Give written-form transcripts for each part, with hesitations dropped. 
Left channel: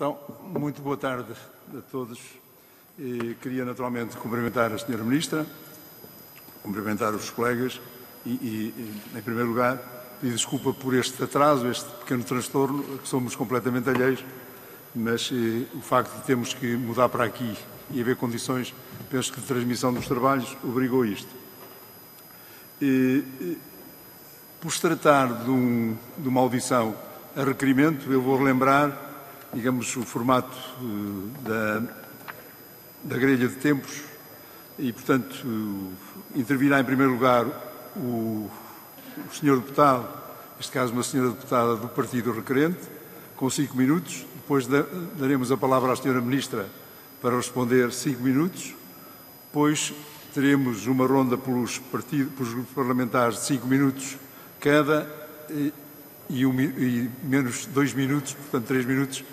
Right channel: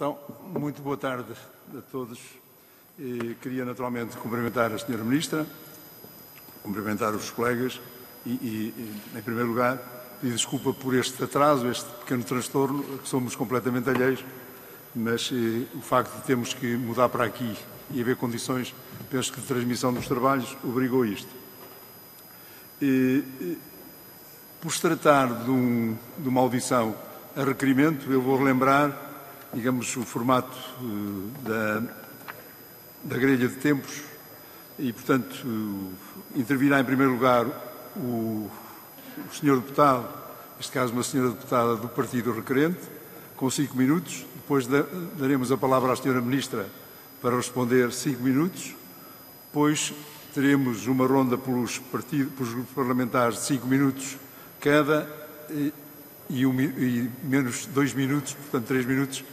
Então, muito boa tarde a todos. Queria naturalmente cumprimentar a Sra. Ministra, cumprimentar os colegas e, em primeiro lugar, pedir desculpa por este atraso, este pequeno transtorno, que somos completamente alheios, mas o facto de termos que mudar para aqui e haver condições, penso que de transmissão dos trabalhos, obrigou a isto. Por se tratar de uma audição a requerimento, eu vou relembrar, digamos, o formato da grelha de tempos e, portanto, intervirá em primeiro lugar o Sr. Deputado, neste caso uma Sra. Deputada do Partido Requerente, com 5 minutos. Depois daremos a palavra à Sra. Ministra para responder 5 minutos. Depois teremos uma ronda pelos grupos parlamentares de 5 minutos cada e menos 2 minutos, portanto 3 minutos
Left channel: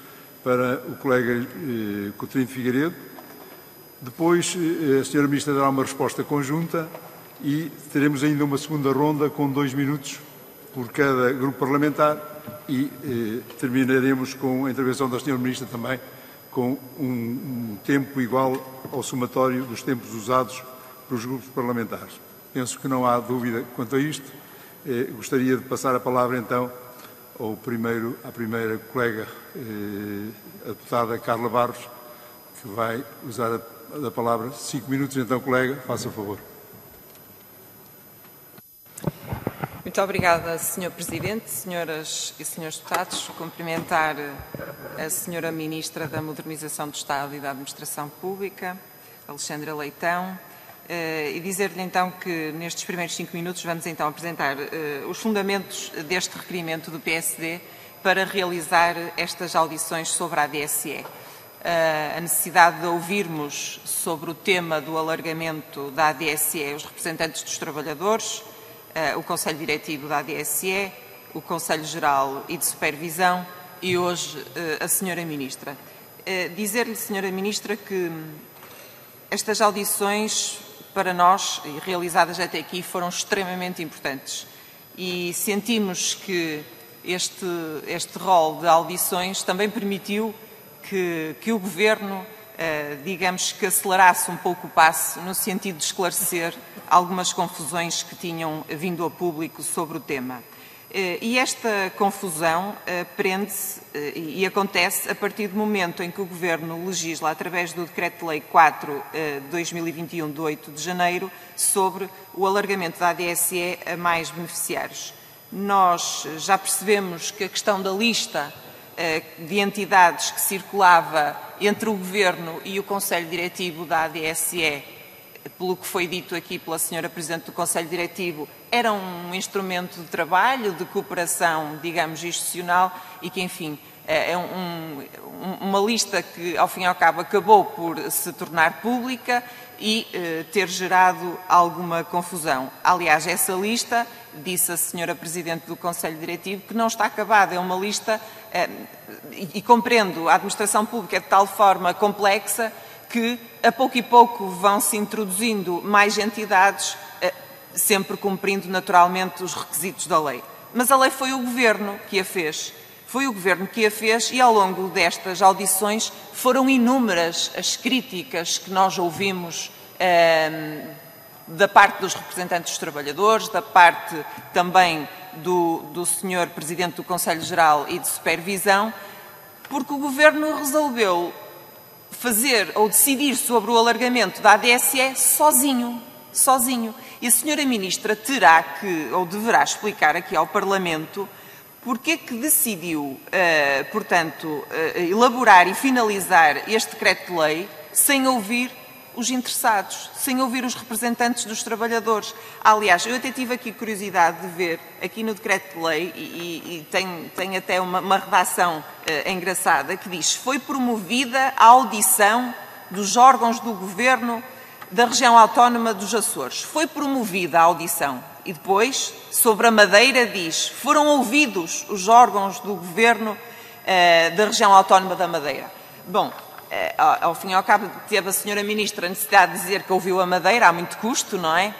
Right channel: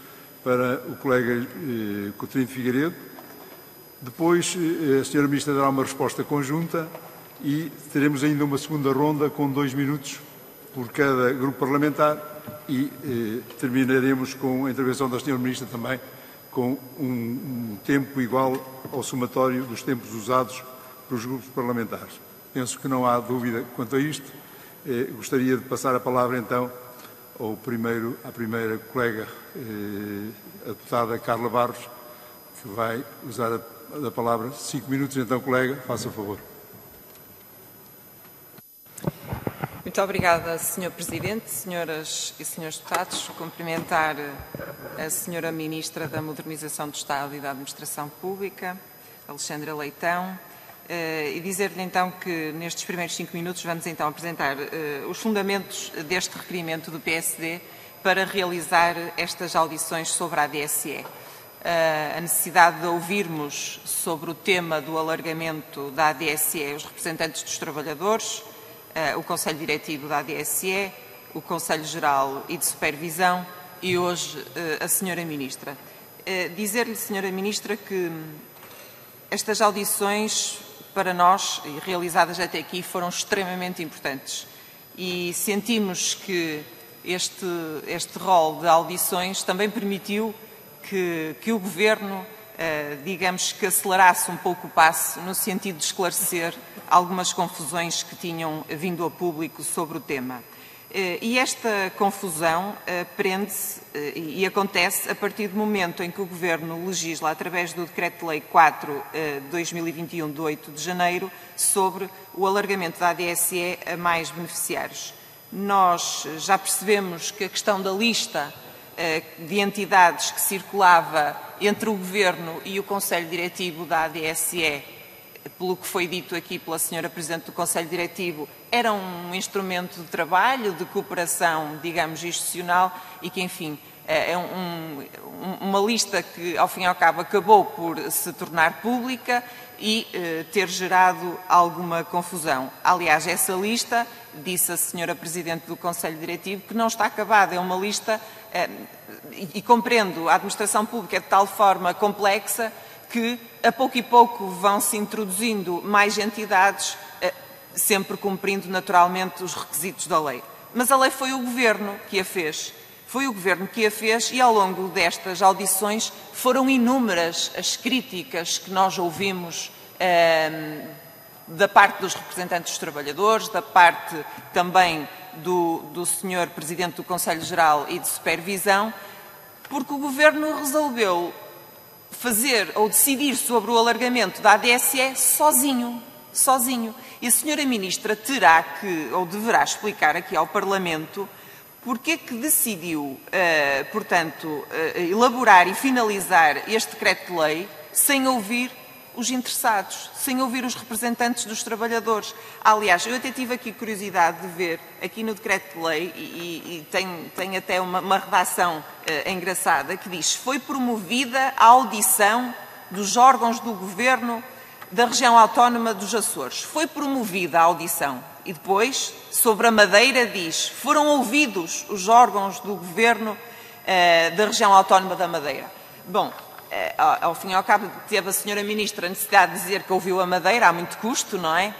para o colega Coutinho Figueiredo. Depois a Sra. Ministra dará uma resposta conjunta e teremos ainda uma segunda ronda com 2 minutos por cada grupo parlamentar e terminaremos com a intervenção da Sra. Ministra também com um tempo igual ao somatório dos tempos usados pelos grupos parlamentares. Penso que não há dúvida quanto a isto. Gostaria de passar a palavra então à primeira colega, a deputada Carla Barros, que vai usar a palavra 5 minutos. Então, colega, faça favor. Muito obrigada, Sr. Presidente, senhoras e senhores deputados. Cumprimentar a Sra. Ministra da Modernização do Estado e da Administração Pública, Alexandra Leitão, e dizer-lhe então que nestes primeiros 5 minutos vamos então apresentar os fundamentos deste requerimento do PSD para realizar estas audições sobre a ADSE. A necessidade de ouvirmos sobre o tema do alargamento da ADSE os representantes dos trabalhadores, o Conselho Diretivo da ADSE, o Conselho Geral e de Supervisão e hoje a Sra. Ministra. Dizer-lhe, Sra. Ministra, que estas audições para nós, realizadas até aqui, foram extremamente importantes e sentimos que este rol de audições também permitiu que o Governo, digamos, que acelerasse um pouco o passo no sentido de esclarecer algumas confusões que tinham vindo ao público sobre o tema. E esta confusão prende-se e acontece a partir do momento em que o Governo legisla, através do Decreto-Lei 4 de 2021, de 8 de janeiro, sobre o alargamento da ADSE a mais beneficiários. Nós já percebemos que a questão da lista de entidades que circulava entre o Governo e o Conselho Diretivo da ADSE, pelo que foi dito aqui pela Sra. Presidente do Conselho Diretivo, era um instrumento de trabalho, de cooperação, digamos, institucional e que, enfim, é uma lista que, ao fim e ao cabo, acabou por se tornar pública e ter gerado alguma confusão. Aliás, essa lista, disse a Sra. Presidente do Conselho Diretivo, que não está acabada, é uma lista, e compreendo, a administração pública é de tal forma complexa que a pouco e pouco vão-se introduzindo mais entidades, sempre cumprindo naturalmente os requisitos da lei. Mas a lei foi o Governo que a fez. Foi o Governo que a fez e ao longo destas audições foram inúmeras as críticas que nós ouvimos da parte dos representantes dos trabalhadores, da parte também do Sr. Presidente do Conselho Geral e de Supervisão, porque o Governo resolveu fazer ou decidir sobre o alargamento da ADSE sozinho. E a Sra. Ministra terá que, ou deverá explicar aqui ao Parlamento, porque é que decidiu, portanto, elaborar e finalizar este decreto-lei sem ouvir os interessados, sem ouvir os representantes dos trabalhadores. Aliás, eu até tive aqui curiosidade de ver, aqui no decreto-lei, e tem até uma redação engraçada, que diz: foi promovida a audição dos órgãos do Governo da região autónoma dos Açores. Foi promovida a audição. E depois, sobre a Madeira, diz: foram ouvidos os órgãos do Governo da região autónoma da Madeira. Bom, ao fim e ao cabo, teve a Sra. Ministra a necessidade de dizer que ouviu a Madeira, há muito custo, não é?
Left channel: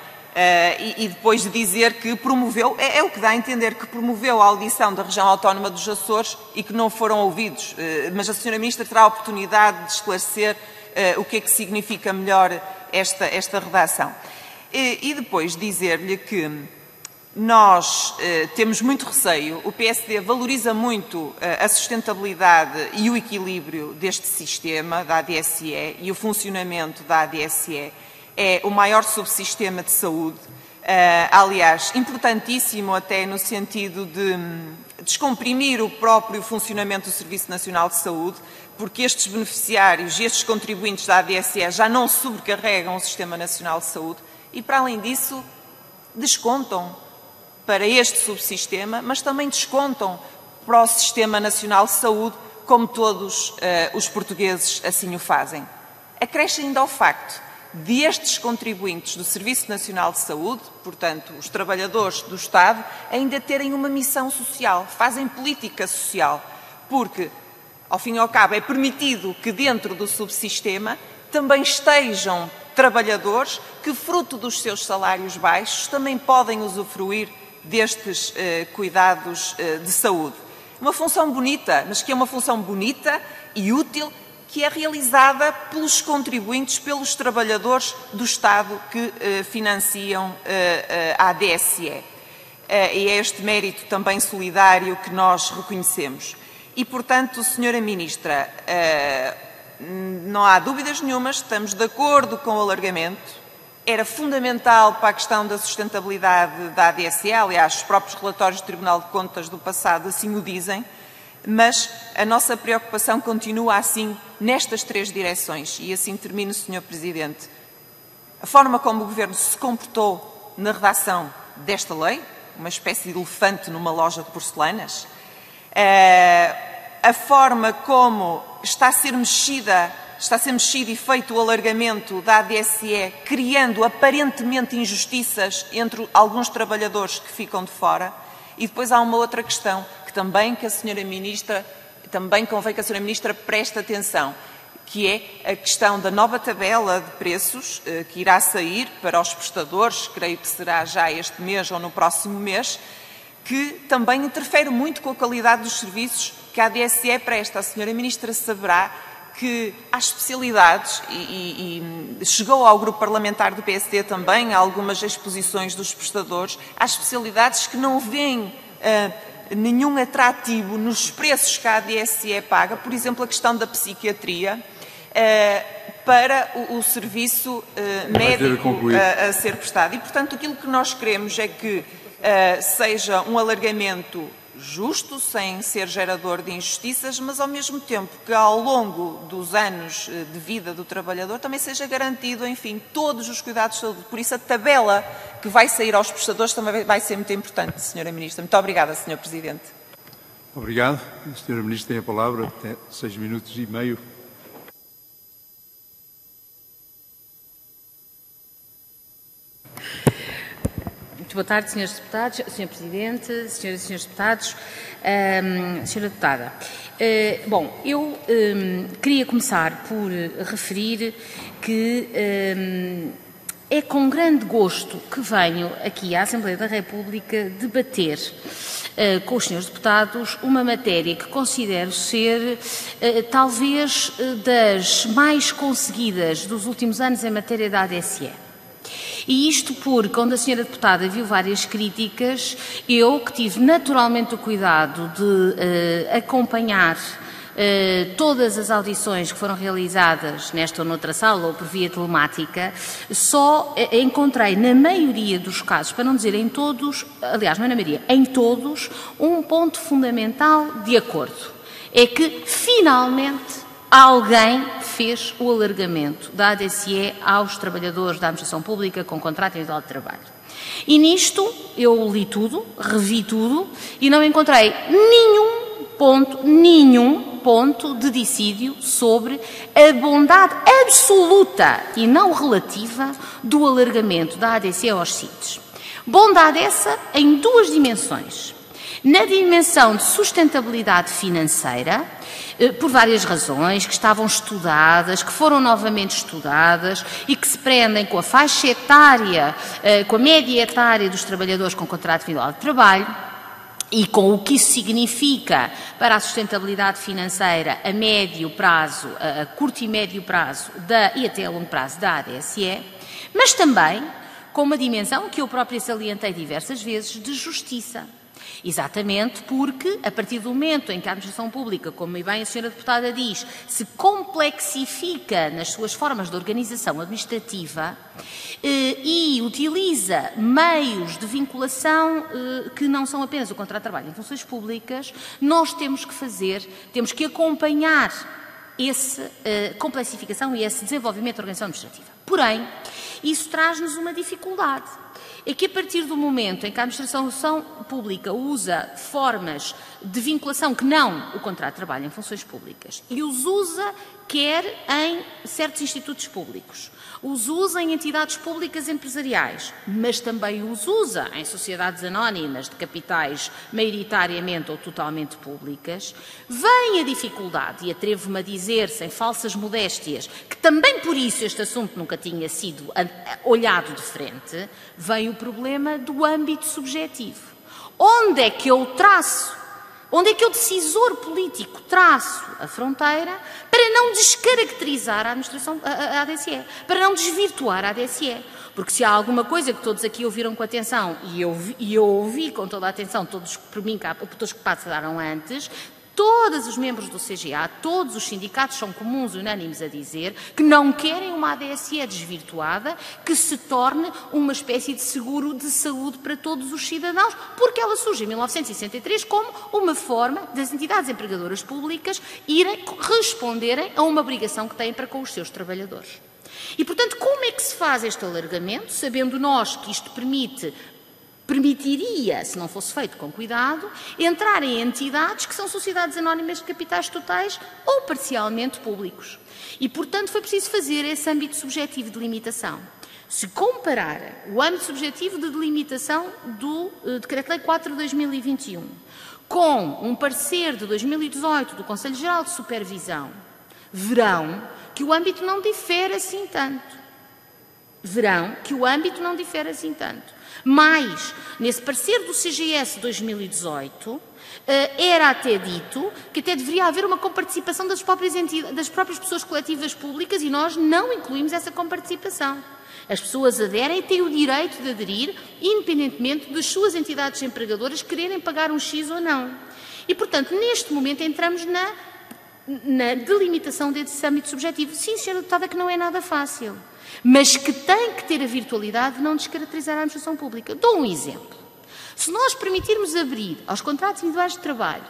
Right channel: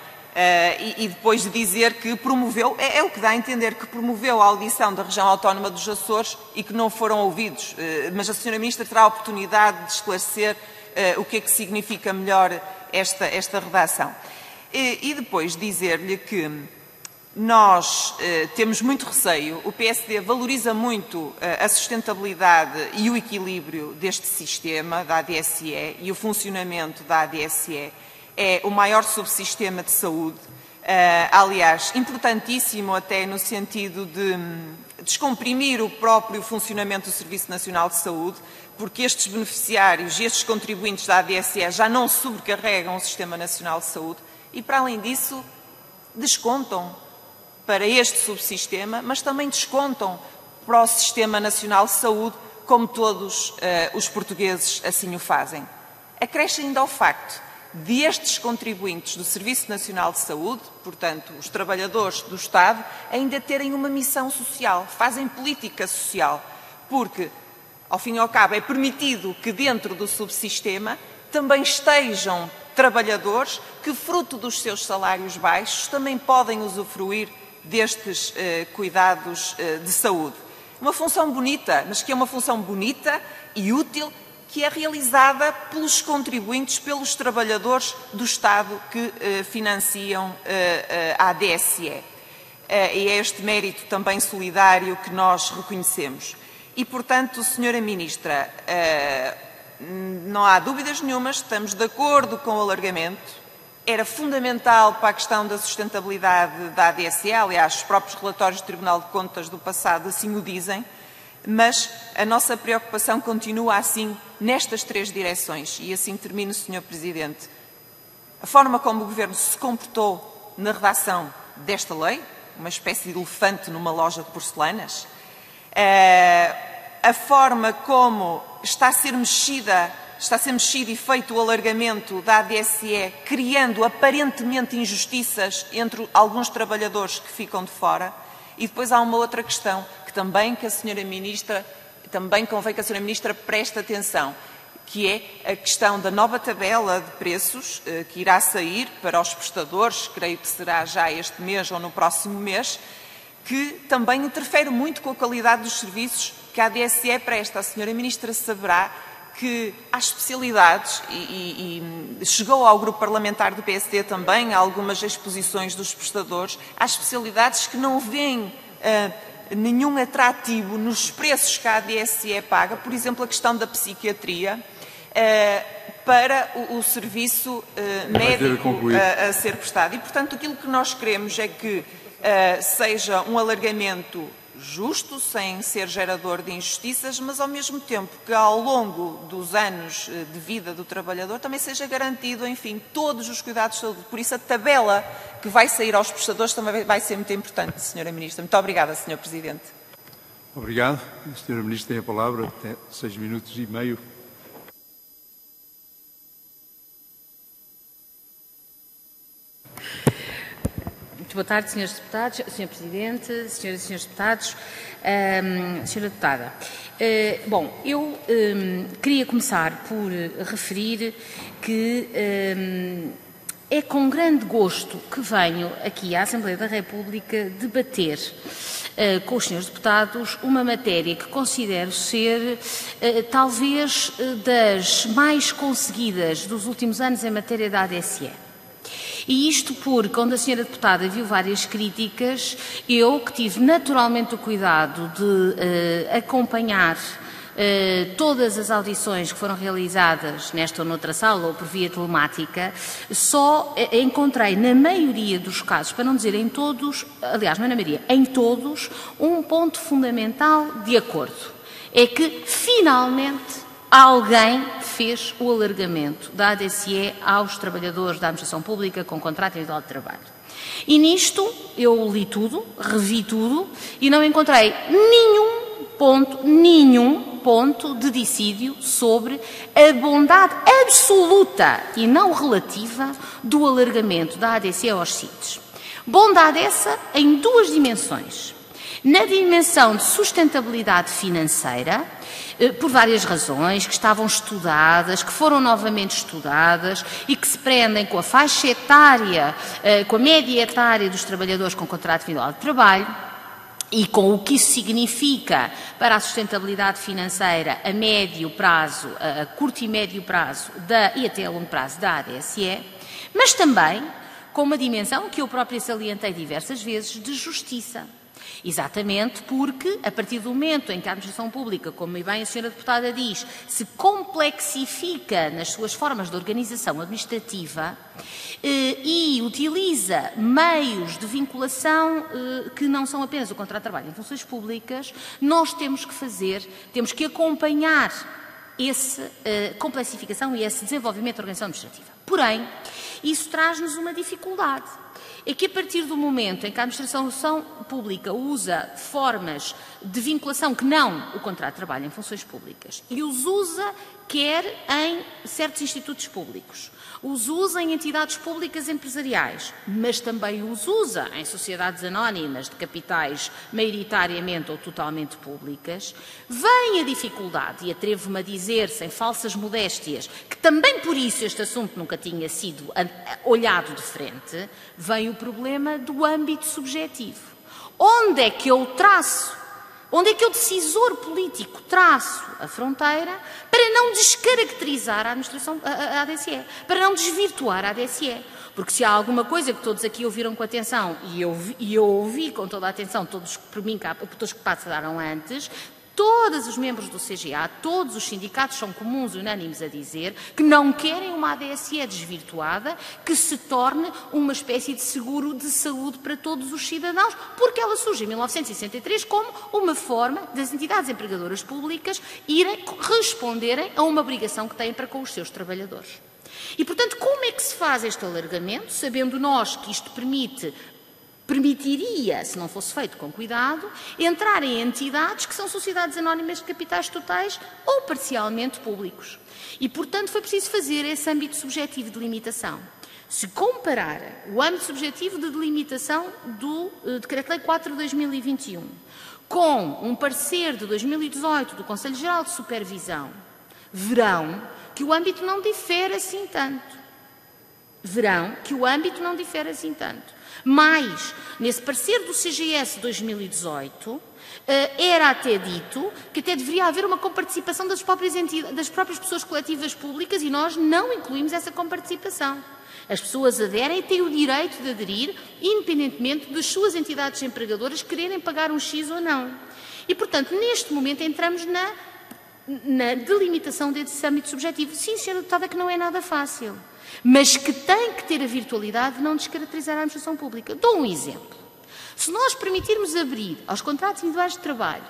E depois de dizer que promoveu, é o que dá a entender, que promoveu a audição da região autónoma dos Açores e que não foram ouvidos. Mas a Sra. Ministra terá a oportunidade de esclarecer o que é que significa melhor esta redação. E depois dizer-lhe que nós temos muito receio, o PSD valoriza muito a sustentabilidade e o equilíbrio deste sistema da ADSE e o funcionamento da ADSE. É o maior subsistema de saúde, aliás, importantíssimo até no sentido de descomprimir o próprio funcionamento do Serviço Nacional de Saúde, porque estes beneficiários e estes contribuintes da ADSE já não sobrecarregam o Sistema Nacional de Saúde e, para além disso, descontam para este subsistema, mas também descontam para o Sistema Nacional de Saúde, como todos os portugueses assim o fazem. Acresce ainda ao facto de estes contribuintes do Serviço Nacional de Saúde, portanto, os trabalhadores do Estado, ainda terem uma missão social, fazem política social, porque, ao fim e ao cabo, é permitido que dentro do subsistema também estejam trabalhadores que, fruto dos seus salários baixos, também podem usufruir destes cuidados de saúde. Uma função bonita, mas que é uma função bonita e útil, que é realizada pelos contribuintes, pelos trabalhadores do Estado que financiam a ADSE. E é este mérito também solidário que nós reconhecemos. E, portanto, Sra. Ministra, não há dúvidas nenhumas, estamos de acordo com o alargamento. Era fundamental para a questão da sustentabilidade da ADSE, aliás, os próprios relatórios do Tribunal de Contas do passado assim o dizem, mas a nossa preocupação continua assim nestas três direções. E assim termino, Sr. Presidente. A forma como o Governo se comportou na redação desta lei, uma espécie de elefante numa loja de porcelanas, a forma como está a ser mexido e feito o alargamento da ADSE, criando aparentemente injustiças entre alguns trabalhadores que ficam de fora. E depois há uma outra questão que também convém que a Sra. Ministra preste atenção, que é a questão da nova tabela de preços que irá sair para os prestadores, creio que será já este mês ou no próximo mês, que também interfere muito com a qualidade dos serviços que a ADSE presta. A Sra. Ministra saberá que há especialidades, e chegou ao grupo parlamentar do PSD também algumas exposições dos prestadores, há especialidades que não veem nenhum atrativo nos preços que a ADSE paga, por exemplo, a questão da psiquiatria, para o serviço médico a ser prestado. E, portanto, aquilo que nós queremos é que seja um alargamento justo, sem ser gerador de injustiças, mas ao mesmo tempo que ao longo dos anos de vida do trabalhador também seja garantido, enfim, todos os cuidados de saúde. Por isso a tabela que vai sair aos prestadores também vai ser muito importante, Sra. Ministra. Muito obrigada, Sr. Presidente. Obrigado. A Sra. Ministra tem a palavra, até 6 minutos e meio. Muito boa tarde, Srs. Deputados, Sr. Presidente, Sras. e Srs. Deputados, Sra. Deputada. Bom, eu queria começar por referir que é com grande gosto que venho aqui à Assembleia da República debater com os Srs. Deputados uma matéria que considero ser talvez das mais conseguidas dos últimos anos em matéria da ADSE. E isto porque, quando a Sra. Deputada viu várias críticas, eu, que tive naturalmente o cuidado de acompanhar todas as audições que foram realizadas nesta ou noutra sala ou por via telemática, só encontrei na maioria dos casos, para não dizer em todos, aliás, não é na maioria, em todos, um ponto fundamental de acordo. É que, finalmente, alguém fez o alargamento da ADSE aos trabalhadores da administração pública com contrato individual de trabalho. E nisto eu li tudo, revi tudo e não encontrei nenhum ponto de dissídio sobre a bondade absoluta e não relativa do alargamento da ADSE aos CIDs. Bondade essa em duas dimensões. Na dimensão de sustentabilidade financeira, por várias razões, que estavam estudadas, que foram novamente estudadas e que se prendem com a faixa etária, com a média etária dos trabalhadores com contrato individual de trabalho e com o que isso significa para a sustentabilidade financeira a médio prazo, a curto e médio prazo e até a longo prazo da ADSE, mas também com uma dimensão que eu própria salientei diversas vezes de justiça. Exatamente porque, a partir do momento em que a administração pública, como bem a senhora deputada diz, se complexifica nas suas formas de organização administrativa e utiliza meios de vinculação que não são apenas o contrato de trabalho em funções públicas, nós temos que acompanhar essa complexificação e esse desenvolvimento da organização administrativa. Porém, isso traz-nos uma dificuldade. É que a partir do momento em que a administração pública usa formas de vinculação que não o contrato de trabalho em funções públicas e os usa quer em certos institutos públicos, os usa em entidades públicas empresariais, mas também os usa em sociedades anónimas de capitais maioritariamente ou totalmente públicas, vem a dificuldade, e atrevo-me a dizer, sem falsas modéstias, que também por isso este assunto nunca tinha sido olhado de frente, vem o problema do âmbito subjetivo. Onde é que eu traço? Onde é que o decisor político traço a fronteira para não descaracterizar a ADSE, para não desvirtuar a ADSE? Porque se há alguma coisa que todos aqui ouviram com atenção, e eu ouvi com toda a atenção, todos que passaram antes, todos os membros do CGA, todos os sindicatos são comuns e unânimes a dizer que não querem uma ADSE desvirtuada que se torne uma espécie de seguro de saúde para todos os cidadãos, porque ela surge em 1963 como uma forma das entidades empregadoras públicas irem responderem a uma obrigação que têm para com os seus trabalhadores. E, portanto, como é que se faz este alargamento, sabendo nós que isto permitiria, se não fosse feito com cuidado, entrar em entidades que são sociedades anónimas de capitais totais ou parcialmente públicos. E, portanto, foi preciso fazer esse âmbito subjetivo de limitação. Se comparar o âmbito subjetivo de delimitação do Decreto-Lei 4 de 2021 com um parecer de 2018 do Conselho Geral de Supervisão, verão que o âmbito não difere assim tanto. Mas, nesse parecer do CGS 2018, era até dito que até deveria haver uma comparticipação das próprias pessoas coletivas públicas e nós não incluímos essa comparticipação. As pessoas aderem e têm o direito de aderir, independentemente das suas entidades empregadoras quererem pagar um X ou não. E, portanto, neste momento entramos na delimitação desse âmbito subjetivo. Sim, senhora deputada, que não é nada fácil, mas que tem que ter a virtualidade de não descaracterizar a administração pública. Dou um exemplo. Se nós permitirmos abrir aos contratos individuais de trabalho,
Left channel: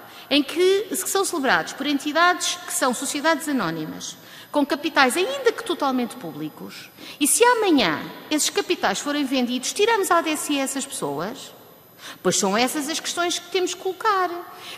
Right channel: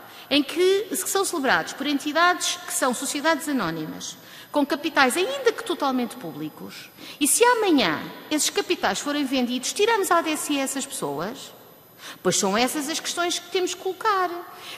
que são celebrados por entidades que são sociedades anónimas, com capitais ainda que totalmente públicos, e se amanhã esses capitais forem vendidos, tiramos a ADSE a essas pessoas? Pois são essas as questões que temos que colocar.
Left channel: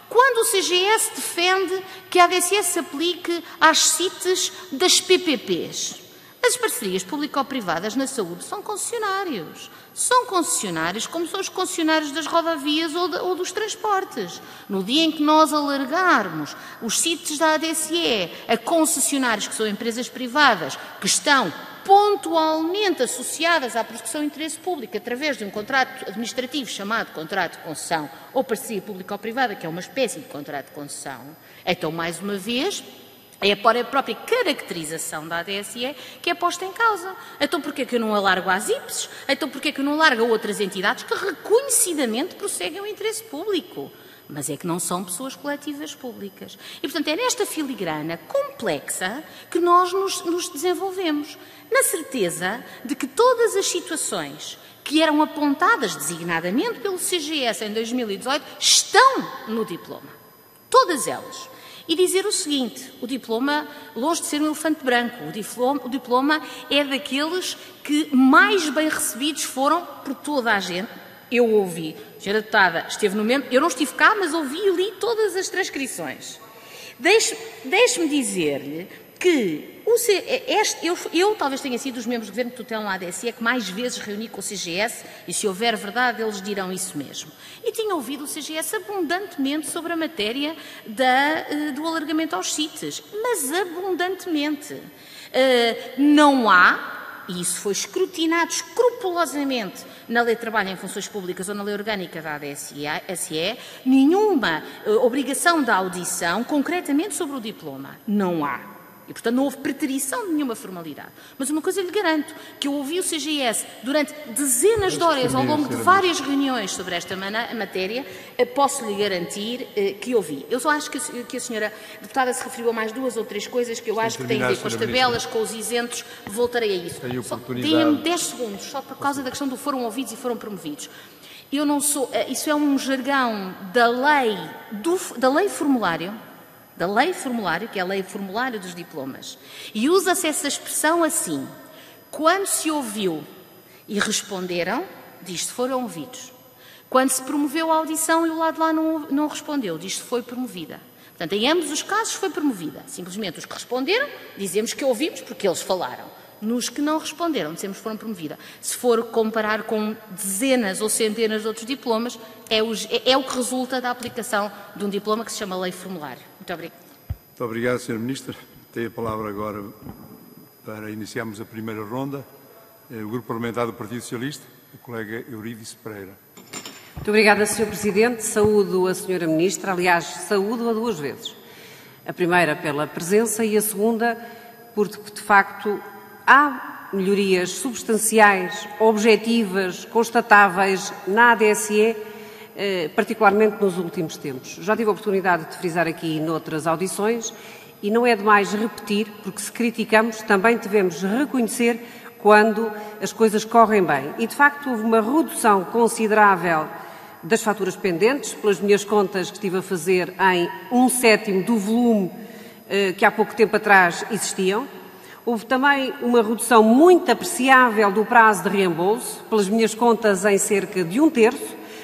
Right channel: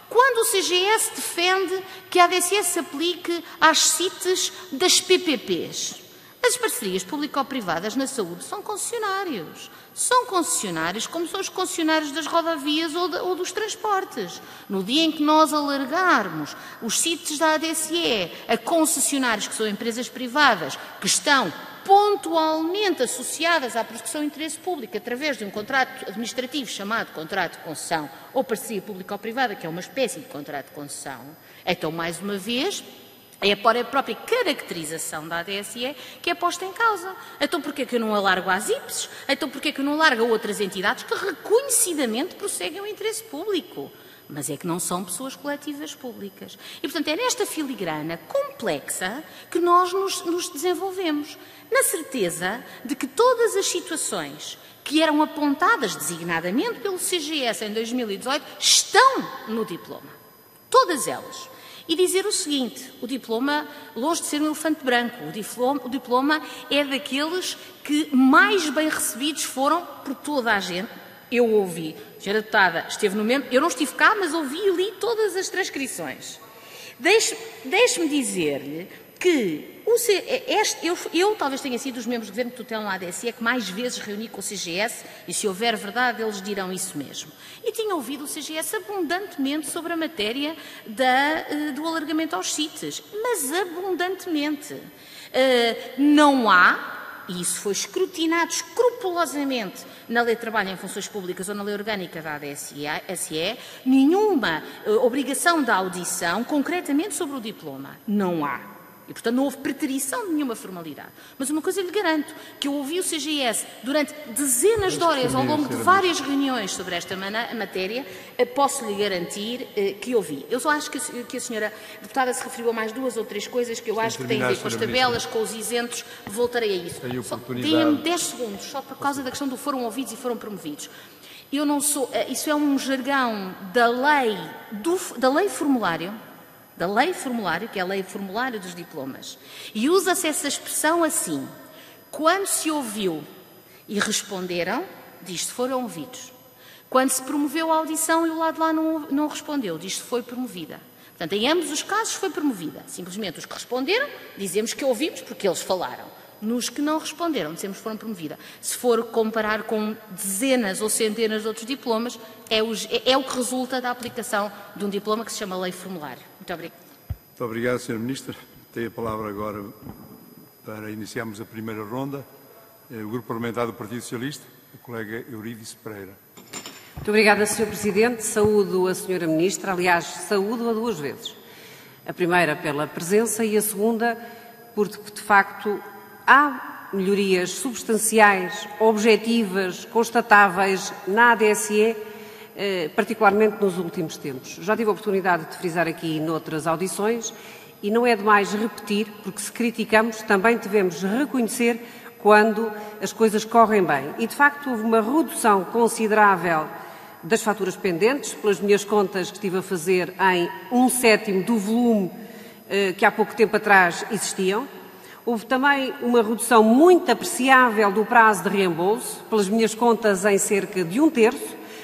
Quando o CGS defende que a ADSE se aplique às CITES das PPPs, as parcerias público-privadas na saúde são concessionários. São concessionários como são os concessionários das rodovias ou dos transportes. No dia em que nós alargarmos os CITES da ADSE a concessionários que são empresas privadas que estão pontualmente associadas à proteção do interesse público através de um contrato administrativo chamado contrato de concessão ou parceria público-privada, que é uma espécie de contrato de concessão, então, mais uma vez, é a própria caracterização da ADSE que é posta em causa. Então, porquê que eu não alargo às IPSs? Então, porquê que eu não alargo a outras entidades que reconhecidamente prosseguem o interesse público? Mas é que não são pessoas coletivas públicas. E, portanto, é nesta filigrana complexa que nós nos desenvolvemos, na certeza de que todas as situações que eram apontadas designadamente pelo CGS em 2018 estão no diploma. Todas elas. E dizer o seguinte, o diploma, longe de ser um elefante branco, o diploma é daqueles que mais bem recebidos foram por toda a gente. Eu ouvi, a senhora deputada esteve no mesmo, eu não estive cá, mas ouvi e li todas as transcrições. Deixe-me dizer-lhe que eu talvez tenha sido dos membros do Governo que tutelam a ADSE que mais vezes reuni com o CGS, e se houver verdade eles dirão isso mesmo. E tinha ouvido o CGS abundantemente sobre a matéria do alargamento aos CITES, mas abundantemente. Não há, e isso foi escrutinado escrupulosamente na Lei de Trabalho em Funções Públicas ou na Lei Orgânica da ADSE, nenhuma obrigação de audição concretamente sobre o diploma. Não há. E, portanto, não houve preterição de nenhuma formalidade. Mas uma coisa lhe garanto, que eu ouvi o CGS durante dezenas de horas ao longo de várias reuniões sobre esta matéria, posso lhe garantir que ouvi. Eu só acho que a senhora deputada se referiu a mais 2 ou 3 coisas que eu acho que têm a ver com as tabelas, com os isentos, voltarei a isso. Deem-me 10 segundos, só por causa da questão do foram ouvidos e foram promovidos. Eu não sou... Isso é um jargão da lei formulário, que é a lei formulário dos diplomas. E usa-se essa expressão assim: quando se ouviu e responderam, diz-se foram ouvidos. Quando se promoveu a audição e o lado de lá não respondeu, diz-se foi promovida. Portanto, em ambos os casos foi promovida. Simplesmente os que responderam, dizemos que ouvimos porque eles falaram. Nos que não responderam, dizemos que foram promovidas. Se for comparar com dezenas ou centenas de outros diplomas, é o que resulta da aplicação de um diploma que se chama lei formulário. Muito obrigada. Muito obrigado, Sra. Ministra. Tem a palavra agora para iniciarmos a primeira ronda. O Grupo Parlamentar do Partido Socialista, a colega Eurídice Pereira. Muito obrigada, Sr. Presidente. Saúdo a Sra. Ministra. Aliás, saúdo-a 2 vezes. A primeira pela presença e a segunda porque, de facto, há melhorias substanciais, objetivas, constatáveis na ADSE, particularmente nos últimos tempos. Já tive a oportunidade de frisar aqui noutras audições e não é demais repetir, porque se criticamos também devemos reconhecer quando as coisas correm bem. E, de facto, houve uma redução considerável das faturas pendentes, pelas minhas contas que estive a fazer, em 1/7 do volume que há pouco tempo atrás existiam. Houve também uma redução muito apreciável do prazo de reembolso, pelas minhas contas em cerca de 1/3,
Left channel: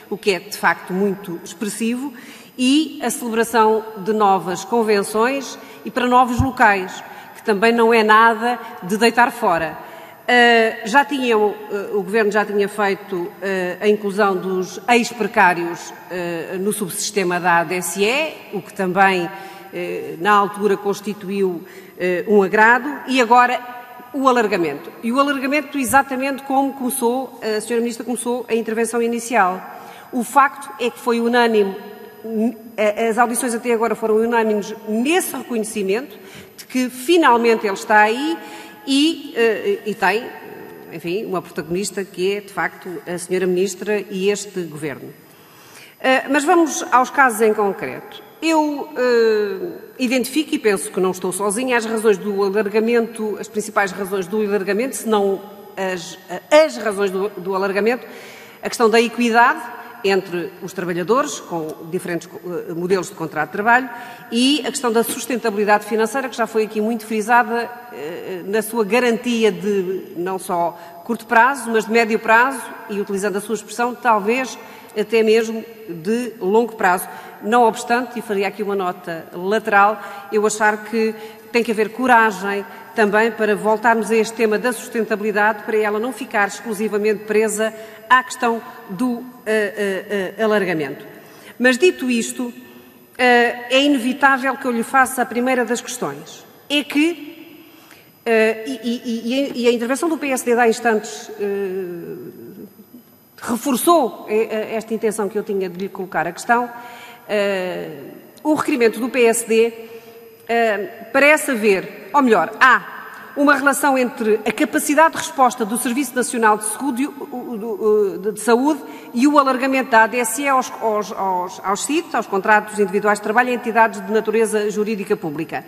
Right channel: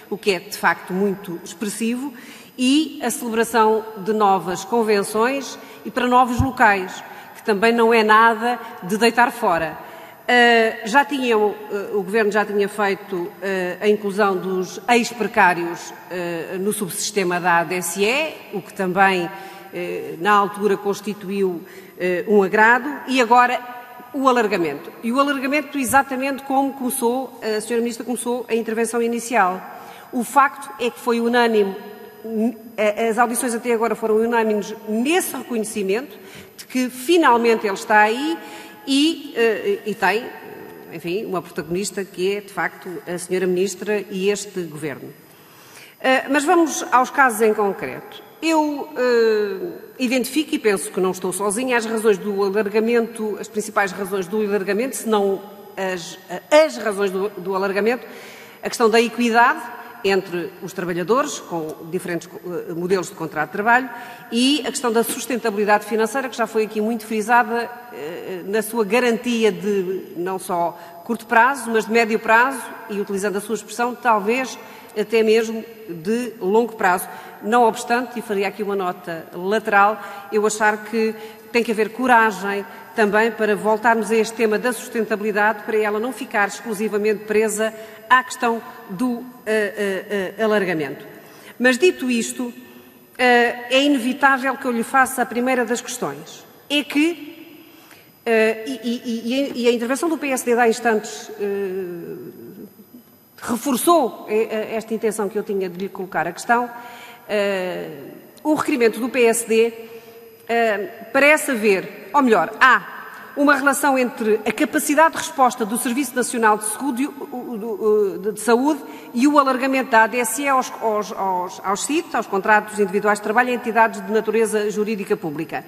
o que é, de facto, muito expressivo, e a celebração de novas convenções e para novos locais, que também não é nada de deitar fora. O Governo já tinha feito a inclusão dos ex-precários no subsistema da ADSE, o que também, na altura, constituiu um agrado, e agora o alargamento. E o alargamento exatamente como começou, a Sra. Ministra começou a intervenção inicial. O facto é que foi unânime, as audições até agora foram unânimes nesse reconhecimento de que finalmente ele está aí e tem, enfim, uma protagonista que é, de facto, a Sra. Ministra e este Governo. Mas vamos aos casos em concreto. Eu identifico, e penso que não estou sozinha, as razões do alargamento, as principais razões do alargamento, se não as razões do alargamento, a questão da equidade entre os trabalhadores, com diferentes modelos de contrato de trabalho, e a questão da sustentabilidade financeira, que já foi aqui muito frisada na sua garantia de não só curto prazo, mas de médio prazo, e utilizando a sua expressão, talvez até mesmo de longo prazo. Não obstante, e faria aqui uma nota lateral, eu achar que tem que haver coragem também para voltarmos a este tema da sustentabilidade, para ela não ficar exclusivamente presa à questão do alargamento. Mas, dito isto, é inevitável que eu lhe faça a primeira das questões. É que, e a intervenção do PSD de há instantes reforçou esta intenção que eu tinha de lhe colocar a questão, o requerimento do PSD parece haver, ou melhor, há uma relação entre a capacidade de resposta do Serviço Nacional de Saúde e o alargamento da ADSE aos CIT, aos contratos individuais de trabalho, a entidades de natureza jurídica pública.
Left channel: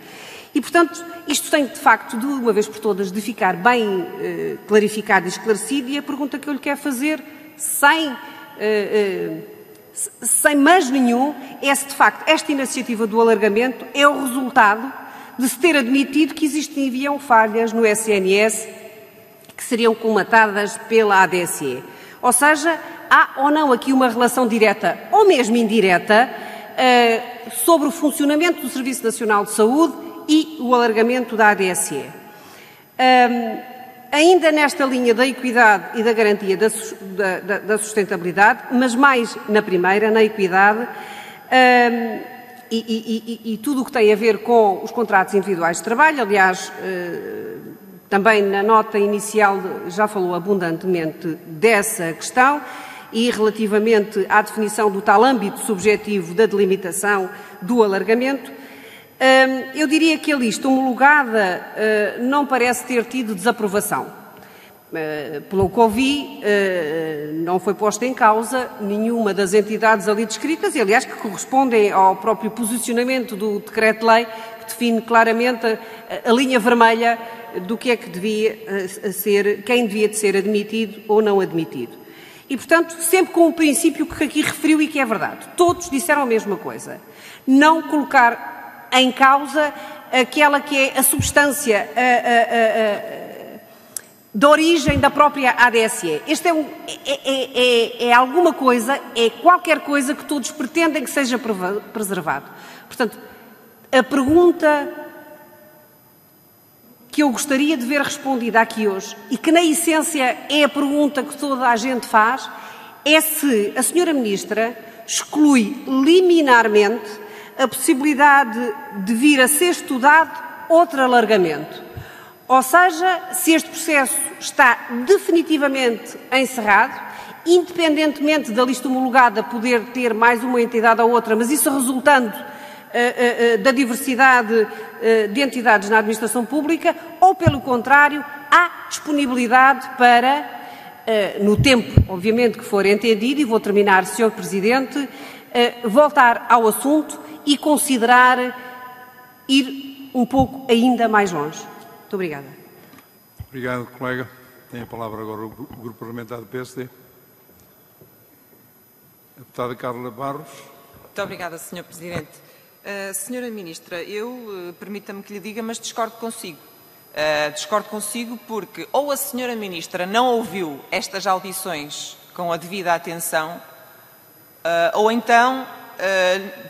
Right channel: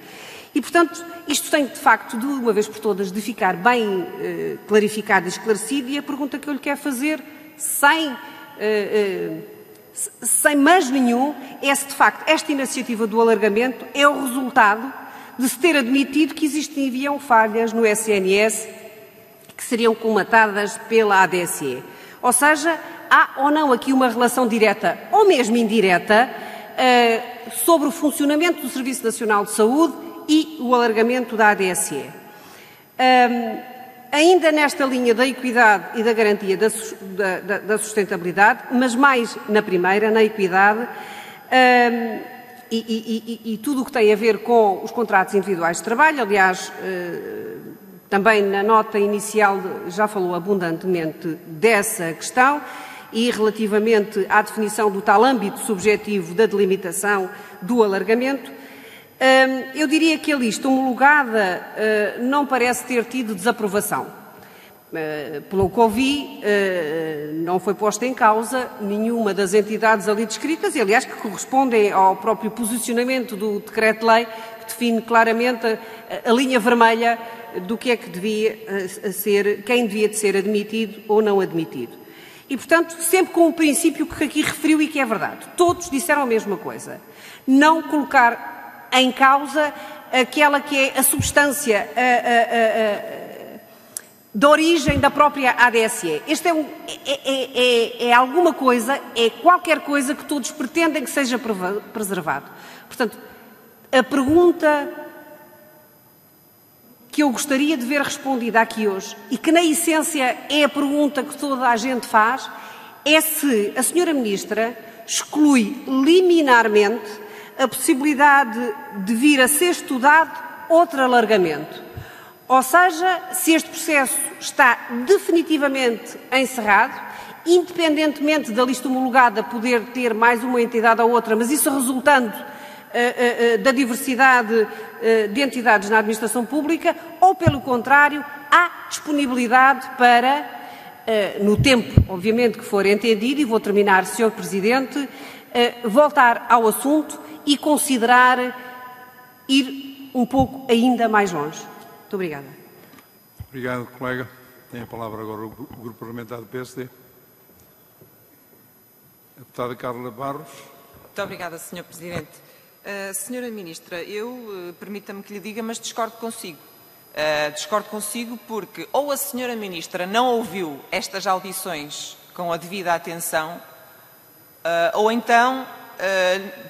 E, portanto, isto tem, de facto, de uma vez por todas, de ficar bem clarificado e esclarecido, e a pergunta que eu lhe quero fazer, sem mais nenhum, é se, de facto, esta iniciativa do alargamento é o resultado de se ter admitido que existiam falhas no SNS que seriam colmatadas pela ADSE. Ou seja, há ou não aqui uma relação direta ou mesmo indireta sobre o funcionamento do Serviço Nacional de Saúde e o alargamento da ADSE. Ainda nesta linha da equidade e da garantia da sustentabilidade, mas mais na primeira, na equidade, e tudo o que tem a ver com os contratos individuais de trabalho. Aliás, também na nota inicial já falou abundantemente dessa questão, e relativamente à definição do tal âmbito subjetivo da delimitação do alargamento, eu diria que a lista homologada não parece ter tido desaprovação. Pelo que ouvi, não foi posta em causa nenhuma das entidades ali descritas, e aliás que correspondem ao próprio posicionamento do Decreto-Lei, que define claramente a linha vermelha do que é que devia ser, quem devia de ser admitido ou não admitido. E, portanto, sempre com o princípio que aqui referiu e que é verdade. Todos disseram a mesma coisa. Não colocar em causa aquela que é a substância da origem da própria ADSE. Este é alguma coisa, é qualquer coisa que todos pretendem que seja preservado. Portanto, a pergunta que eu gostaria de ver respondida aqui hoje, e que na essência é a pergunta que toda a gente faz, é se a Sra. Ministra exclui liminarmente a possibilidade de vir a ser estudado outro alargamento. Ou seja, se este processo está definitivamente encerrado, independentemente da lista homologada poder ter mais uma entidade ou outra, mas isso resultando da diversidade de entidades na administração pública, ou, pelo contrário, há disponibilidade para, no tempo, obviamente, que for entendido, e vou terminar, Sr. Presidente, voltar ao assunto e considerar ir um pouco ainda mais longe. Muito obrigada. Obrigado, colega. Tem a palavra agora o Grupo Parlamentar do PSD. A deputada Carla Barros. Muito obrigada, Sr. Presidente. Senhora Ministra, permita-me que lhe diga, mas discordo consigo. Discordo consigo porque ou a Senhora Ministra não ouviu estas audições com a devida atenção, ou então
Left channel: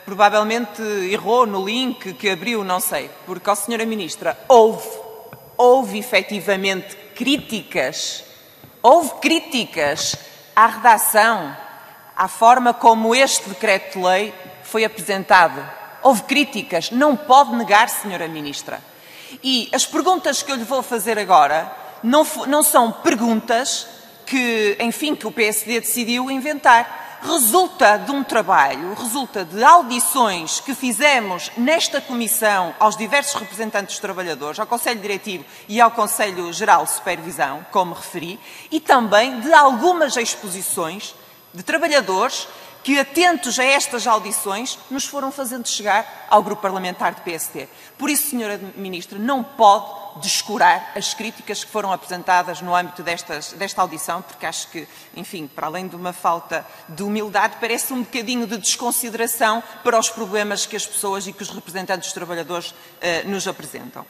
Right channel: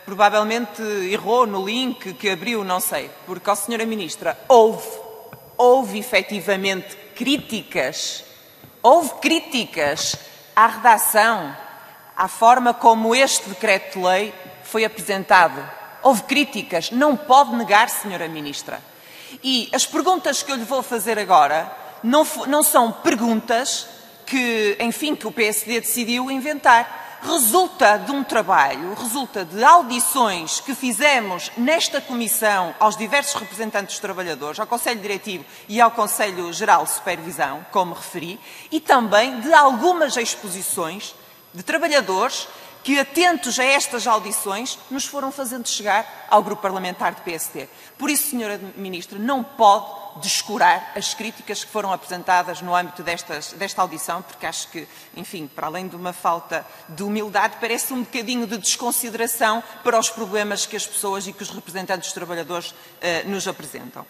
provavelmente errou no link que abriu, não sei. Porque a Senhora Ministra houve efetivamente críticas, à redação, à forma como este decreto-lei foi apresentado. Houve críticas, não pode negar, Senhora Ministra. E as perguntas que eu lhe vou fazer agora não são perguntas que, enfim, que o PSD decidiu inventar. Resulta de um trabalho, resulta de audições que fizemos nesta Comissão aos diversos representantes dos trabalhadores, ao Conselho Diretivo e ao Conselho Geral de Supervisão, como referi, e também de algumas exposições de trabalhadores que, atentos a estas audições, nos foram fazendo chegar ao Grupo Parlamentar do PSD. Por isso, Sra. Ministra, não pode descurar as críticas que foram apresentadas no âmbito desta audição, porque acho que, enfim, para além de uma falta de humildade, parece um bocadinho de desconsideração para os problemas que as pessoas e que os representantes dos trabalhadores nos apresentam.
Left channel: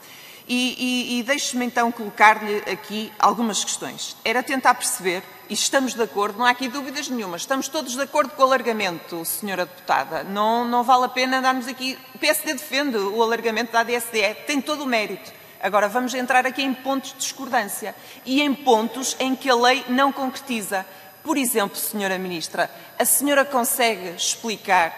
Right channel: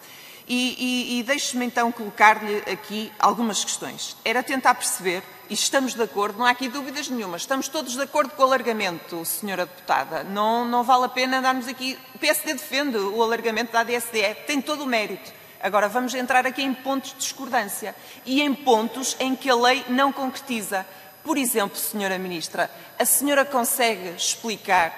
E deixe-me então colocar-lhe aqui algumas questões. Era tentar perceber, e estamos de acordo, não há aqui dúvidas nenhuma, estamos todos de acordo com o alargamento, Senhora Deputada. Não vale a pena darmos aqui... O PSD defende o alargamento da ADSE, tem todo o mérito. Agora vamos entrar aqui em pontos de discordância e em pontos em que a lei não concretiza. Por exemplo, Senhora Ministra, a senhora consegue explicar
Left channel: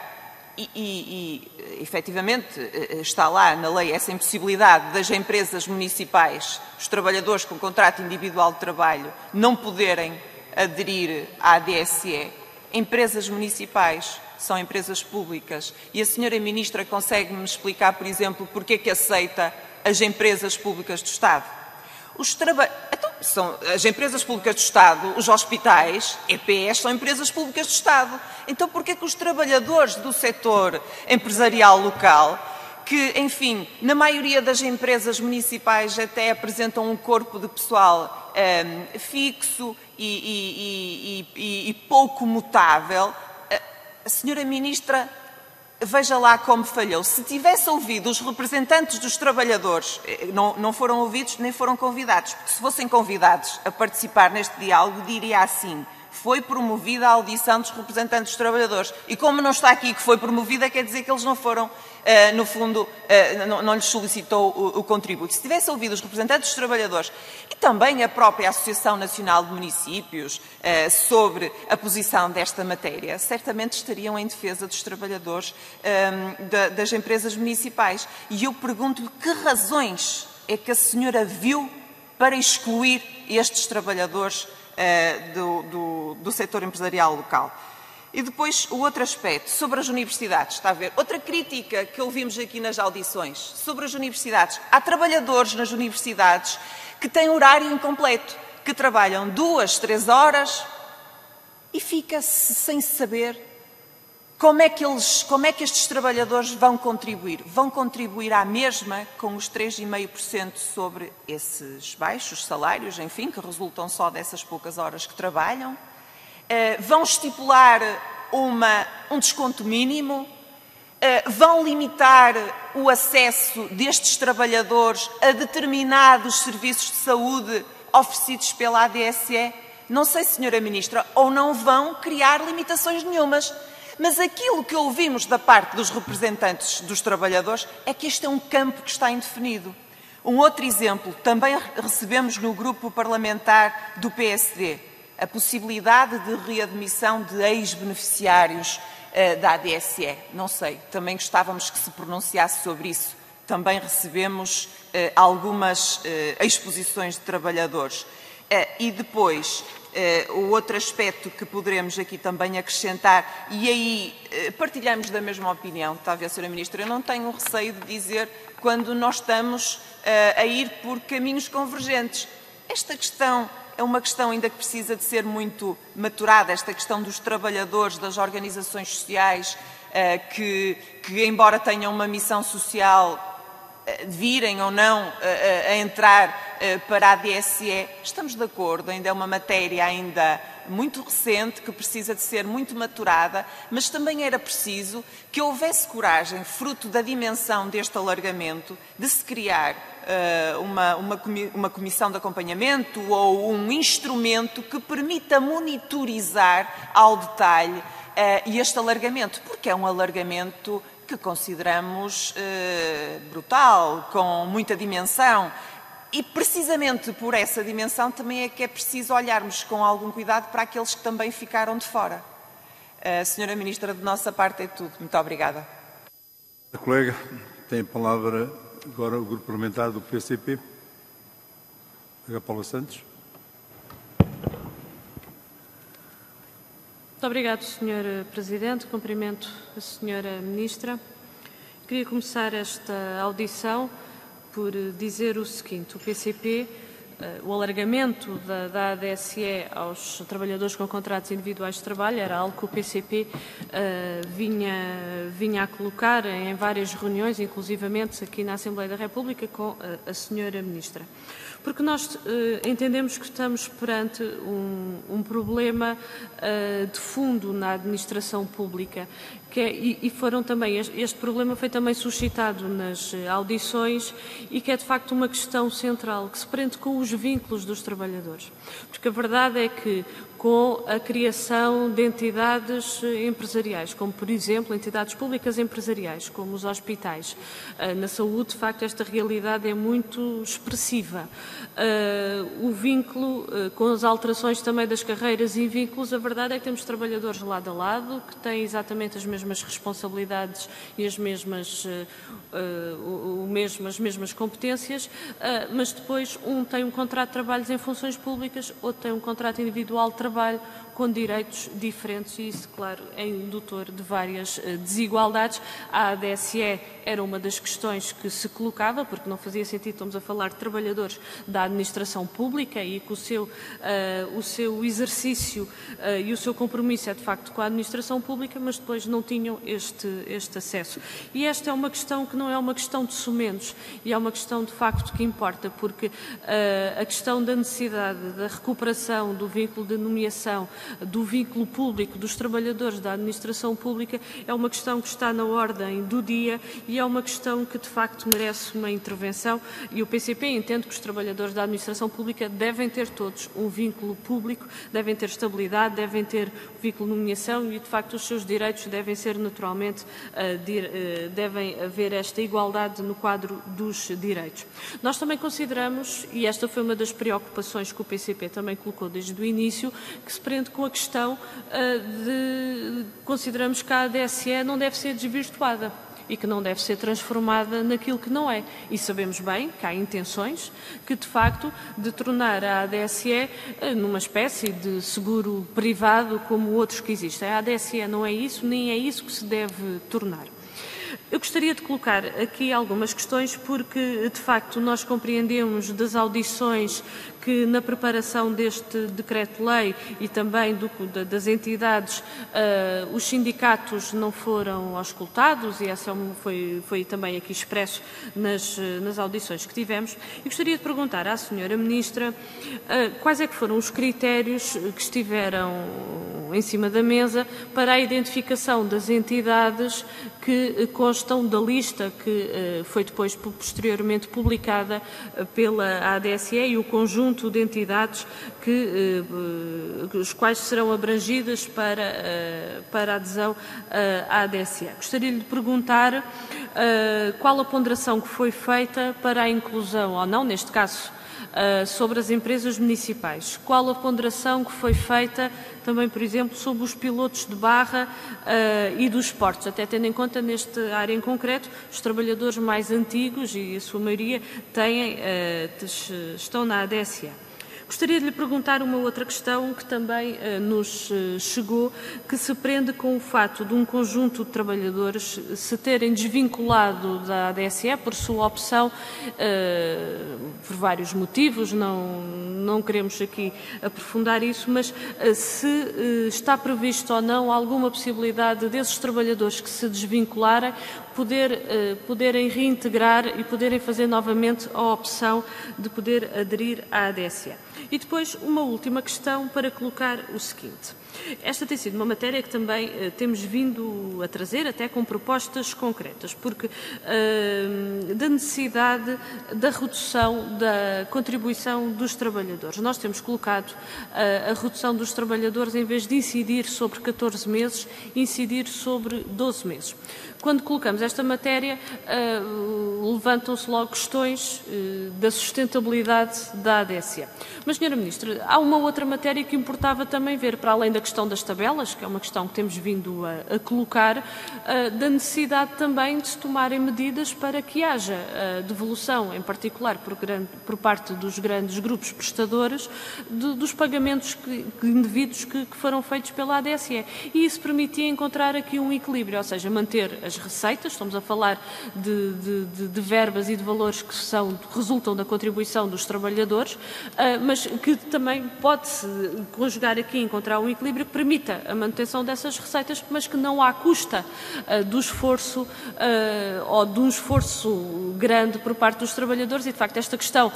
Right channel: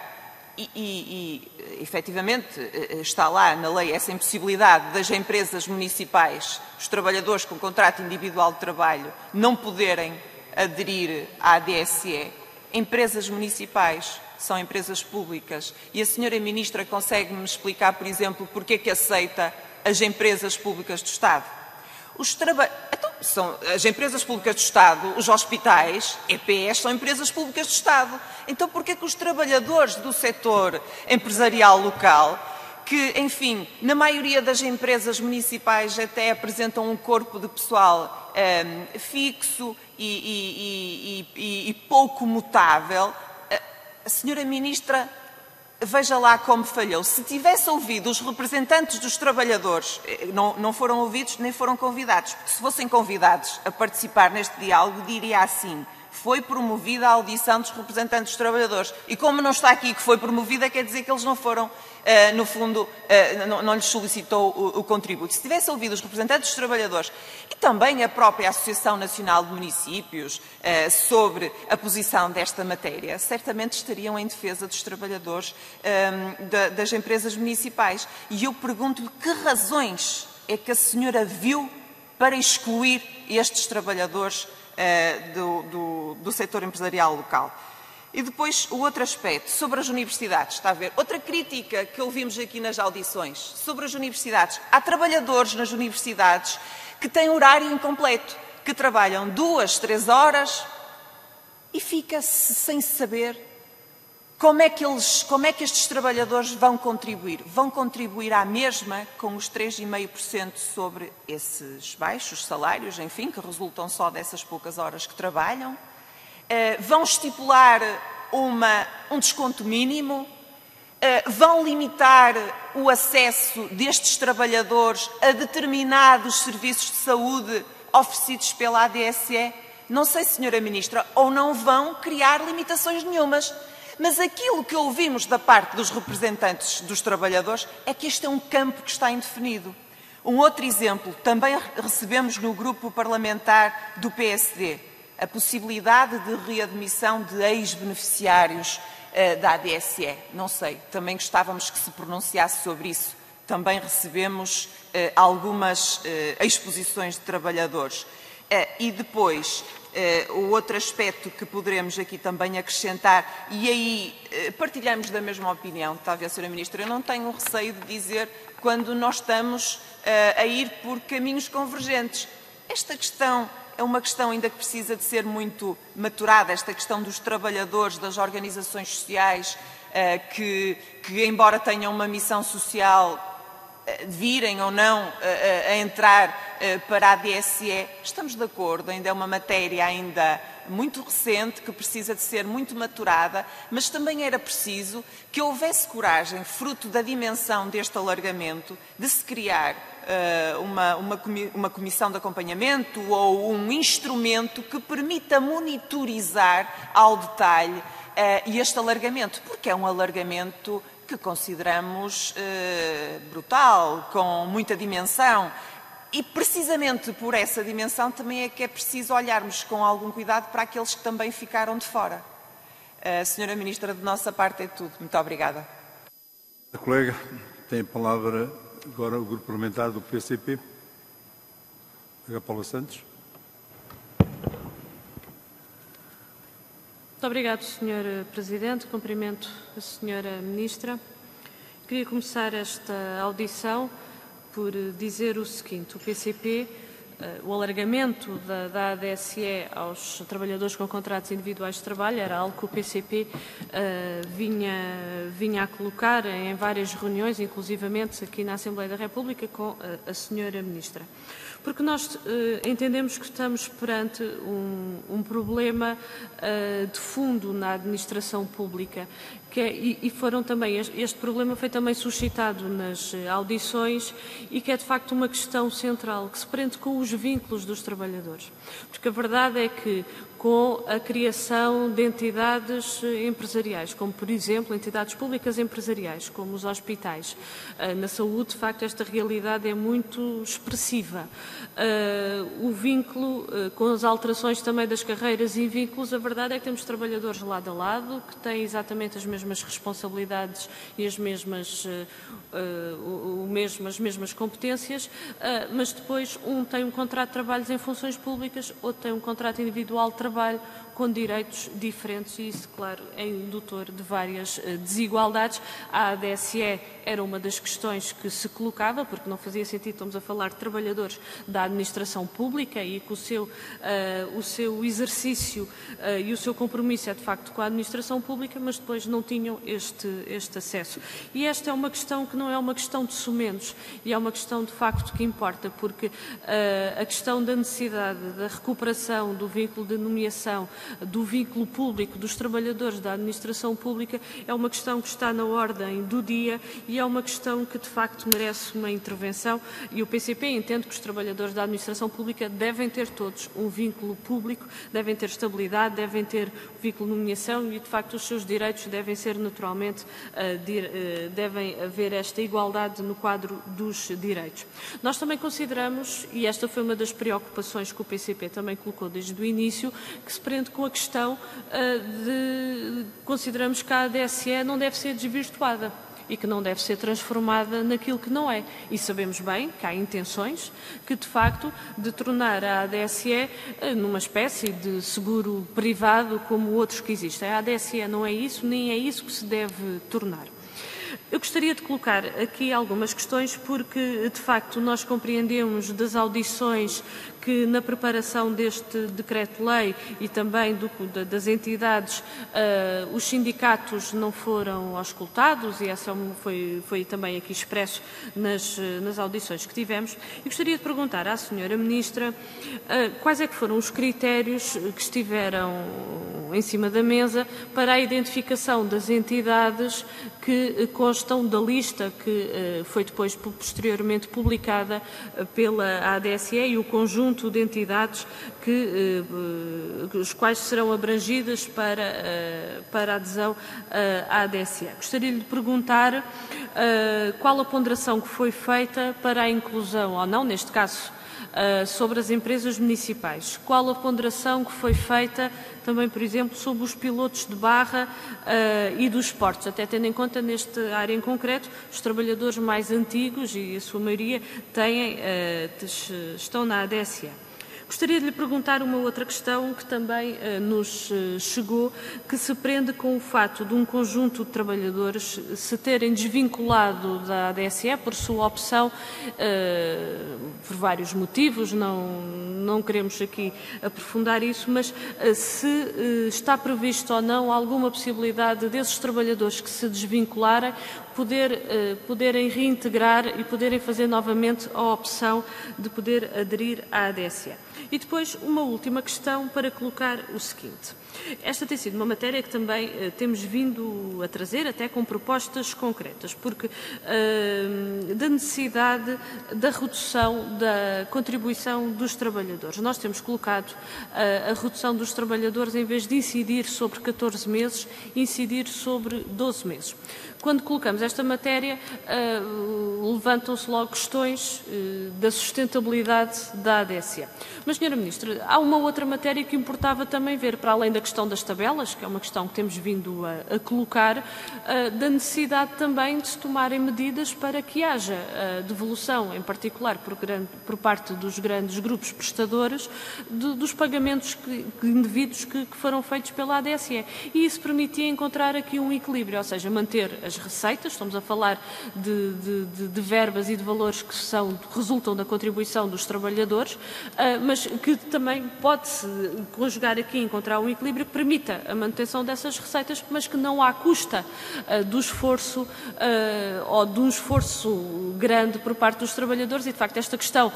e efetivamente está lá na lei essa impossibilidade das empresas municipais, os trabalhadores com contrato individual de trabalho, não poderem aderir à ADSE. Empresas municipais são empresas públicas e a senhora Ministra consegue-me explicar, por exemplo, porque é que aceita as empresas públicas do Estado? São as empresas públicas do Estado, os hospitais, EPS, são empresas públicas do Estado. Então, porquê que os trabalhadores do setor empresarial local, que, enfim, na maioria das empresas municipais até apresentam um corpo de pessoal fixo e pouco mutável, a senhora Ministra, veja lá como falhou. Se tivesse ouvido os representantes dos trabalhadores, não foram ouvidos nem foram convidados, porque se fossem convidados a participar neste diálogo, diria assim: foi promovida a audição dos representantes dos trabalhadores. E como não está aqui que foi promovida, quer dizer que eles não foram, no fundo, não lhes solicitou o contributo. Se tivesse ouvido os representantes dos trabalhadores e também a própria Associação Nacional de Municípios sobre a posição desta matéria, certamente estariam em defesa dos trabalhadores das empresas municipais. E eu pergunto-lhe que razões é que a senhora viu para excluir estes trabalhadores do setor empresarial local. E depois o outro aspecto, sobre as universidades, está a ver? Outra crítica que ouvimos aqui nas audições, sobre as universidades. Há trabalhadores nas universidades que têm horário incompleto, que trabalham 2, 3 horas e fica-se sem saber como é que estes trabalhadores vão contribuir. Vão contribuir à mesma com os 3,5% sobre esses baixos salários, enfim, que resultam só dessas poucas horas que trabalham. Vão estipular um desconto mínimo, vão limitar o acesso destes trabalhadores a determinados serviços de saúde oferecidos pela ADSE. Não sei, Senhora Ministra, ou não vão criar limitações nenhumas. Mas aquilo que ouvimos da parte dos representantes dos trabalhadores é que este é um campo que está indefinido. Um outro exemplo, também recebemos no grupo parlamentar do PSD, a possibilidade de readmissão de ex-beneficiários da ADSE. Não sei, também gostávamos que se pronunciasse sobre isso. Também recebemos algumas exposições de trabalhadores. E depois, o outro aspecto que poderemos aqui também acrescentar, e aí partilhamos da mesma opinião, talvez, Sra. Ministra, eu não tenho receio de dizer quando nós estamos a ir por caminhos convergentes. Esta questão é uma questão ainda que precisa de ser muito maturada, esta questão dos trabalhadores, das organizações sociais, que embora tenham uma missão social, virem ou não a entrar para a ADSE, estamos de acordo, ainda é uma matéria ainda muito recente, que precisa de ser muito maturada, mas também era preciso que houvesse coragem, fruto da dimensão deste alargamento, de se criar uma comissão de acompanhamento ou um instrumento que permita monitorizar ao detalhe este alargamento, porque é um alargamento que consideramos brutal, com muita dimensão. E precisamente por essa dimensão também é que é preciso olharmos com algum cuidado para aqueles que também ficaram de fora. Senhora Ministra, de nossa parte é tudo. Muito obrigada. A colega tem a palavra agora o grupo parlamentar do PCP. A Paula Santos. Muito obrigado, Sr. Presidente. Cumprimento a Sra. Ministra. Queria começar esta audição por dizer o seguinte: o PCP, o alargamento da ADSE aos trabalhadores com contratos individuais de trabalho era algo que o PCP vinha a colocar em várias reuniões, inclusivamente aqui na Assembleia da República, com a Sra. Ministra. Porque nós entendemos que estamos perante um problema de fundo na administração pública, este problema foi também suscitado nas audições e que é de facto uma questão central, que se prende com os vínculos dos trabalhadores. Porque a verdade é que com a criação de entidades empresariais, como por exemplo entidades públicas empresariais, como os hospitais, na saúde, de facto esta realidade é muito expressiva. O vínculo, com as alterações também das carreiras e vínculos, a verdade é que temos trabalhadores lado a lado, que têm exatamente as mesmas responsabilidades e as mesmas competências, mas depois um tem um contrato de trabalho em funções públicas, outro tem um contrato individual de trabalho com direitos diferentes e isso, claro, é indutor de várias desigualdades. A ADSE era uma das questões que se colocava, porque não fazia sentido, estamos a falar de trabalhadores da administração pública e que o seu exercício e o seu compromisso é de facto com a administração pública, mas depois não tinham este acesso. E esta é uma questão que não é uma questão de sumentos, e é uma questão de facto que importa, porque a questão da necessidade da recuperação do vínculo de nomeação do vínculo público dos trabalhadores da administração pública é uma questão que está na ordem do dia e é uma questão que de facto merece uma intervenção, e o PCP entende que os trabalhadores da administração pública devem ter todos um vínculo público, devem ter estabilidade, devem ter vínculo de nomeação e de facto os seus direitos devem ser naturalmente, devem haver esta igualdade no quadro dos direitos. Nós também consideramos, e esta foi uma das preocupações que o PCP também colocou desde o início, que se prende com a questão consideramos que a ADSE não deve ser desvirtuada e que não deve ser transformada naquilo que não é. E sabemos bem que há intenções que, de facto, de tornar a ADSE numa espécie de seguro privado como outros que existem. A ADSE não é isso, nem é isso que se deve tornar. Eu gostaria de colocar aqui algumas questões porque, de facto, nós compreendemos das audições que na preparação deste decreto-lei e também das entidades, os sindicatos não foram auscultados e essa foi também aqui expresso nas audições que tivemos. E gostaria de perguntar à Sra. Ministra quais é que foram os critérios que estiveram em cima da mesa para a identificação das entidades que constam da lista que foi depois posteriormente publicada pela ADSE e o conjunto de entidades os quais serão abrangidas para a adesão à ADSE. Gostaria de perguntar qual a ponderação que foi feita para a inclusão, ou não, neste caso, sobre as empresas municipais. Qual a ponderação que foi feita também, por exemplo, sobre os pilotos de barra e dos portos, até tendo em conta nesta área em concreto, os trabalhadores mais antigos e a sua maioria estão na ADSE. Gostaria de lhe perguntar uma outra questão que também nos chegou, que se prende com o fato de um conjunto de trabalhadores se terem desvinculado da ADSE por sua opção, por vários motivos, não queremos aqui aprofundar isso, mas se está previsto ou não alguma possibilidade desses trabalhadores que se desvincularem poderem reintegrar e poderem fazer novamente a opção de poder aderir à ADSE. E depois, uma última questão para colocar o seguinte. Esta tem sido uma matéria que também temos vindo a trazer, até com propostas concretas, porque da necessidade da redução da contribuição dos trabalhadores. Nós temos colocado a redução dos trabalhadores, em vez de incidir sobre 14 meses, incidir sobre 12 meses. Quando colocamos esta matéria, levantam-se logo questões da sustentabilidade da ADSE. Mas, Sra. Ministra, há uma outra matéria que importava também ver, para além da questão das tabelas, que é uma questão que temos vindo a colocar, da necessidade também de se tomarem medidas para que haja devolução, em particular por parte dos grandes grupos prestadores, dos pagamentos indevidos que foram feitos pela ADSE. E isso permitia encontrar aqui um equilíbrio, ou seja, manter as receitas, estamos a falar de verbas e de valores que resultam da contribuição dos trabalhadores, mas que também pode-se conjugar aqui, encontrar um equilíbrio que permita a manutenção dessas receitas, mas que não à custa do esforço ou de um esforço grande por parte dos trabalhadores e, de facto, esta questão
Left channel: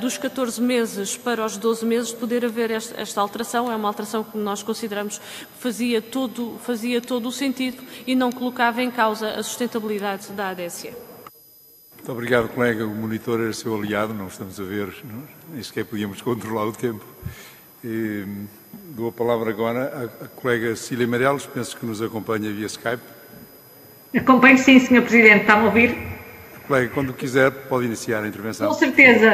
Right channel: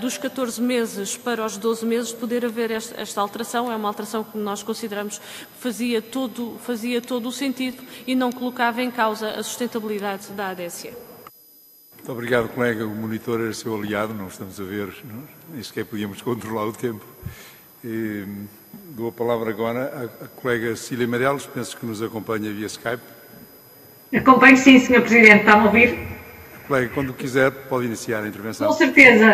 dos 14 meses para os 12 meses, de poder haver esta alteração, é uma alteração que nós consideramos que fazia todo o sentido e não colocava em causa a sustentabilidade da ADSE. Muito obrigado, colega. O monitor era seu aliado, não estamos a ver, nem sequer podíamos controlar o tempo. Dou a palavra agora à colega Cília Meireles, penso que nos acompanha via Skype. Acompanho sim, Sr. Presidente, está a ouvir? Colega, quando quiser, pode iniciar a intervenção. Com certeza.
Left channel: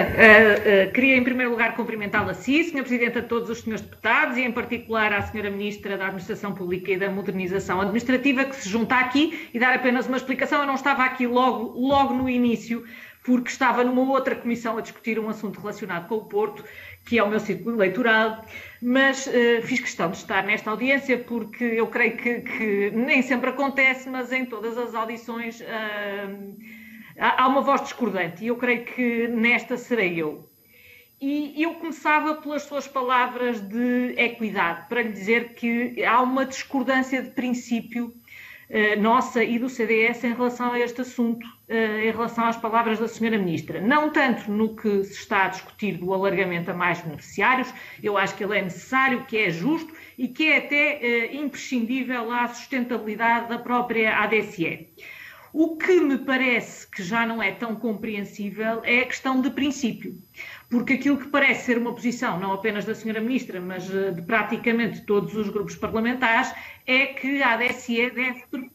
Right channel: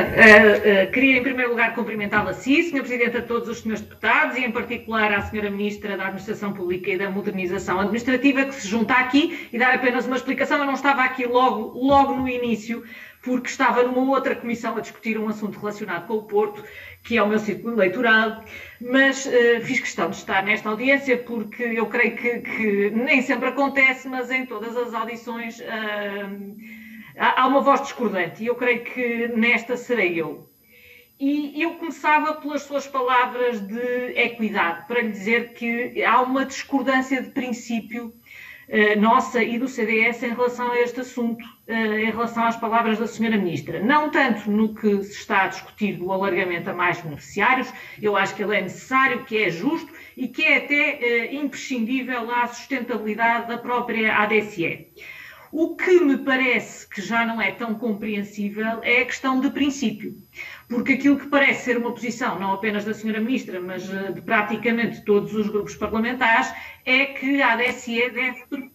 Queria, em primeiro lugar, cumprimentá-la a si, Sr. Presidente, a todos os senhores deputados e, em particular, à Sra. Ministra da Administração Pública e da Modernização Administrativa, que se junta aqui, e dar apenas uma explicação. Eu não estava aqui logo no início, porque estava numa outra comissão a discutir um assunto relacionado com o Porto, que é o meu círculo eleitoral, mas fiz questão de estar nesta audiência porque eu creio que nem sempre acontece, mas em todas as audições há uma voz discordante e eu creio que nesta serei eu. E eu começava pelas suas palavras de equidade, para lhe dizer que há uma discordância de princípio nossa e do CDS em relação a este assunto, em relação às palavras da Sra. Ministra. Não tanto no que se está a discutir do alargamento a mais beneficiários, eu acho que ele é necessário, que é justo e que é até imprescindível à sustentabilidade da própria ADSE. O que me parece que já não é tão compreensível é a questão de princípio, porque aquilo que parece ser uma posição, não apenas da Sra. Ministra, mas de praticamente todos os grupos parlamentares, é que a ADSE deve...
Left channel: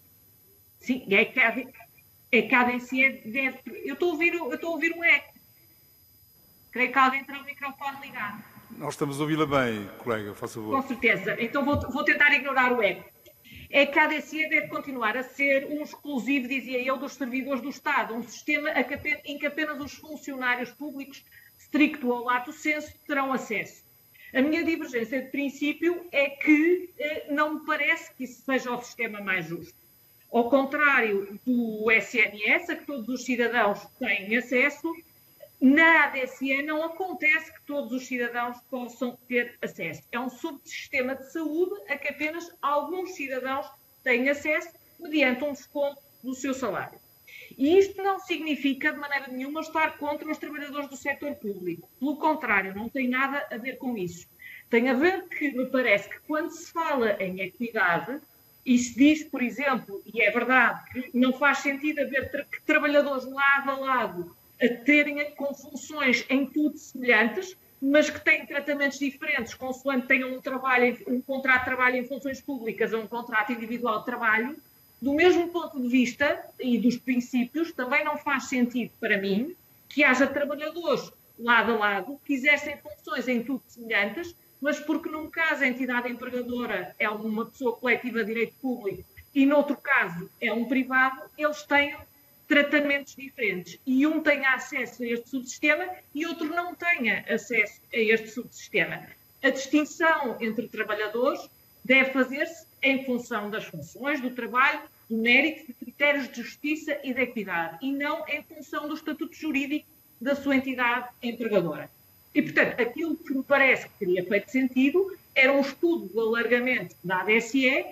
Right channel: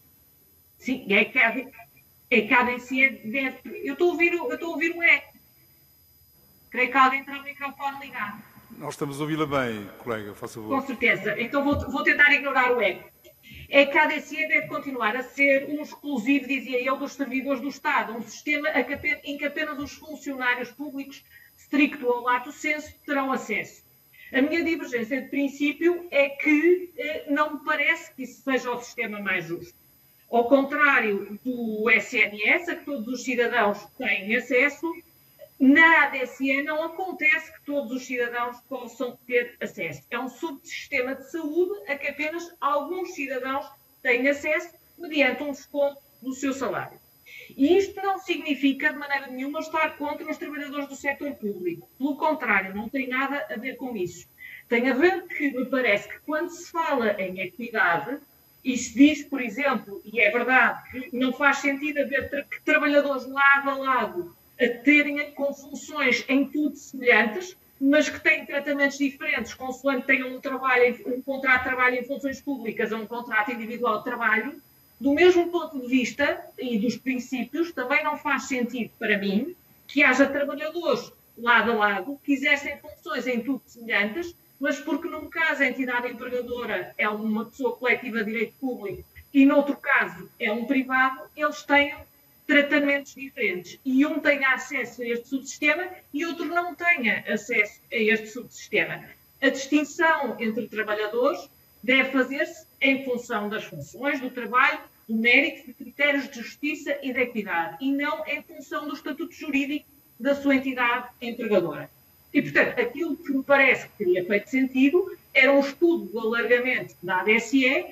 Sim, é que a ADSE deve... Eu estou a ouvir um eco. Creio que alguém tem o microfone ligado. Nós estamos a ouvi-la bem, colega, faça favor. Com certeza. Então vou tentar ignorar o eco. É que a ADSE deve continuar a ser um exclusivo, dizia eu, dos servidores do Estado, um sistema em que apenas os funcionários públicos, stricto ou lato sensu, terão acesso. A minha divergência de princípio é que não me parece que isso seja o sistema mais justo. Ao contrário do SNS, a que todos os cidadãos têm acesso, na ADSE não acontece que todos os cidadãos possam ter acesso. É um subsistema de saúde a que apenas alguns cidadãos têm acesso mediante um desconto do seu salário. E isto não significa, de maneira nenhuma, estar contra os trabalhadores do setor público. Pelo contrário, não tem nada a ver com isso. Tem a ver que, me parece que quando se fala em equidade, e se diz, por exemplo, e é verdade, que não faz sentido haver trabalhadores lado a lado a terem com funções em tudo semelhantes, mas que têm tratamentos diferentes, consoante tenham um contrato de trabalho em funções públicas ou um contrato individual de trabalho. Do mesmo ponto de vista e dos princípios, também não faz sentido para mim que haja trabalhadores lado a lado que exercem funções em tudo semelhantes, mas porque num caso a entidade empregadora é uma pessoa coletiva de direito público e noutro caso é um privado, eles têm tratamentos diferentes. E um tenha acesso a este subsistema e outro não tenha acesso a este subsistema. A distinção entre trabalhadores deve fazer-se em função das funções, do trabalho, do mérito, de critérios de justiça e de equidade, e não em função do estatuto jurídico da sua entidade empregadora. E, portanto, aquilo que me parece que teria feito sentido era um estudo do alargamento da ADSE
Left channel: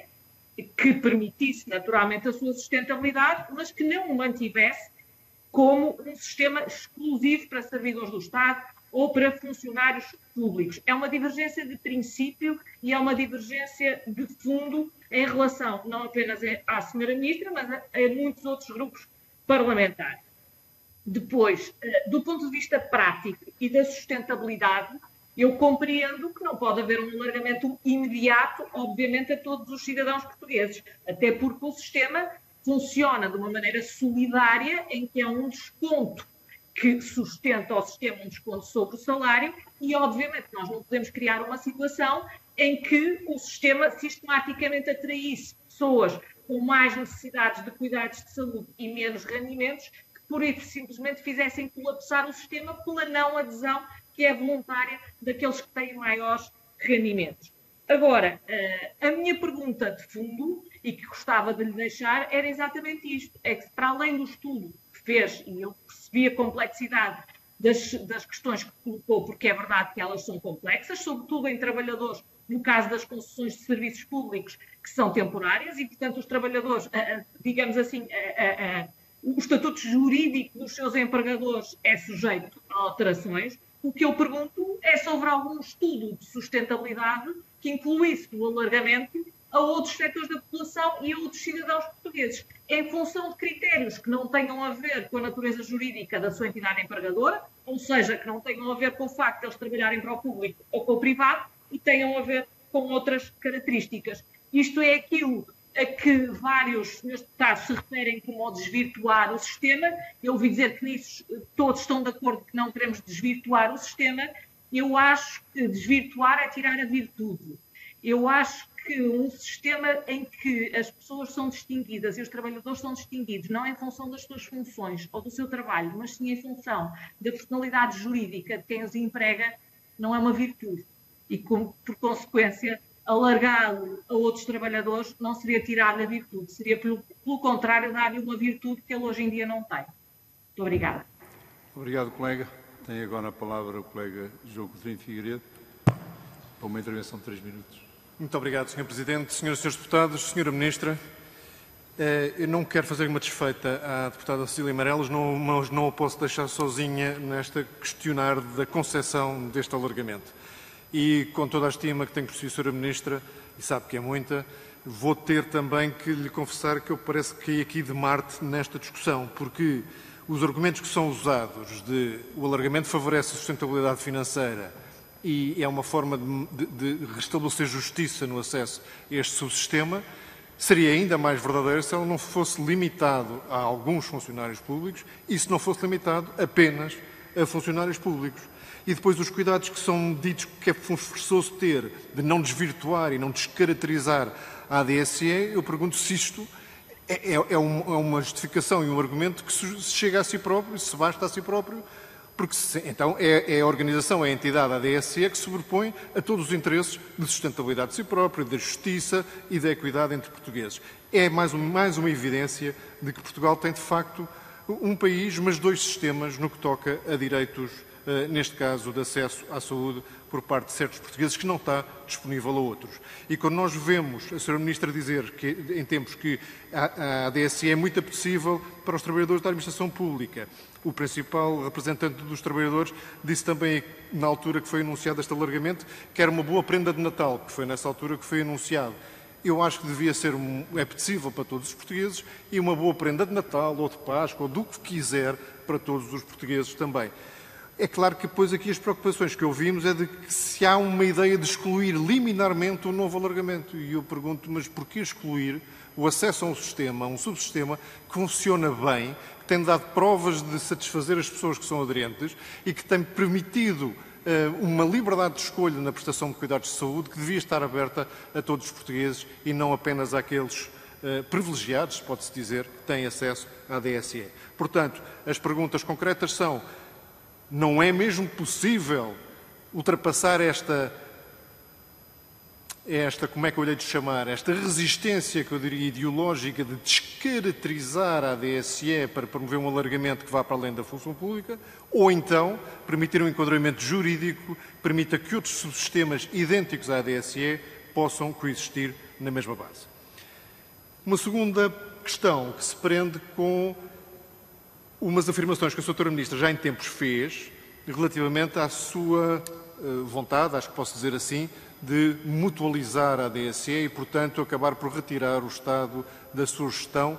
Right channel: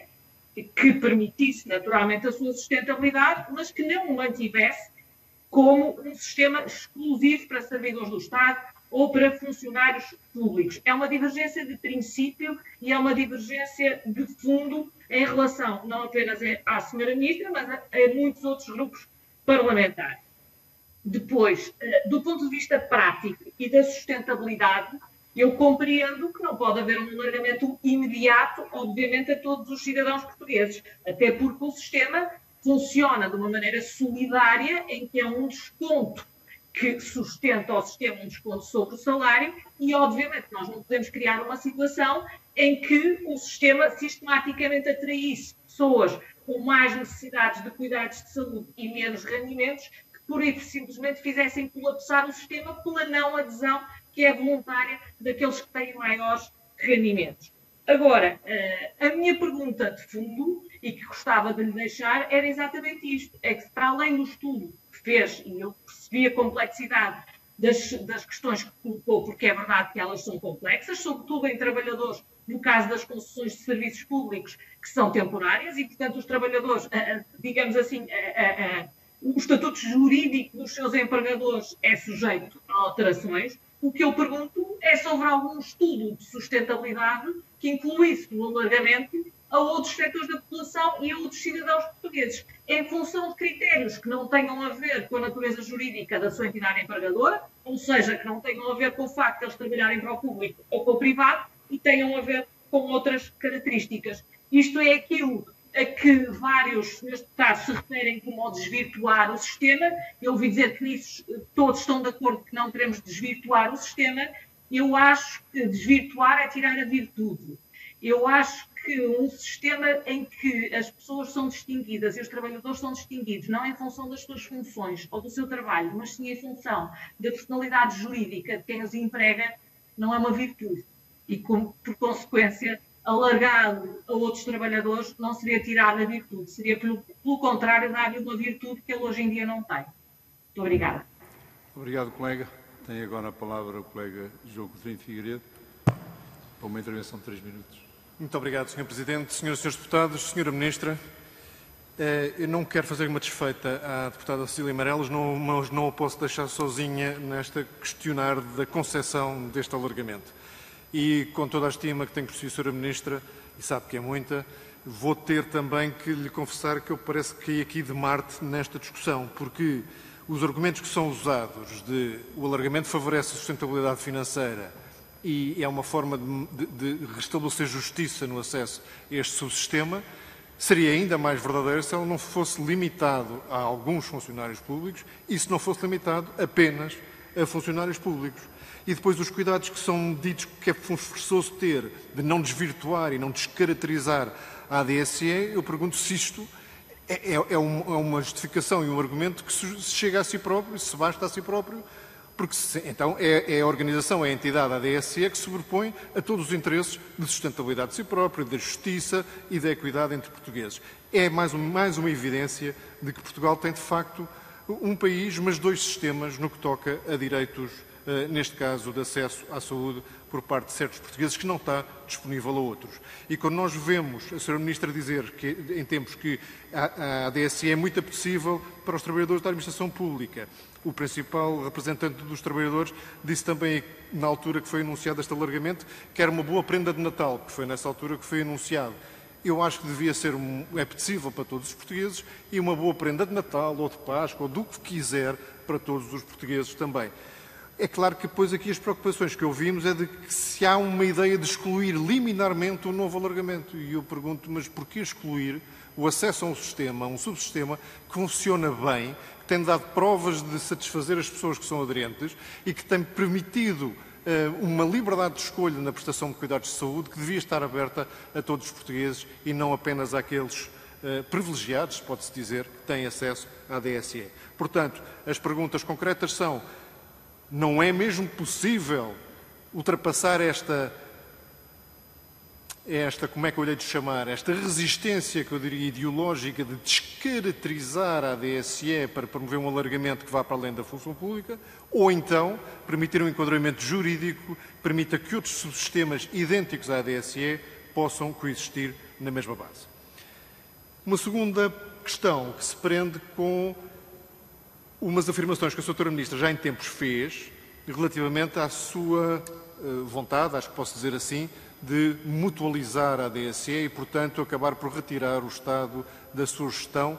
que permitisse, naturalmente, a sua sustentabilidade, mas que não o mantivesse como um sistema exclusivo para servidores do Estado ou para funcionários públicos. É uma divergência de princípio e é uma divergência de fundo em relação não apenas à Sra. Ministra, mas a muitos outros grupos parlamentares. Depois, do ponto de vista prático e da sustentabilidade, eu compreendo que não pode haver um alargamento imediato, obviamente, a todos os cidadãos portugueses, até porque o sistema funciona de uma maneira solidária, em que é um desconto que sustenta ao sistema um desconto sobre o salário e, obviamente, nós não podemos criar uma situação em que o sistema sistematicamente atraísse pessoas com mais necessidades de cuidados de saúde e menos rendimentos, que por isso simplesmente fizessem colapsar o sistema pela não adesão que é voluntária daqueles que têm maiores rendimentos. Agora, a minha pergunta de fundo, e que gostava de lhe deixar, era exatamente isto. É que, para além do estudo que fez, e eu percebi a complexidade das questões que colocou, porque é verdade que elas são complexas, sobretudo em trabalhadores, no caso das concessões de serviços públicos, que são temporárias, e, portanto, os trabalhadores, digamos assim, o estatuto jurídico dos seus empregadores é sujeito a alterações. O que eu pergunto é sobre algum estudo de sustentabilidade que incluísse o alargamento a outros setores da população e a outros cidadãos portugueses, em função de critérios que não tenham a ver com a natureza jurídica da sua entidade empregadora, ou seja, que não tenham a ver com o facto de eles trabalharem para o público ou para o privado, e tenham a ver com outras características. Isto é aquilo a que vários senhores deputados se referem como ao desvirtuar o sistema. Eu ouvi dizer que nisso todos estão de acordo que não queremos desvirtuar o sistema. Eu acho que desvirtuar é tirar a virtude. Eu acho que um sistema em que as pessoas são distinguidas e os trabalhadores são distinguidos, não em função das suas funções ou do seu trabalho, mas sim em função da personalidade jurídica de quem os emprega, não é uma virtude. E, por consequência, alargado a outros trabalhadores não seria tirar a virtude, seria, pelo contrário, dar-lhe uma virtude que ele hoje em dia não tem. Muito obrigada. Obrigado, colega. Tem agora a palavra o colega João Coutinho Figueiredo para uma intervenção de 3 minutos. Muito obrigado, Sr. Presidente. Senhoras e Srs. Deputados, Sra. Ministra, eu não quero fazer uma desfeita à deputada Cecília Meireles, mas não a posso deixar sozinha nesta questionar da concepção deste alargamento. E, com toda a estima que tenho por si, Sra. Ministra, e sabe que é muita, vou ter também que lhe confessar que eu parece que caí aqui de Marte nesta discussão, porque os argumentos que são usados de o alargamento favorece a sustentabilidade financeira e é uma forma de restabelecer justiça no acesso a este subsistema, seria ainda mais verdadeiro se ela não fosse limitado a alguns funcionários públicos e se não fosse limitado apenas a funcionários públicos. E depois os cuidados que são ditos que é forçoso ter de não desvirtuar e não descaracterizar a ADSE, eu pergunto se isto é uma justificação e um argumento que se chega a si próprio, se basta a si próprio, porque então é a organização, é a entidade, a ADSE, que sobrepõe a todos os interesses de sustentabilidade de si próprio, da justiça e da equidade entre portugueses. É mais uma evidência de que Portugal tem, de facto, um país, mas dois sistemas no que toca a direitos, neste caso, de acesso à saúde por parte de certos portugueses, que não está disponível a outros. E quando nós vemos a Sra. Ministra dizer que, em tempos que a ADSE é muito apetecível para os trabalhadores da administração pública, o principal representante dos trabalhadores disse também, na altura que foi anunciado este alargamento, que era uma boa prenda de Natal, que foi nessa altura que foi anunciado. Eu acho que devia ser apetecível para todos os portugueses e uma boa prenda de Natal, ou de Páscoa, ou do que quiser, para todos os portugueses também. É claro que depois aqui as preocupações que ouvimos é de que se há uma ideia de excluir liminarmente um novo alargamento. E eu pergunto, mas porquê excluir o acesso a um sistema, a um subsistema que funciona bem, que tem dado provas de satisfazer as pessoas que são aderentes e que tem permitido uma liberdade de escolha na prestação de cuidados de saúde que devia estar aberta a todos os portugueses e não apenas àqueles privilegiados, pode-se dizer, que têm acesso à ADSE. Portanto, as perguntas concretas são: não é mesmo possível ultrapassar esta, como é que eu lhe hei de chamar, esta resistência, que eu diria, ideológica de descaracterizar a ADSE para promover um alargamento que vá para além da função pública, ou então permitir um enquadramento jurídico que permita que outros subsistemas idênticos à ADSE possam coexistir na mesma base. Uma segunda questão que se prende com umas afirmações que a Sra. Ministra já em tempos fez relativamente à sua vontade, acho que posso dizer assim, de mutualizar a ADSE e, portanto, acabar por retirar o Estado da sua gestão,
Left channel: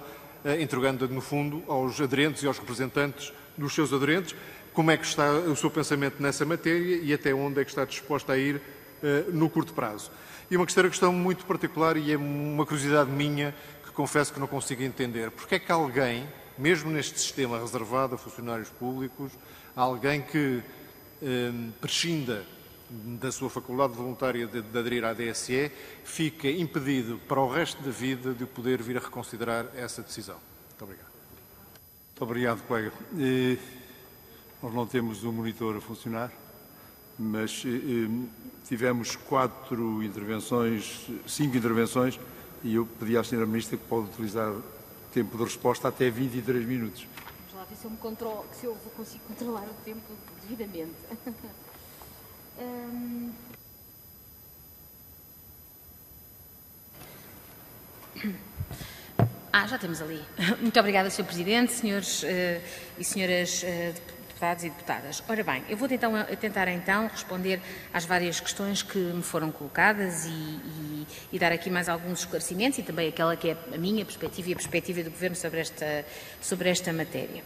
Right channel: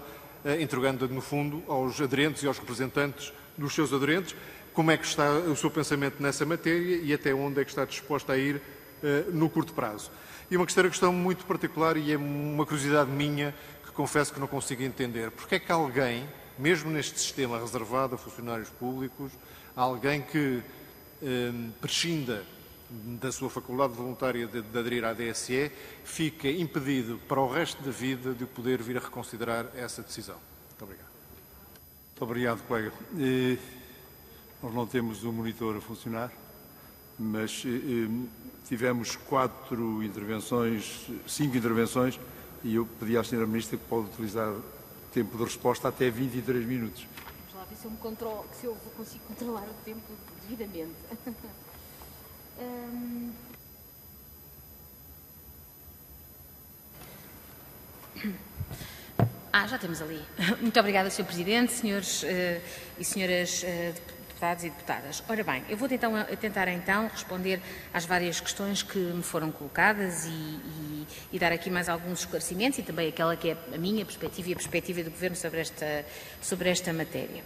entregando, no fundo, aos aderentes e aos representantes dos seus aderentes. Como é que está o seu pensamento nessa matéria e até onde é que está disposta a ir no curto prazo? E uma questão muito particular, e é uma curiosidade minha, que confesso que não consigo entender. Porque é que alguém, mesmo neste sistema reservado a funcionários públicos, alguém que prescinda da sua faculdade voluntária de aderir à ADSE, fica impedido para o resto da vida de poder vir a reconsiderar essa decisão? Muito obrigado. Muito obrigado, colega. Nós não temos o monitor a funcionar, mas tivemos 5 intervenções, e eu pedi à Sra. Ministra que pode utilizar tempo de resposta até 23 minutos. Vamos lá ver se eu consigo controlar o tempo devidamente. Já temos ali. Muito obrigada, Sr. Presidente, senhores e senhoras deputados e deputadas. Ora bem, eu vou tentar então responder às várias questões que me foram colocadas e dar aqui mais alguns esclarecimentos e também aquela que é a minha perspectiva e a perspectiva do Governo sobre esta matéria.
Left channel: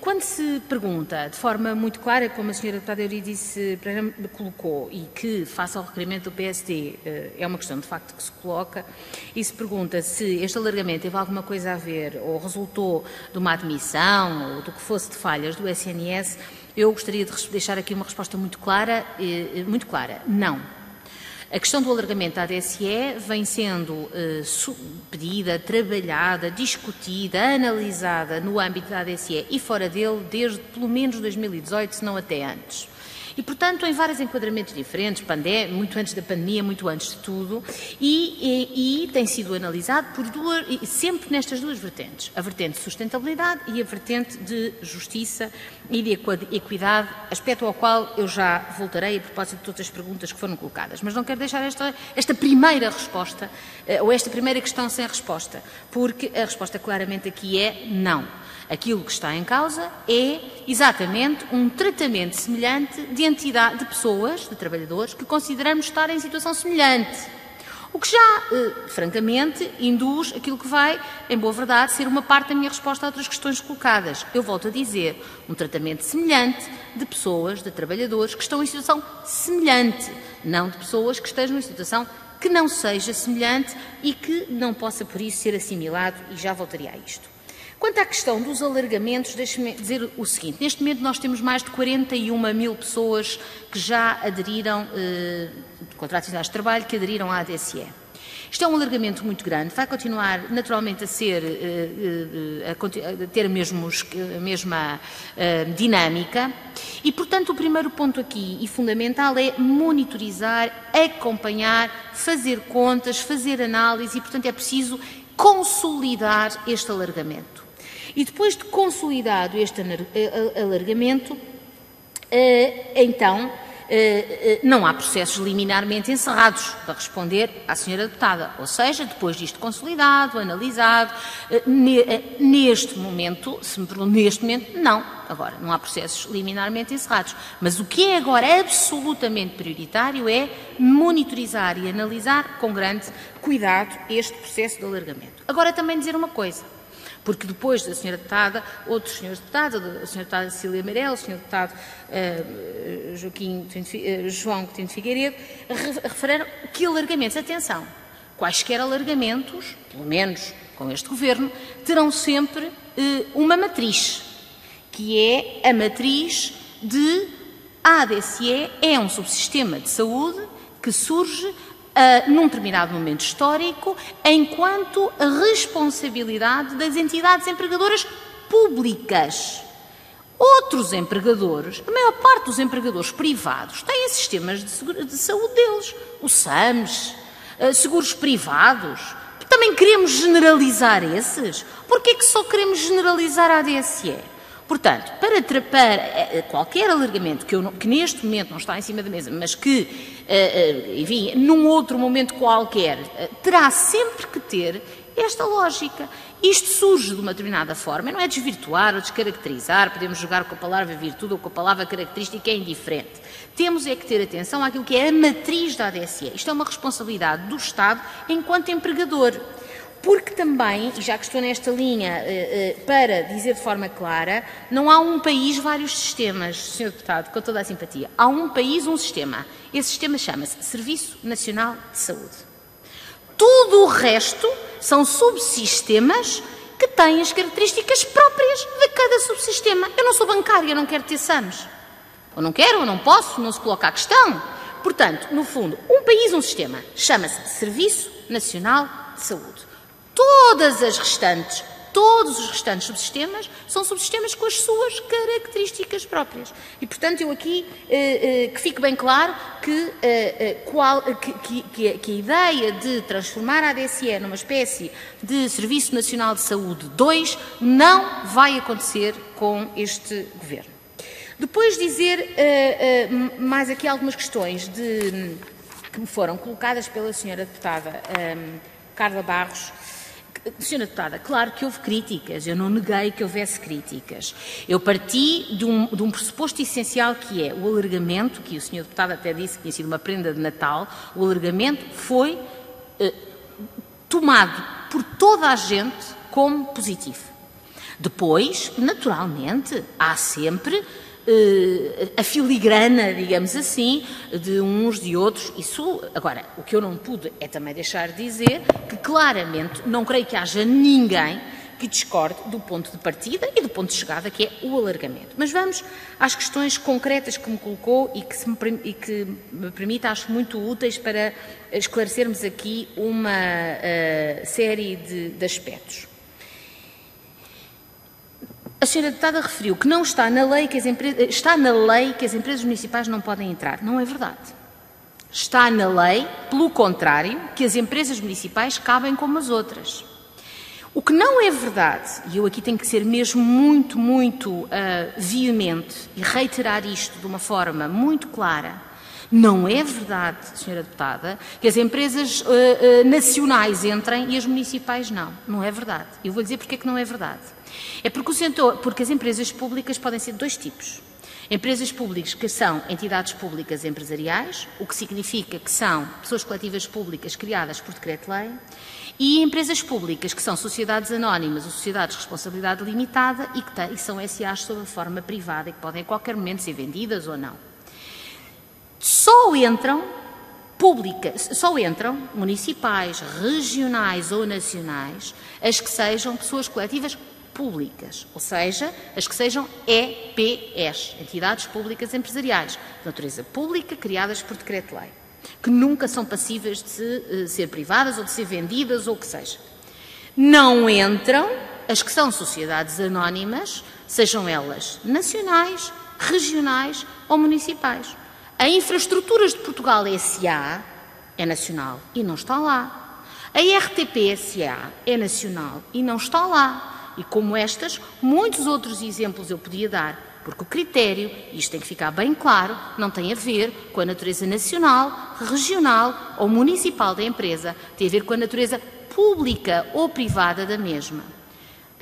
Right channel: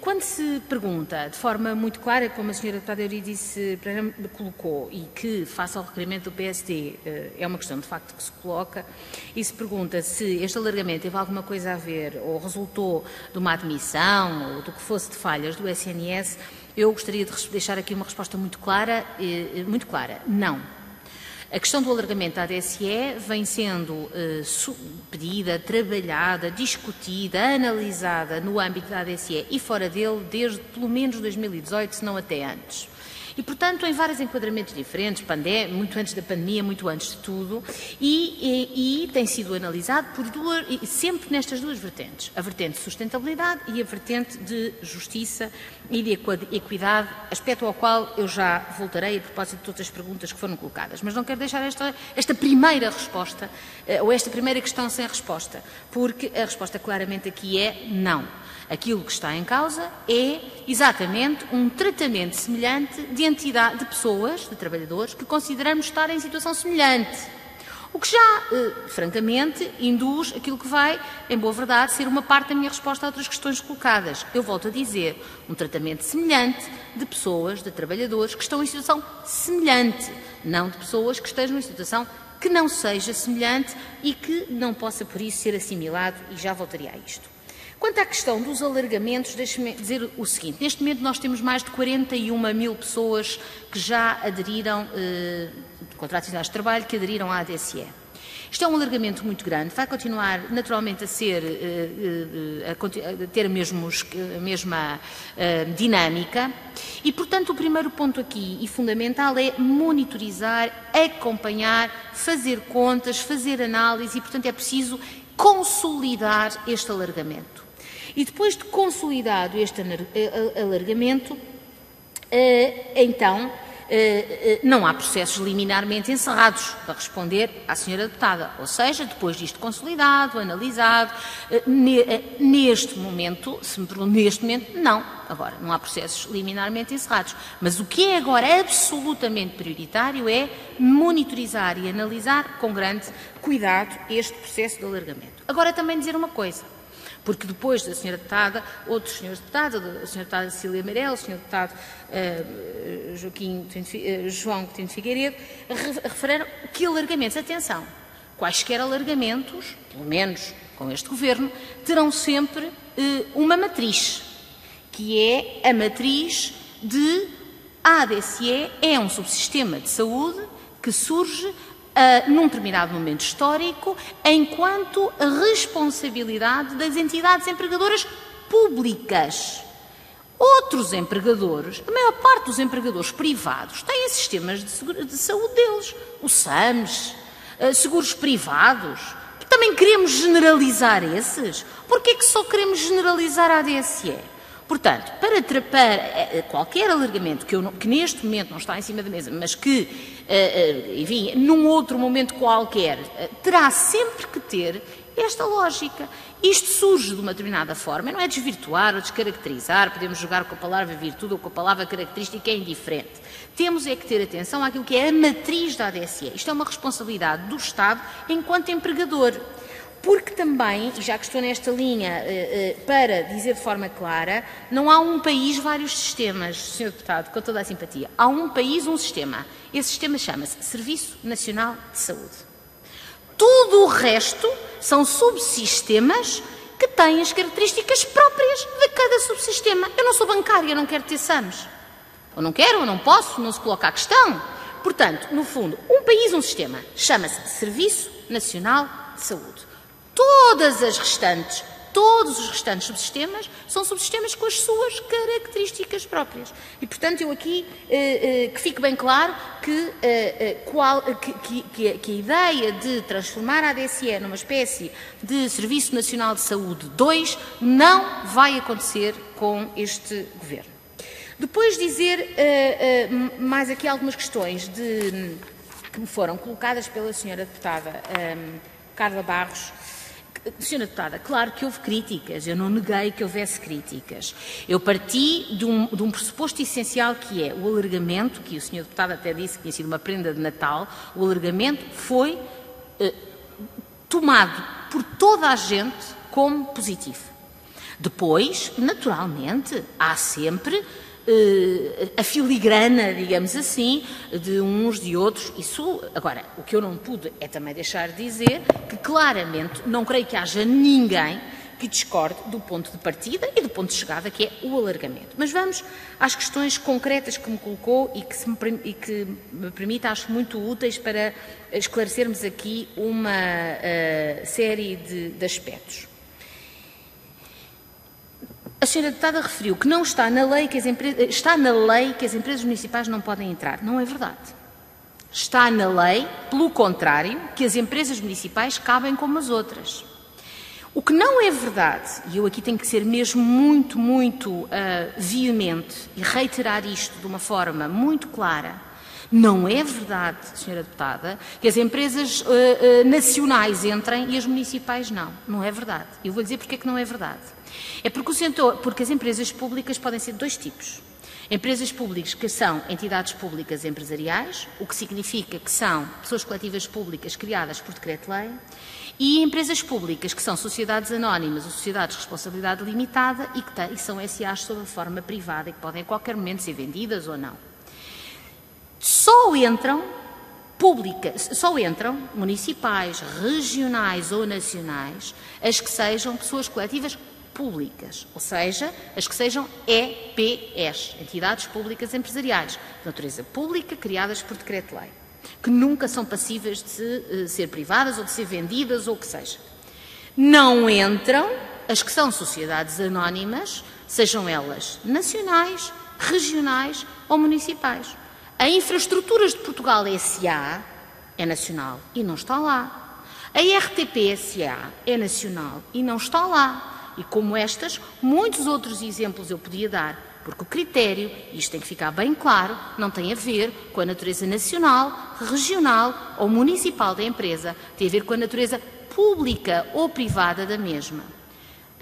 Quando se pergunta de forma muito clara, como a Sra. Deputada Eurídice colocou, e que, face ao requerimento do PSD, é uma questão de facto que se coloca, e se pergunta se este alargamento teve alguma coisa a ver ou resultou de uma admissão ou do que fosse de falhas do SNS, eu gostaria de deixar aqui uma resposta muito clara. Não. A questão do alargamento da ADSE vem sendo pedida, trabalhada, discutida, analisada no âmbito da ADSE e fora dele desde pelo menos 2018, se não até antes. E, portanto, em vários enquadramentos diferentes, muito antes da pandemia, muito antes de tudo, e tem sido analisado sempre nestas duas vertentes, a vertente de sustentabilidade e a vertente de justiça e de equidade, aspecto ao qual eu já voltarei a propósito de todas as perguntas que foram colocadas. Mas não quero deixar esta primeira resposta, ou esta primeira questão sem resposta, porque a resposta claramente aqui é não. Aquilo que está em causa é exatamente um tratamento semelhante de pessoas, de trabalhadores, que consideramos estar em situação semelhante. O que já, francamente, induz aquilo que vai, em boa verdade, ser uma parte da minha resposta a outras questões colocadas. Eu volto a dizer, um tratamento semelhante de pessoas, de trabalhadores que estão em situação semelhante, não de pessoas que estejam em situação que não seja semelhante e que não possa, por isso, ser assimilado, e já voltaria a isto. Quanto à questão dos alargamentos, deixe-me dizer o seguinte. Neste momento nós temos mais de 41 mil pessoas que já aderiram, contratos de trabalho, que aderiram à ADSE. Isto é um alargamento muito grande, vai continuar naturalmente a ser, a ter a mesma dinâmica e, portanto, o primeiro ponto aqui e fundamental é monitorizar, acompanhar, fazer contas, fazer análise e, portanto, é preciso consolidar este alargamento. E depois de consolidado este alargamento, então, não há processos liminarmente encerrados, para responder à senhora deputada. Ou seja, depois disto consolidado, analisado, neste momento, se me perguntam, neste momento, não. Agora, não há processos liminarmente encerrados. Mas o que é agora absolutamente prioritário é monitorizar e analisar com grande cuidado este processo de alargamento. Agora, também dizer uma coisa. Porque depois da senhora deputada, outros senhores deputados, a senhora deputada Cecília Meirelles, o senhor deputado João Coutinho de Figueiredo, referiram que alargamentos, atenção, quaisquer alargamentos, pelo menos com este governo, terão sempre uma matriz, que é a matriz de a ADSE é um subsistema de saúde que surge num determinado momento histórico, enquanto a responsabilidade das entidades empregadoras públicas. Outros empregadores, a maior parte dos empregadores privados, têm sistemas de saúde deles. O SAMS, seguros privados. Também queremos generalizar esses? Porquê é que só queremos generalizar a ADSE? Portanto, para qualquer alargamento que neste momento não está em cima da mesa, mas que, enfim, num outro momento qualquer, terá sempre que ter esta lógica. Isto surge de uma determinada forma, não é desvirtuar ou descaracterizar, podemos jogar com a palavra virtude ou com a palavra característica, é indiferente. Temos é que ter atenção àquilo que é a matriz da ADSE. Isto é uma responsabilidade do Estado enquanto empregador. Porque também, já que estou nesta linha, para dizer de forma clara, não há um país, vários sistemas, Sr. Deputado, com toda a simpatia. Há um país, um sistema. Esse sistema chama-se Serviço Nacional de Saúde. Tudo o resto são subsistemas que têm as características próprias de cada subsistema. Eu não sou bancária, não quero ter SAMs. Ou não quero, ou não posso, não se coloca a questão. Portanto, no fundo, um país, um sistema. Chama-se Serviço Nacional de Saúde. Todos os restantes subsistemas são subsistemas com as suas características próprias. E, portanto, eu aqui, que fique bem claro que a ideia de transformar a ADSE numa espécie de Serviço Nacional de Saúde 2 não vai acontecer com este governo. Depois dizer mais aqui algumas questões que me foram colocadas pela senhora deputada Carla Barros. Senhora Deputada, claro que houve críticas, eu não neguei que houvesse críticas. Eu parti de um pressuposto essencial que é o alargamento, que o Sr. Deputado até disse que tinha sido uma prenda de Natal, o alargamento foi tomado por toda a gente como positivo. Depois, naturalmente, há sempre a filigrana, digamos assim, de uns, de outros. Isso, agora, o que eu não pude é também deixar de dizer que, claramente, não creio que haja ninguém que discorde do ponto de partida e do ponto de chegada, que é o alargamento. Mas vamos às questões concretas que me colocou e que me permite, acho muito úteis para esclarecermos aqui uma série de aspectos. A senhora deputada referiu que não está na lei que as empresas municipais não podem entrar. Não é verdade. Está na lei, pelo contrário, que as empresas municipais cabem como as outras. O que não é verdade, e eu aqui tenho que ser mesmo muito veemente e reiterar isto de uma forma muito clara, não é verdade, senhora deputada, que as empresas nacionais entrem e as municipais não. Não é verdade. Eu vou dizer porque é que não é verdade. É porque as empresas públicas podem ser de dois tipos. Empresas públicas que são entidades públicas empresariais, o que significa que são pessoas coletivas públicas criadas por decreto-lei, e empresas públicas que são sociedades anónimas ou sociedades de responsabilidade limitada e que são SAs sob a forma privada e que podem a qualquer momento ser vendidas ou não. Só entram municipais, regionais ou nacionais as que sejam pessoas coletivas públicas, ou seja, as que sejam EPEs, entidades públicas empresariais, de natureza pública, criadas por decreto-lei, que nunca são passíveis de ser privadas ou de ser vendidas ou o que seja. Não entram as que são sociedades anónimas, sejam elas nacionais, regionais ou municipais. A Infraestruturas de Portugal S.A. é nacional e não está lá. A RTP S.A. é nacional e não está lá. E como estas, muitos outros exemplos eu podia dar, porque o critério, e isto tem que ficar bem claro, não tem a ver com a natureza nacional, regional ou municipal da empresa, tem a ver com a natureza pública ou privada da mesma.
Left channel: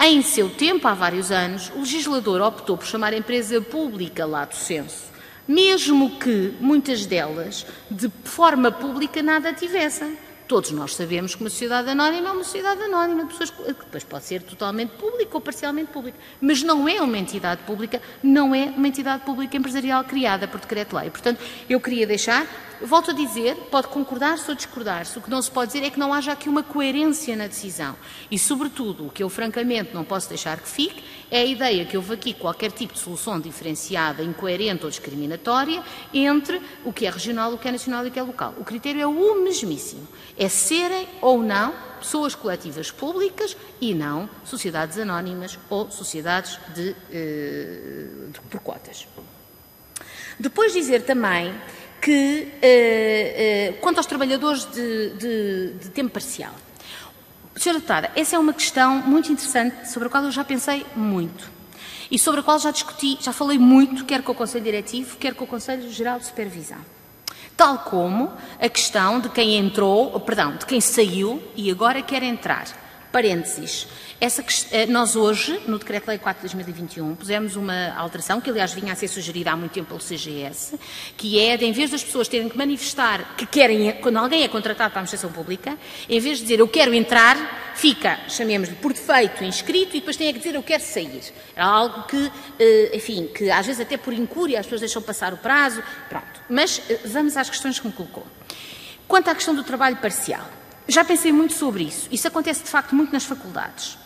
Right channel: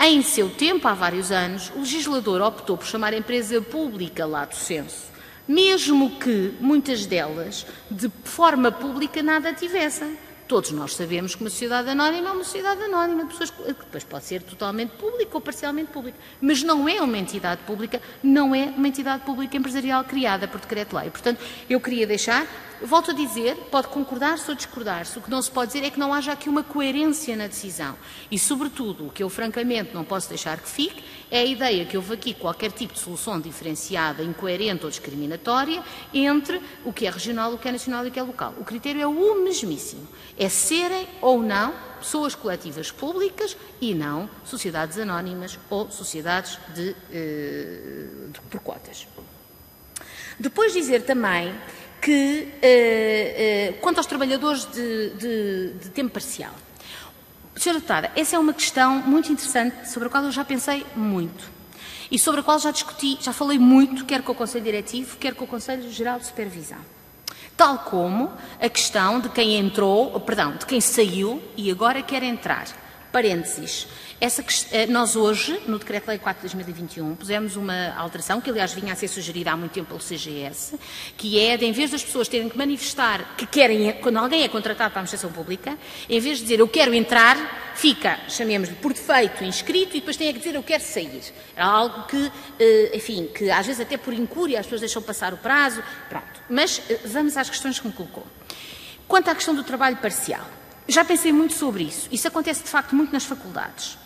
Em seu tempo, há vários anos, o legislador optou por chamar a empresa pública lato sensu, mesmo que muitas delas, de forma pública, nada tivessem. Todos nós sabemos que uma sociedade anónima é uma sociedade anónima, pessoas que depois pode ser totalmente pública ou parcialmente pública, mas não é uma entidade pública, não é uma entidade pública empresarial criada por decreto-lei. Portanto, eu queria deixar, volto a dizer, pode concordar-se ou discordar-se, o que não se pode dizer é que não haja aqui uma coerência na decisão. E, sobretudo, o que eu francamente não posso deixar que fique é a ideia que houve aqui qualquer tipo de solução diferenciada, incoerente ou discriminatória entre o que é regional, o que é nacional e o que é local. O critério é o mesmíssimo. É serem ou não pessoas coletivas públicas e não sociedades anónimas ou sociedades por cotas. Depois dizer também que, quanto aos trabalhadores de tempo parcial, Sra. Deputada, essa é uma questão muito interessante sobre a qual eu já pensei muito e sobre a qual já discuti, já falei muito, quer com o Conselho Diretivo, quer com o Conselho Geral de Supervisão. Tal como a questão de quem entrou, perdão, de quem saiu e agora quer entrar. Parênteses. Nós hoje, no Decreto-Lei 4 de 2021, pusemos uma alteração, que aliás vinha a ser sugerida há muito tempo pelo CGS, que é de, em vez das pessoas terem que manifestar que querem, quando alguém é contratado para a administração pública, em vez de dizer eu quero entrar, fica, chamemos-lhe por defeito, inscrito e depois tem que dizer eu quero sair. É algo que, enfim, que às vezes até por incúria as pessoas deixam passar o prazo, pronto. Mas vamos às questões que me colocou. Quanto à questão do trabalho parcial, já pensei muito sobre isso. Isso acontece de facto muito nas faculdades.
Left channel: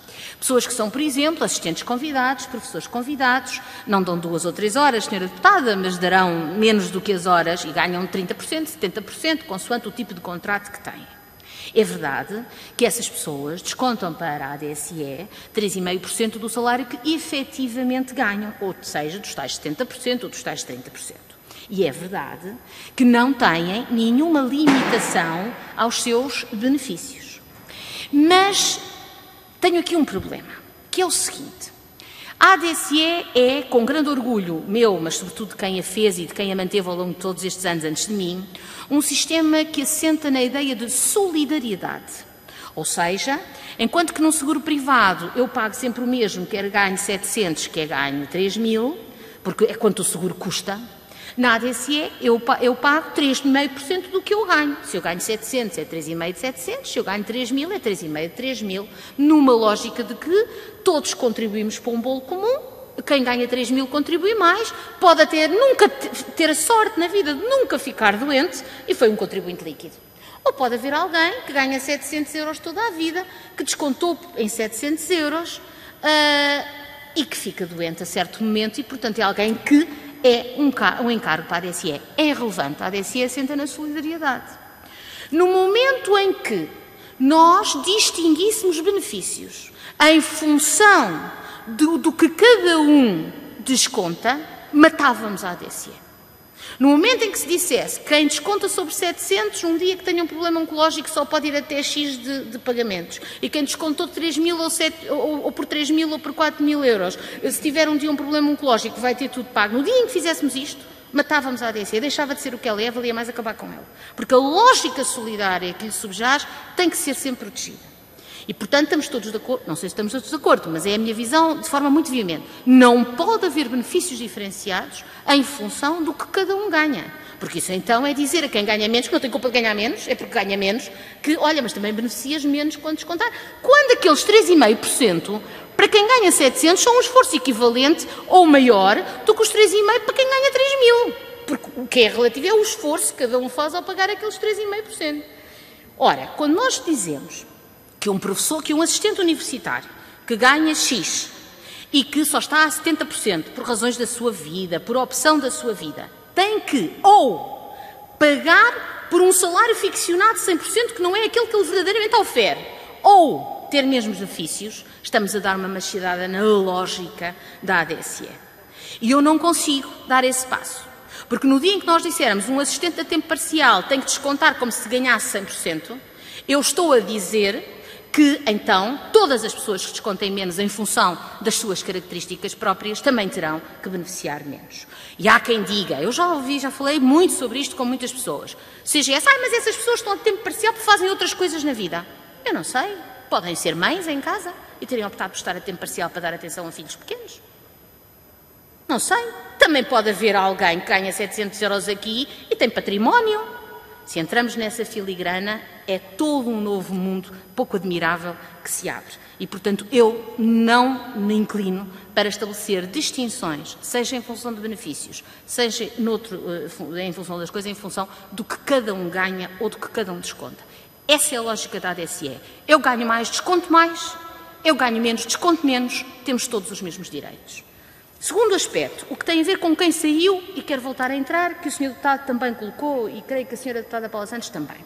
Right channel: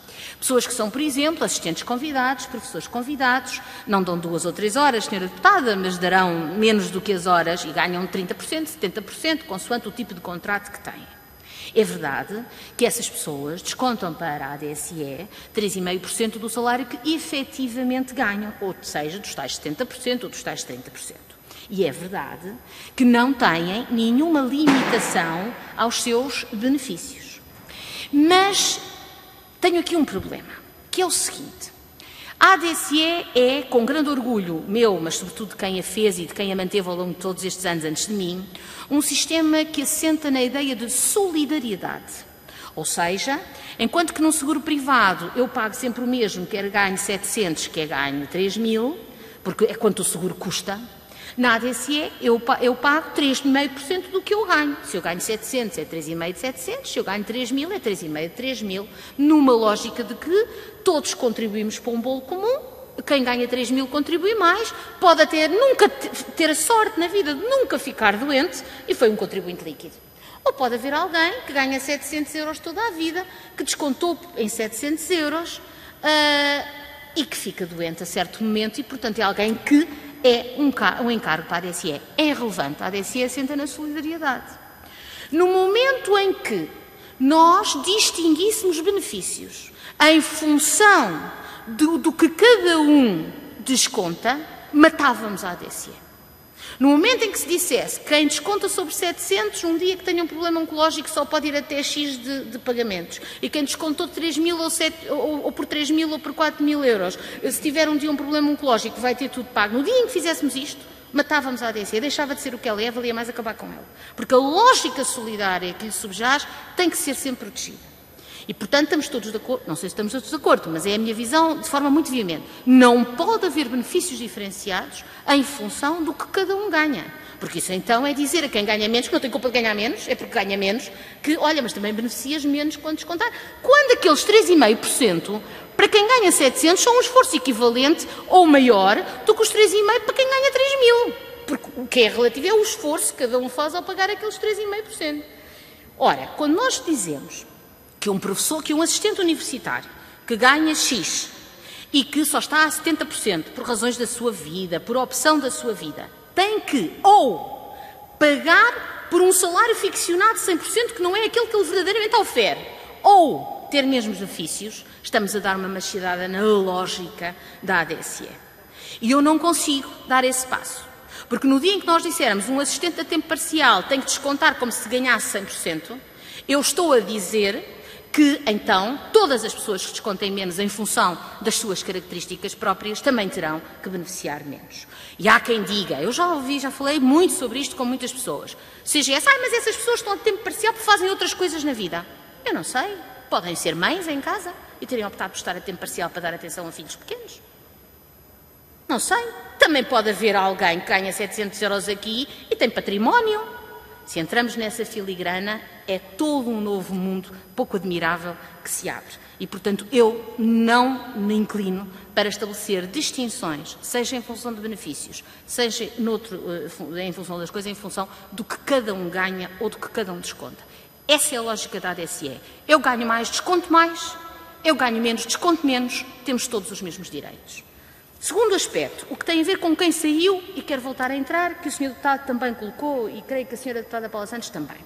Pessoas que são, por exemplo, assistentes convidados, professores convidados, não dão 2 ou 3 horas, Sra. Deputada, mas darão menos do que as horas e ganham 30%, 70%, consoante o tipo de contrato que têm. É verdade que essas pessoas descontam para a ADSE 3,5% do salário que efetivamente ganham, ou seja, dos tais 70% ou dos tais 30%. E é verdade que não têm nenhuma limitação aos seus benefícios. Mas tenho aqui um problema, que é o seguinte. A ADSE é, com grande orgulho meu, mas sobretudo de quem a fez e de quem a manteve ao longo de todos estes anos antes de mim, um sistema que assenta na ideia de solidariedade. Ou seja, enquanto que num seguro privado eu pago sempre o mesmo, quer ganhe 700, quer ganhe 3.000, porque é quanto o seguro custa, na ADSE eu pago 3,5% do que eu ganho. Se eu ganho 700 é 3,5% de 700, se eu ganho 3.000 é 3,5% de 3.000, numa lógica de que todos contribuímos para um bolo comum, quem ganha 3.000 contribui mais, pode até nunca ter a sorte na vida de nunca ficar doente e foi um contribuinte líquido. Ou pode haver alguém que ganha 700 euros toda a vida, que descontou em 700 euros e que fica doente a certo momento e, portanto, é alguém que é um encargo para a ADSE. É irrelevante. A ADSE assenta na solidariedade. No momento em que nós distinguíssemos benefícios em função do que cada um desconta, matávamos a ADSE. No momento em que se dissesse que quem desconta sobre 700, um dia que tenha um problema oncológico só pode ir até X de pagamentos, e quem descontou 3.000 ou por 3.000 ou por 4.000 euros, se tiver um dia um problema oncológico vai ter tudo pago, no dia em que fizéssemos isto, matávamos a ADSE, deixava de ser o que ela é, valia mais acabar com ela. Porque a lógica solidária que lhe subjaz tem que ser sempre protegida. E, portanto, estamos todos de acordo, não sei se estamos todos de acordo, mas é a minha visão de forma muito veemente. Não pode haver benefícios diferenciados em função do que cada um ganha. Porque isso então é dizer a quem ganha menos, que não tem culpa de ganhar menos, é porque ganha menos, que, olha, mas também beneficias menos quando descontar. Quando aqueles 3,5%, para quem ganha 700, são um esforço equivalente ou maior do que os 3,5% para quem ganha 3.000. Porque o que é relativo é o esforço que cada um faz ao pagar aqueles 3,5%. Ora, quando nós dizemos que um professor, que um assistente universitário que ganha X e que só está a 70% por razões da sua vida, por opção da sua vida, tem que ou pagar por um salário ficcionado de 100% que não é aquele que ele verdadeiramente ofere, ou ter mesmos benefícios, estamos a dar uma machadada na lógica da ADSE. E eu não consigo dar esse passo. Porque no dia em que nós dissermos um assistente a tempo parcial tem que descontar como se ganhasse 100%, eu estou a dizer que, então, todas as pessoas que descontem menos em função das suas características próprias também terão que beneficiar menos. E há quem diga, eu já ouvi, já falei muito sobre isto com muitas pessoas, seja essa, mas essas pessoas estão a tempo parcial porque fazem outras coisas na vida. Eu não sei, podem ser mães em casa e terem optado por estar a tempo parcial para dar atenção a filhos pequenos. Não sei, também pode haver alguém que ganha 700 € aqui e tem património. Se entramos nessa filigrana, é todo um novo mundo pouco admirável que se abre. E, portanto, eu não me inclino para estabelecer distinções, seja em função de benefícios, seja em função das coisas, em função do que cada um ganha ou do que cada um desconta. Essa é a lógica da ADSE. Eu ganho mais, desconto mais. Eu ganho menos, desconto menos. Temos todos os mesmos direitos. Segundo aspecto, o que tem a ver com quem saiu e quer voltar a entrar, que o Sr. Deputado também colocou e creio que a Sra. Deputada Paula Santos também.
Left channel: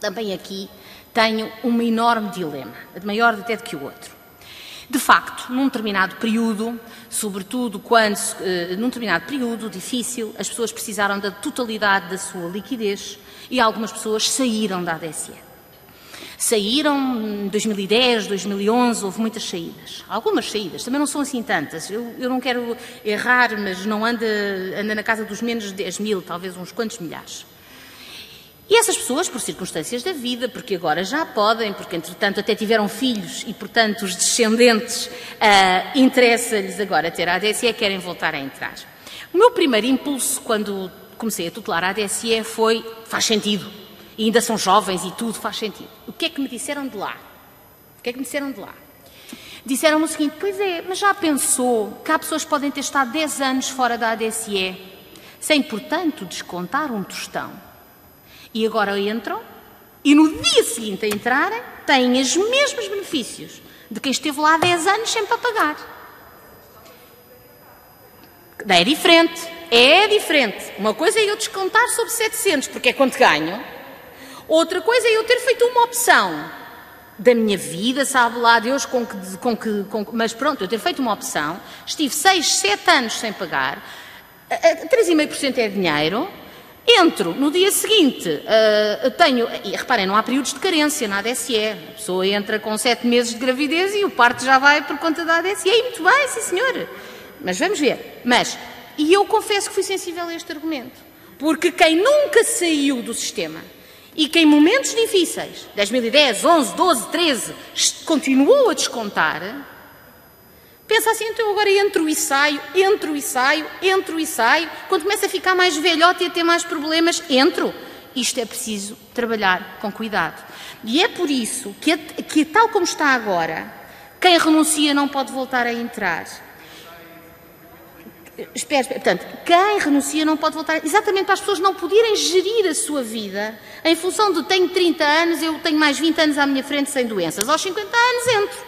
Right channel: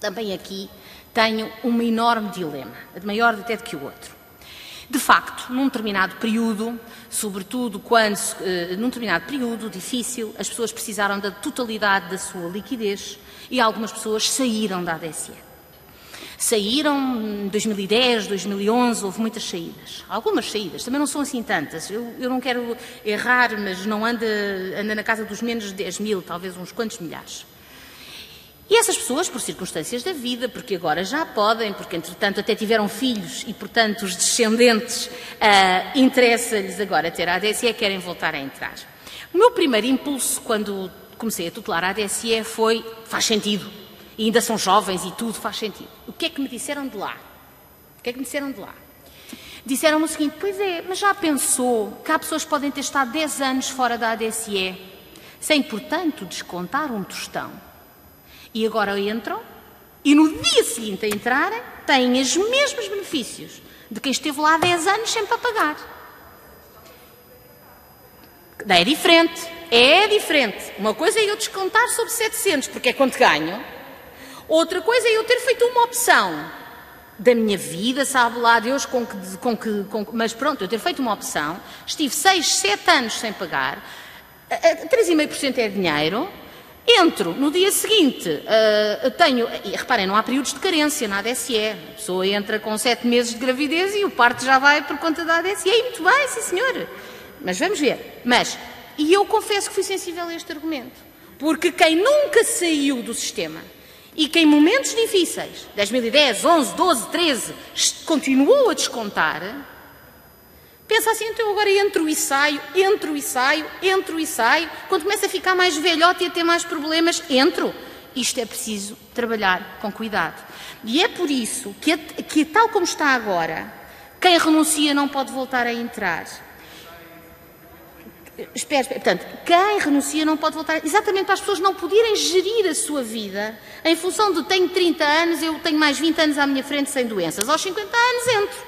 Também aqui tenho um enorme dilema, maior até do que o outro. De facto, num determinado período, sobretudo quando, num determinado período difícil, as pessoas precisaram da totalidade da sua liquidez e algumas pessoas saíram da ADSE. Saíram em 2010, 2011, houve muitas saídas. Algumas saídas, também não são assim tantas. Eu não quero errar, mas não anda na casa dos menos de 10 mil, talvez uns quantos milhares. E essas pessoas, por circunstâncias da vida, porque agora já podem, porque entretanto até tiveram filhos e, portanto, os descendentes interessa-lhes agora ter a ADSE e querem voltar a entrar. O meu primeiro impulso, quando comecei a tutelar a ADSE, foi, faz sentido. E ainda são jovens e tudo faz sentido. O que é que me disseram de lá? Disseram-me o seguinte, pois é, mas já pensou que há pessoas que podem ter estado 10 anos fora da ADSE, sem, portanto, descontar um tostão. E agora entram, e no dia seguinte a entrarem, têm os mesmos benefícios de quem esteve lá há 10 anos sempre a pagar. É diferente. Uma coisa é eu descontar sobre 700, porque é quanto ganho. Outra coisa é eu ter feito uma opção da minha vida, sabe lá Deus mas pronto, eu ter feito uma opção, estive 6, 7 anos sem pagar, 3,5% é dinheiro, entro no dia seguinte, e reparem, não há períodos de carência na ADSE, a pessoa entra com 7 meses de gravidez e o parto já vai por conta da ADSE, e muito bem, sim senhor, mas vamos ver, e eu confesso que fui sensível a este argumento, porque quem nunca saiu do sistema, e que em momentos difíceis, 2010, 11, 12, 13, continuou a descontar, pensa assim, então agora entro e saio, quando começa a ficar mais velhote e a ter mais problemas, entro. Isto é preciso trabalhar com cuidado. E é por isso que tal como está agora, quem renuncia não pode voltar a entrar. Portanto, quem renuncia não pode voltar, exatamente para as pessoas não poderem gerir a sua vida em função de tenho 30 anos, eu tenho mais 20 anos à minha frente sem doenças, aos 50 anos entro.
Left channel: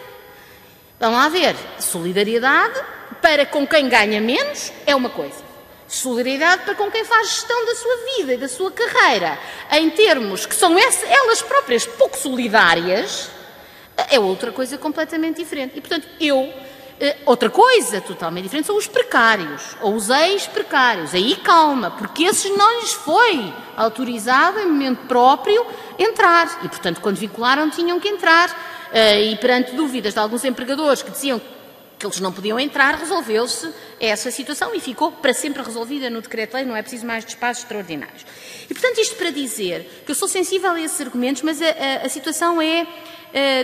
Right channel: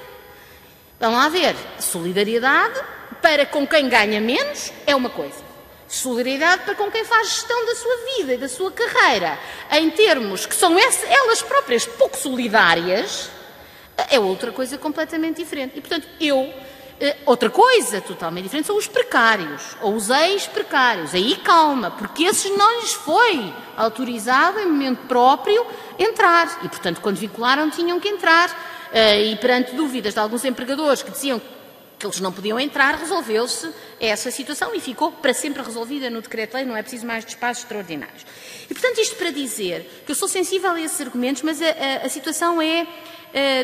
Vão lá ver, solidariedade para com quem ganha menos é uma coisa, solidariedade para com quem faz gestão da sua vida e da sua carreira, em termos que são elas próprias pouco solidárias, é outra coisa completamente diferente. E, portanto, outra coisa totalmente diferente são os precários, ou os ex-precários. Aí calma, porque esses não lhes foi autorizado em momento próprio entrar. E, portanto, quando vincularam, tinham que entrar. E perante dúvidas de alguns empregadores que diziam que eles não podiam entrar, resolveu-se essa situação e ficou para sempre resolvida no decreto-lei, não é preciso mais despachos extraordinários. E, portanto, isto para dizer que eu sou sensível a esses argumentos, mas a situação é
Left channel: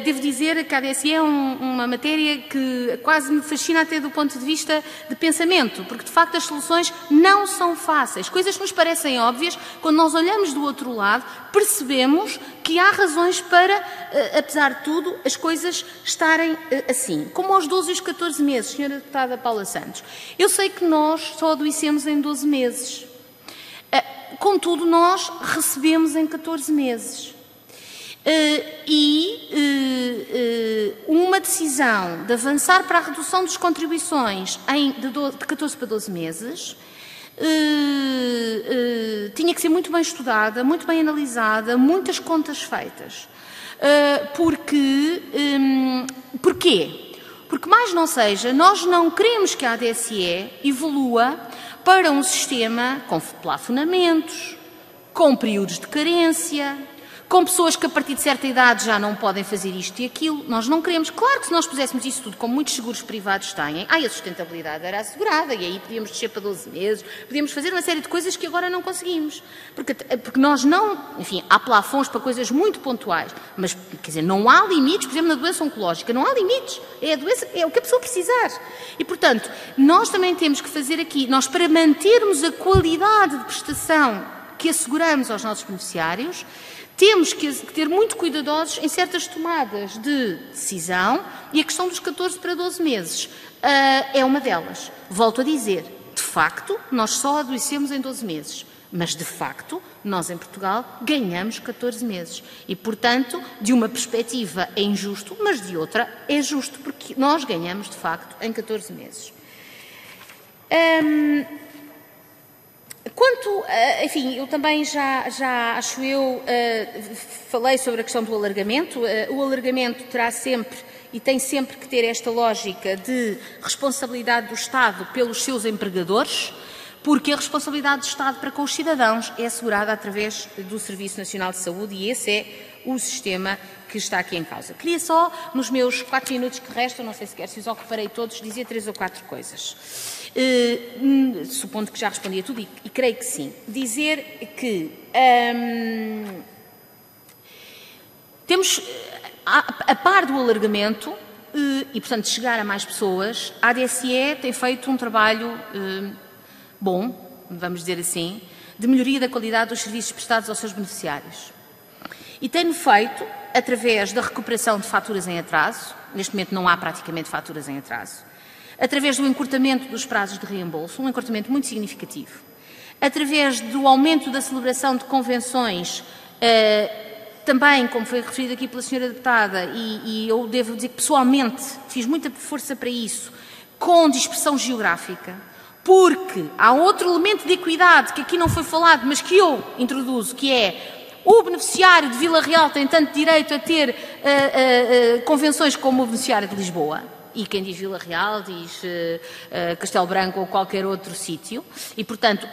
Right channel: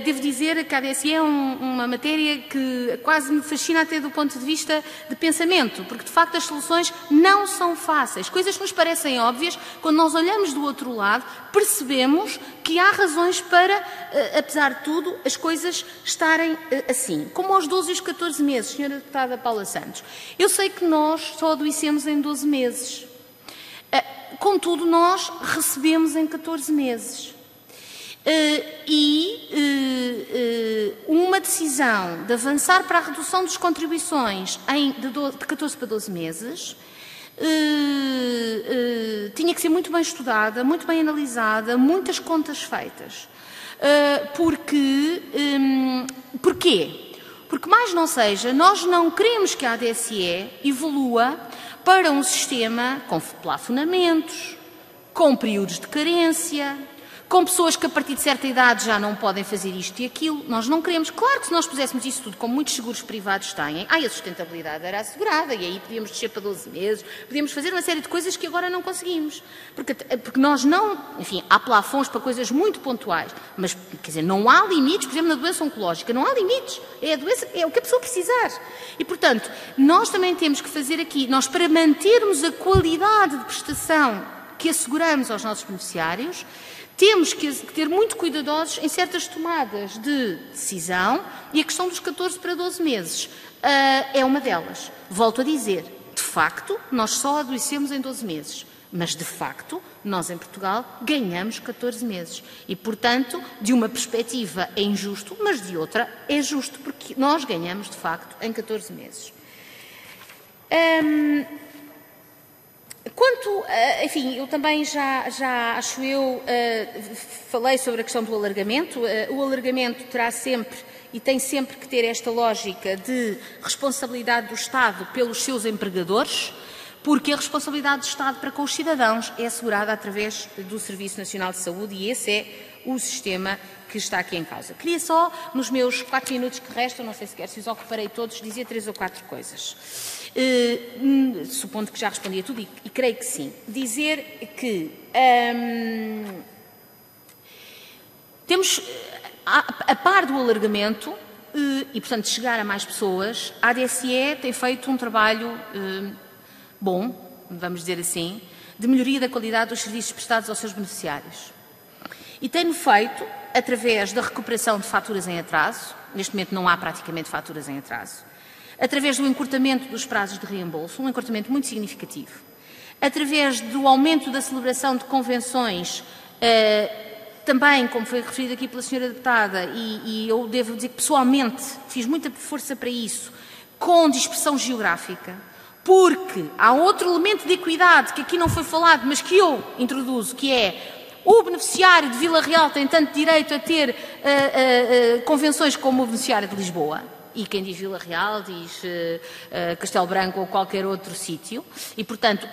devo dizer que a ADSE é uma matéria que quase me fascina até do ponto de vista de pensamento, porque de facto as soluções não são fáceis. Coisas que nos parecem óbvias, quando nós olhamos do outro lado, percebemos que há razões para, apesar de tudo, as coisas estarem assim. Como aos 12 e os 14 meses, Sra. Deputada Paula Santos. Eu sei que nós só adoecemos em 12 meses. Contudo, nós recebemos em 14 meses. Uma decisão de avançar para a redução das contribuições de 14 para 12 meses tinha que ser muito bem estudada, muito bem analisada, muitas contas feitas. Porquê? Porque, mais não seja, nós não queremos que a ADSE evolua para um sistema com plafonamentos, com períodos de carência, com pessoas que a partir de certa idade já não podem fazer isto e aquilo. Nós não queremos. Claro que se nós puséssemos isso tudo, como muitos seguros privados têm, a sustentabilidade era assegurada e aí podíamos descer para 12 meses, podíamos fazer uma série de coisas que agora não conseguimos. Porque nós não... Enfim, há plafons para coisas muito pontuais, mas, quer dizer, não há limites, por exemplo, na doença oncológica, não há limites. É a doença, é o que a pessoa precisar. E, portanto, nós também temos que fazer aqui, nós para mantermos a qualidade de prestação que asseguramos aos nossos beneficiários, temos que ter muito cuidadosos em certas tomadas de decisão e a questão dos 14 para 12 meses é uma delas. Volto a dizer, de facto, nós só adoecemos em 12 meses, mas de facto, nós em Portugal ganhamos 14 meses. E, portanto, de uma perspectiva é injusto, mas de outra é justo, porque nós ganhamos de facto em 14 meses. Enfim, eu também já acho eu, falei sobre a questão do alargamento. O alargamento terá sempre e tem sempre que ter esta lógica de responsabilidade do Estado pelos seus empregadores, porque a responsabilidade do Estado para com os cidadãos é assegurada através do Serviço Nacional de Saúde e esse é o sistema que está aqui em causa. Queria só, nos meus 4 minutos que restam, não sei sequer se os ocuparei todos, dizer 3 ou 4 coisas. Supondo que já respondi a tudo, e creio que sim. Dizer que temos, a par do alargamento, e portanto chegar a mais pessoas, a ADSE tem feito um trabalho bom, vamos dizer assim, de melhoria da qualidade dos serviços prestados aos seus beneficiários. E tem-no feito através da recuperação de faturas em atraso. Neste momento não há praticamente faturas em atraso. Através do encurtamento dos prazos de reembolso, um encurtamento muito significativo. Através do aumento da celebração de convenções, também, como foi referido aqui pela Sra. Deputada, e eu devo dizer que pessoalmente fiz muita força para isso, com dispersão geográfica, porque há outro elemento de equidade que aqui não foi falado, mas que eu introduzo, que é o beneficiário de Vila Real tem tanto direito a ter convenções como o beneficiário de Lisboa. E quem diz Vila Real diz Castelo Branco ou qualquer outro sítio. E, portanto,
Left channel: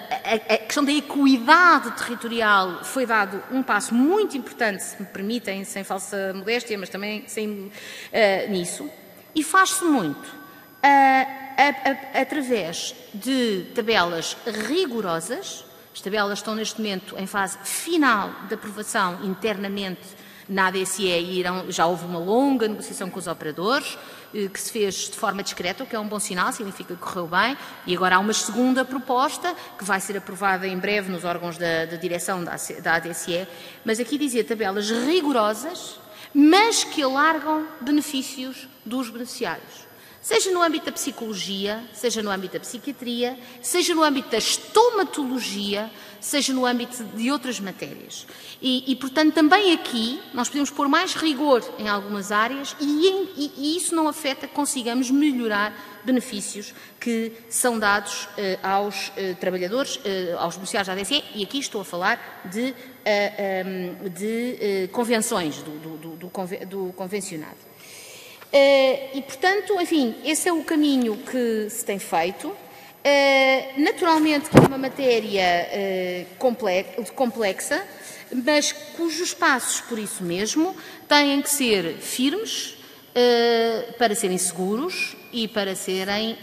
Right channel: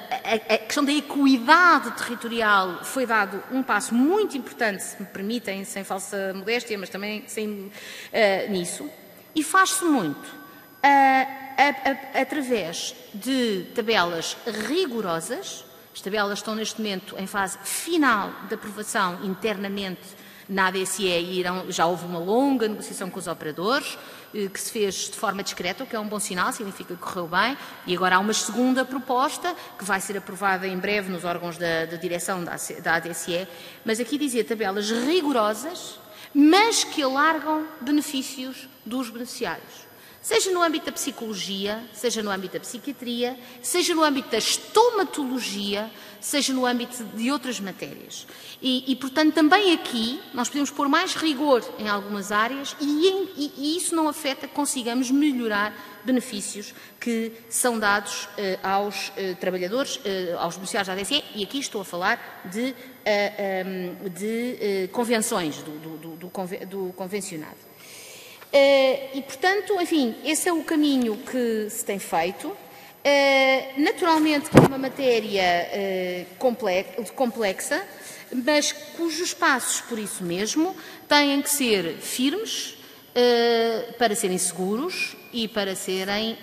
a questão da equidade territorial foi dado um passo muito importante, se me permitem, sem falsa modéstia, mas também sem nisso. E faz-se muito através de tabelas rigorosas. As tabelas estão neste momento em fase final de aprovação internamente na ADSE e já houve uma longa negociação com os operadores, que se fez de forma discreta, o que é um bom sinal, significa que correu bem, e agora há uma segunda proposta que vai ser aprovada em breve nos órgãos da direção da ADSE, mas aqui dizia tabelas rigorosas, mas que alargam benefícios dos beneficiários. Seja no âmbito da psicologia, seja no âmbito da psiquiatria, seja no âmbito da estomatologia, seja no âmbito de outras matérias. E, portanto, também aqui nós podemos pôr mais rigor em algumas áreas e isso não afeta que consigamos melhorar benefícios que são dados aos trabalhadores, aos beneficiários da ADSE, e aqui estou a falar de convenções, do convencionado. E, portanto, enfim, esse é o caminho que se tem feito. Naturalmente que é uma matéria complexa, mas cujos passos, por isso mesmo, têm que ser firmes para serem seguros e para serem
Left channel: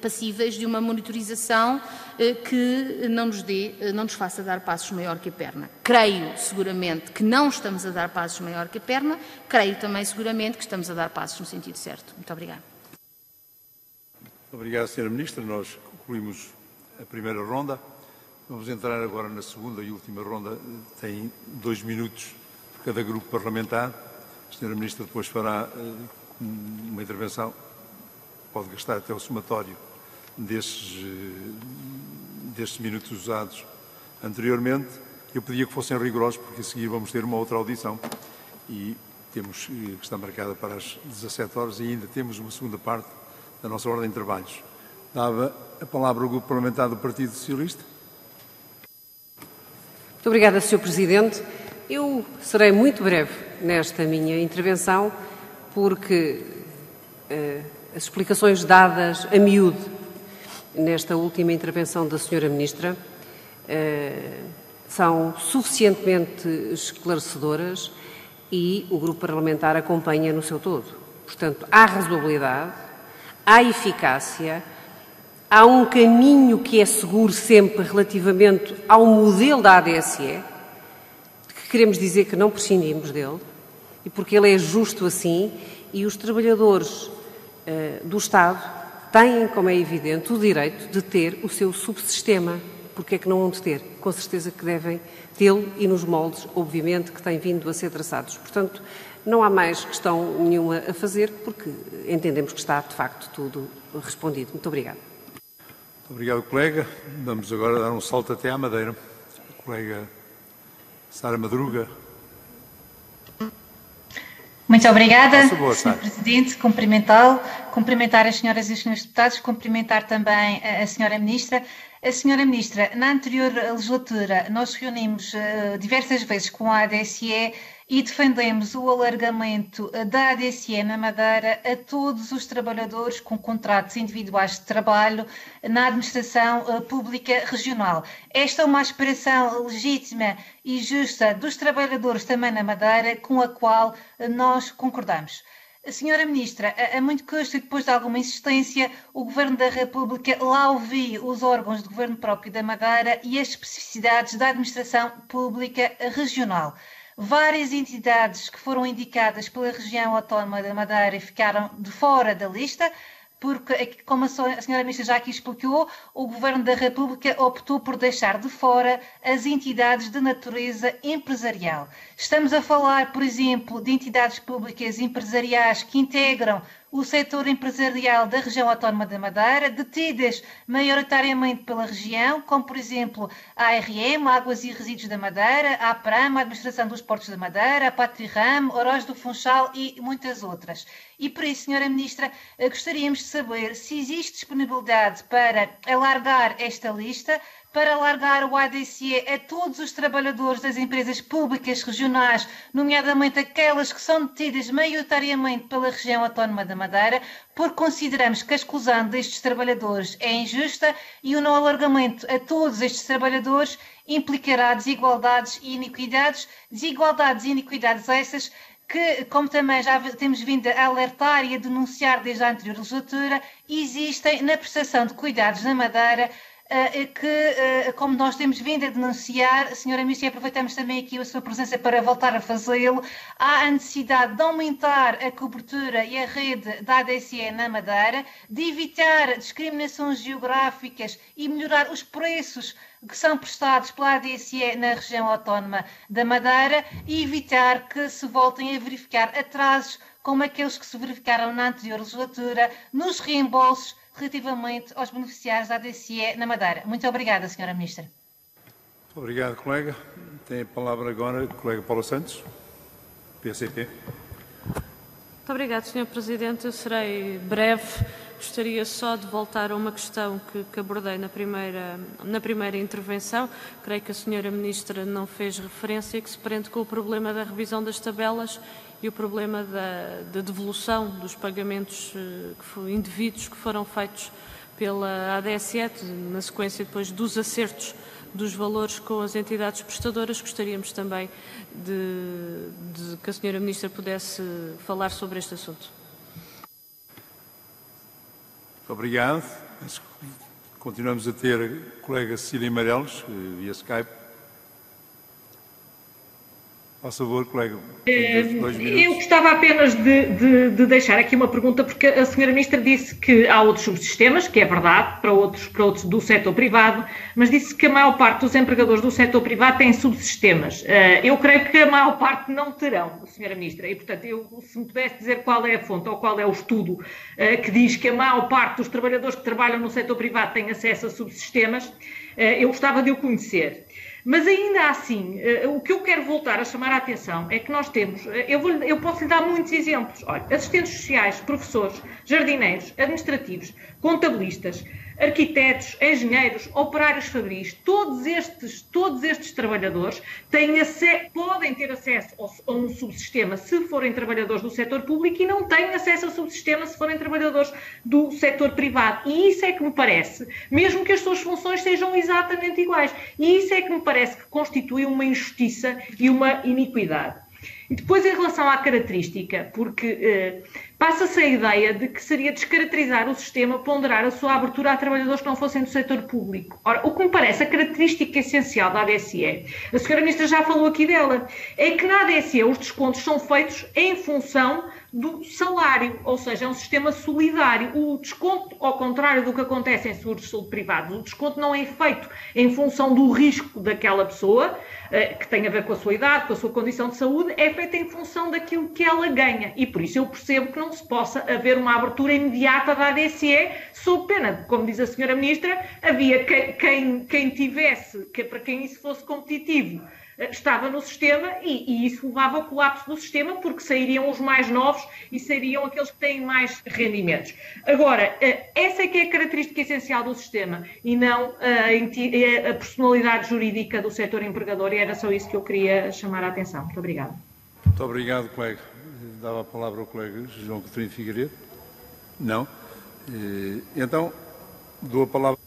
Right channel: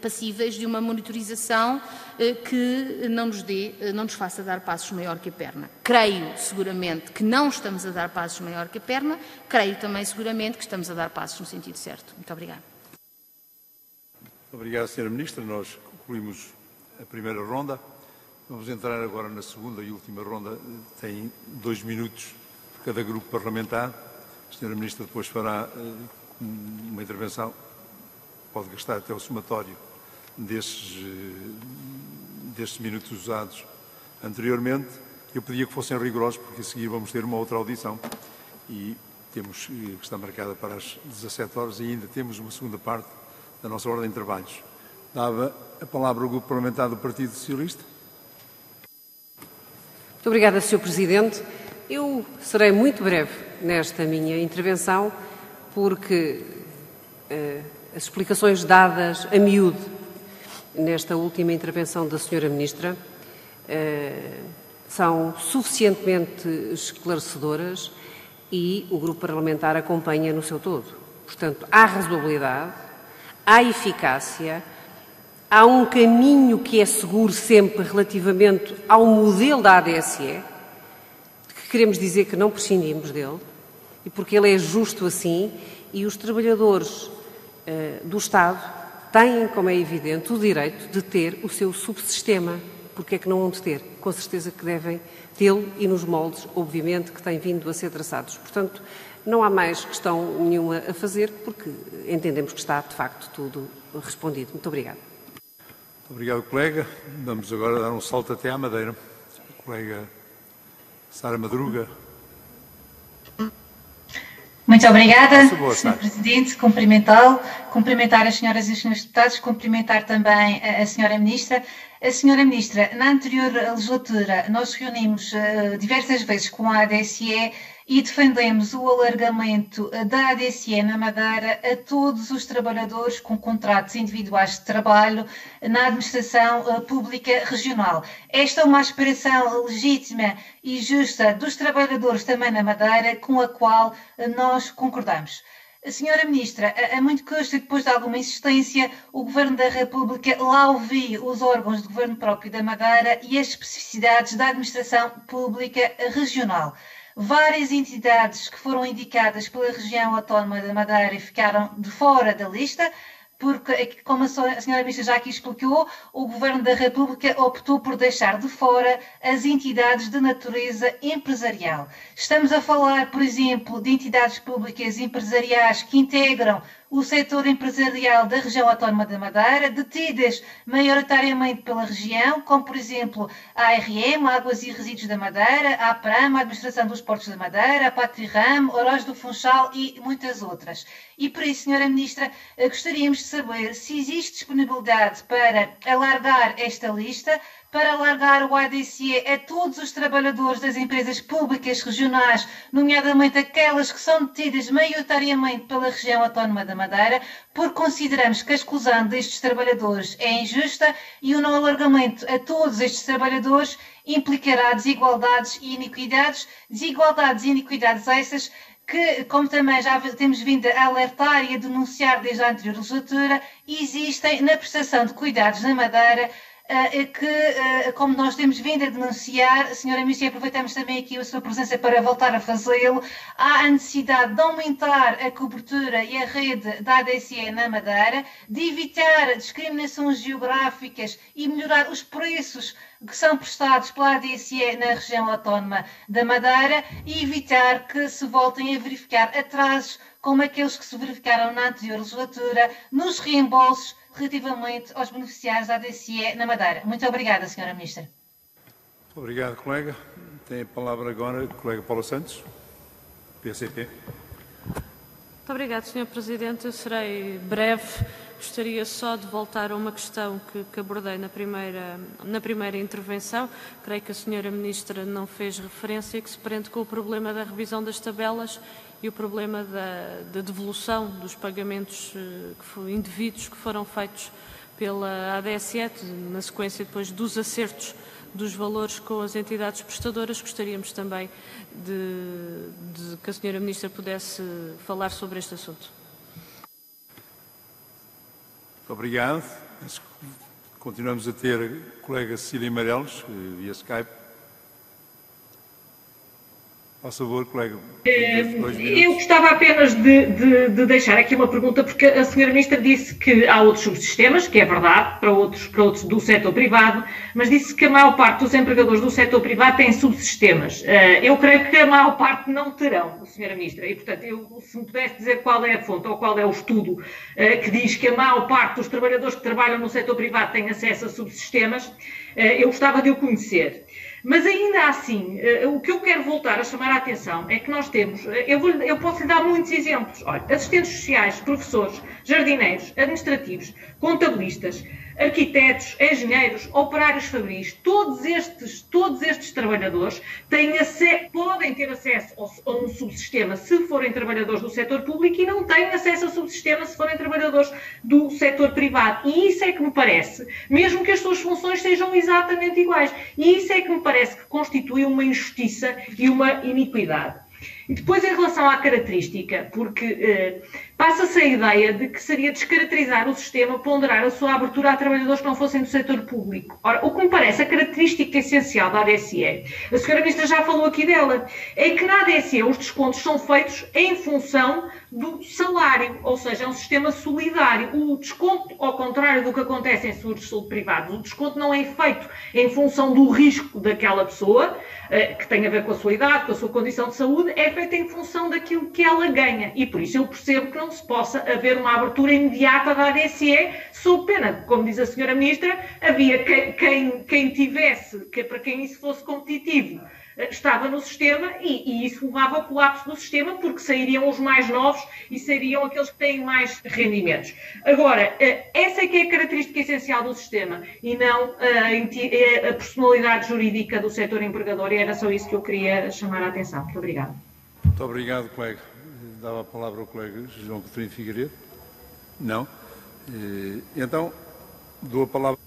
passíveis de uma monitorização que não nos faça dar passos maior que a perna. Creio seguramente que não estamos a dar passos maior que a perna, creio também seguramente que estamos a dar passos no sentido certo. Muito obrigada. Obrigado, Sra. Ministra. Nós concluímos a primeira ronda. Vamos entrar agora na segunda e última ronda. Tem 2 minutos por cada grupo parlamentar. A Sra. Ministra depois fará uma intervenção. Pode gastar até o somatório destes minutos usados anteriormente. Eu pedia que fossem rigorosos, porque a seguir vamos ter uma outra audição e temos que está marcada para as 17 horas e ainda temos uma segunda parte da nossa ordem de trabalhos. Dava a palavra ao Grupo Parlamentar do Partido Socialista. Muito obrigada, Sr. Presidente. Eu serei muito breve nesta minha intervenção, porque as explicações dadas a miúdo nesta última intervenção da Sra. Ministra são suficientemente esclarecedoras e o Grupo Parlamentar acompanha no seu todo. Portanto, há razoabilidade, há eficácia, há um caminho que é seguro sempre relativamente ao modelo da ADSE, que queremos dizer que não prescindimos dele, e porque ele é justo assim, e os trabalhadores do Estado têm, como é evidente, o direito de ter o seu subsistema. Porque é que não vão ter? Com certeza que devem tê-lo e nos moldes, obviamente, que têm vindo a ser traçados. Portanto, não há mais questão nenhuma a fazer, porque entendemos que está, de facto, tudo respondido. Muito obrigada. Muito obrigado, colega. Vamos agora dar um salto até à Madeira. A colega Sara Madruga. Muito obrigada, Sr. Presidente. Cumprimentar as senhoras e os senhores deputados, cumprimentar também a Sra. Ministra. A Sra. Ministra, na anterior legislatura, nós reunimos diversas vezes com a ADSE e defendemos o alargamento da ADSE na Madeira a todos os trabalhadores com contratos individuais de trabalho na administração pública regional. Esta é uma aspiração legítima e justa dos trabalhadores também na Madeira, com a qual nós concordamos. Senhora Ministra, a muito custo e depois de alguma insistência, o Governo da República lá ouviu os órgãos de governo próprio da Madeira e as especificidades da administração pública regional. Várias entidades que foram indicadas pela região autónoma da Madeira ficaram de fora da lista, porque, como a Sra. Ministra já aqui explicou, o Governo da República optou por deixar de fora as entidades de natureza empresarial. Estamos a falar, por exemplo, de entidades públicas empresariais que integram o setor empresarial da região autónoma da Madeira, detidas maioritariamente pela região, como, por exemplo, a ARM, Águas e Resíduos da Madeira, a APRAM, a Administração dos Portos da Madeira, a Patrirram, Oroz do Funchal e muitas outras. E por isso, Sra. Ministra, gostaríamos de saber se existe disponibilidade para alargar esta lista, para alargar o ADSE a todos os trabalhadores das empresas públicas regionais, nomeadamente aquelas que são detidas maioritariamente pela região autónoma da Madeira, porque consideramos que a exclusão destes trabalhadores é injusta e o não alargamento a todos estes trabalhadores implicará desigualdades e iniquidades essas que, como também já temos vindo a alertar e a denunciar desde a anterior legislatura, existem na prestação de cuidados na Madeira, que, como nós temos vindo a denunciar, Sra. Ministra, e aproveitamos também aqui a sua presença para voltar a fazê-lo, há a necessidade de aumentar a cobertura e a rede da ADSE na Madeira, de evitar discriminações geográficas e melhorar os preços que são prestados pela ADSE na região autónoma da Madeira e evitar que se voltem a verificar atrasos como aqueles que se verificaram na anterior legislatura nos reembolsos relativamente aos beneficiários da ADSE na Madeira. Muito obrigada, Sra. Ministra. Muito obrigado, colega. Tem a palavra agora o colega Paula Santos, PCP. Muito obrigada, Sr. Presidente. Eu serei breve. Gostaria só de voltar a uma questão que abordei na primeira intervenção. Creio que a Sra. Ministra não fez referência, que se prende com o problema da revisão das tabelas e o problema da devolução dos pagamentos indevidos que foram feitos pela ADSE, na sequência depois dos acertos dos valores com as entidades prestadoras. Gostaríamos também de que a Sra. Ministra pudesse falar sobre este assunto. Muito obrigado. Continuamos a ter a colega Cecília Meireles, via Skype. Por favor, colega. Eu gostava apenas de deixar aqui uma pergunta, porque a senhora Ministra disse que há outros subsistemas, que é verdade, para outros do setor privado, mas disse que a maior parte dos empregadores do setor privado têm subsistemas. Eu creio que a maior parte não terão, senhora Ministra, e, portanto, se me pudesse dizer qual é a fonte ou qual é o estudo que diz que a maior parte dos trabalhadores que trabalham no setor privado têm acesso a subsistemas, eu gostava de o conhecer. Mas ainda assim, o que eu quero voltar a chamar a atenção é que nós temos, eu posso lhe dar muitos exemplos, olha, assistentes sociais, professores, jardineiros, administrativos, contabilistas, arquitetos, engenheiros, operários fabris, todos estes trabalhadores podem ter acesso a um subsistema se forem trabalhadores do setor público e não têm acesso a subsistema se forem trabalhadores do setor privado. E isso é que me parece, mesmo que as suas funções sejam exatamente iguais, e isso é que me parece que constitui uma injustiça e uma iniquidade. E depois, em relação à característica, porque passa-se a ideia de que seria descaracterizar o sistema ponderar a sua abertura a trabalhadores que não fossem do setor público. Ora, o que me parece a característica essencial da ADSE, a senhora Ministra já falou aqui dela, é que na ADSE os descontos são feitos em função do salário, ou seja, é um sistema solidário. O desconto, ao contrário do que acontece em seguros de saúde privados, o desconto não é feito em função do risco daquela pessoa, que tem a ver com a sua idade, com a sua condição de saúde, é feita em função daquilo que ela ganha. E por isso eu percebo que não se possa haver uma abertura imediata da ADSE, sob pena, como diz a senhora Ministra, havia quem tivesse, para quem isso fosse competitivo, estava no sistema e isso levava ao colapso do sistema, porque sairiam os mais novos e sairiam aqueles que têm mais rendimentos. Agora, essa é que é a característica essencial do sistema e não a personalidade jurídica do setor empregador, e era só isso que eu queria chamar a atenção. Muito obrigada. Muito obrigado, colega. Dava a palavra ao colega João Coutinho Figueiredo. Não? Então, dou a palavra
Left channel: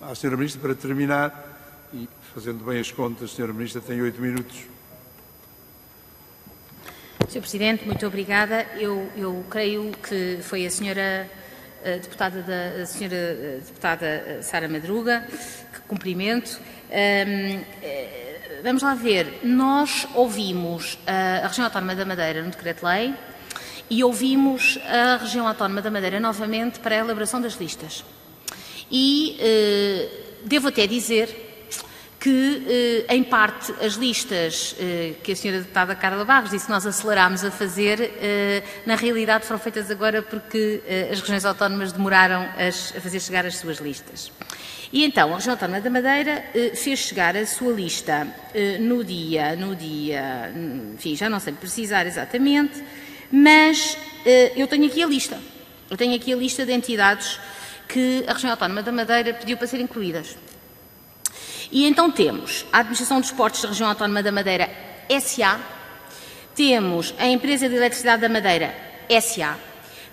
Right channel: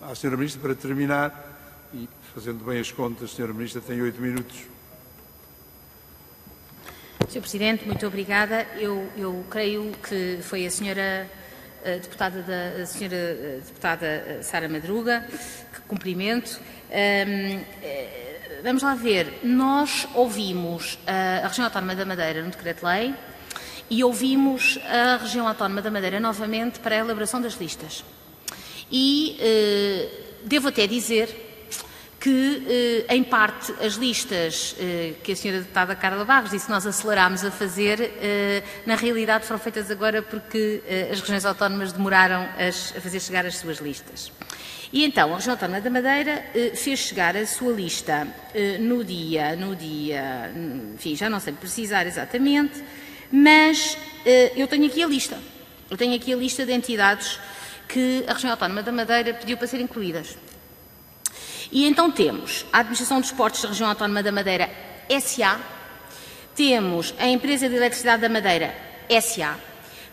à senhora Ministra para terminar. E, fazendo bem as contas, a senhora Ministra tem 8 minutos. Sr. Presidente, muito obrigada. Eu creio que foi a senhora deputada Sara Madruga, que cumprimento. Vamos lá ver. Nós ouvimos a Região Autónoma da Madeira no Decreto-Lei e ouvimos a Região Autónoma da Madeira novamente para a elaboração das listas. E devo até dizer que, em parte, as listas que a senhora deputada Carla Barros disse que nós acelerámos a fazer, na realidade foram feitas agora porque as regiões autónomas demoraram a fazer chegar as suas listas. E então, a Região Autónoma da Madeira fez chegar a sua lista no dia, enfim, já não sei precisar exatamente, mas eu tenho aqui a lista. Eu tenho aqui a lista de entidades que a Região Autónoma da Madeira pediu para serem incluídas. E então temos a Administração dos Portos da Região Autónoma da Madeira, SA, temos a Empresa de Eletricidade da Madeira, SA,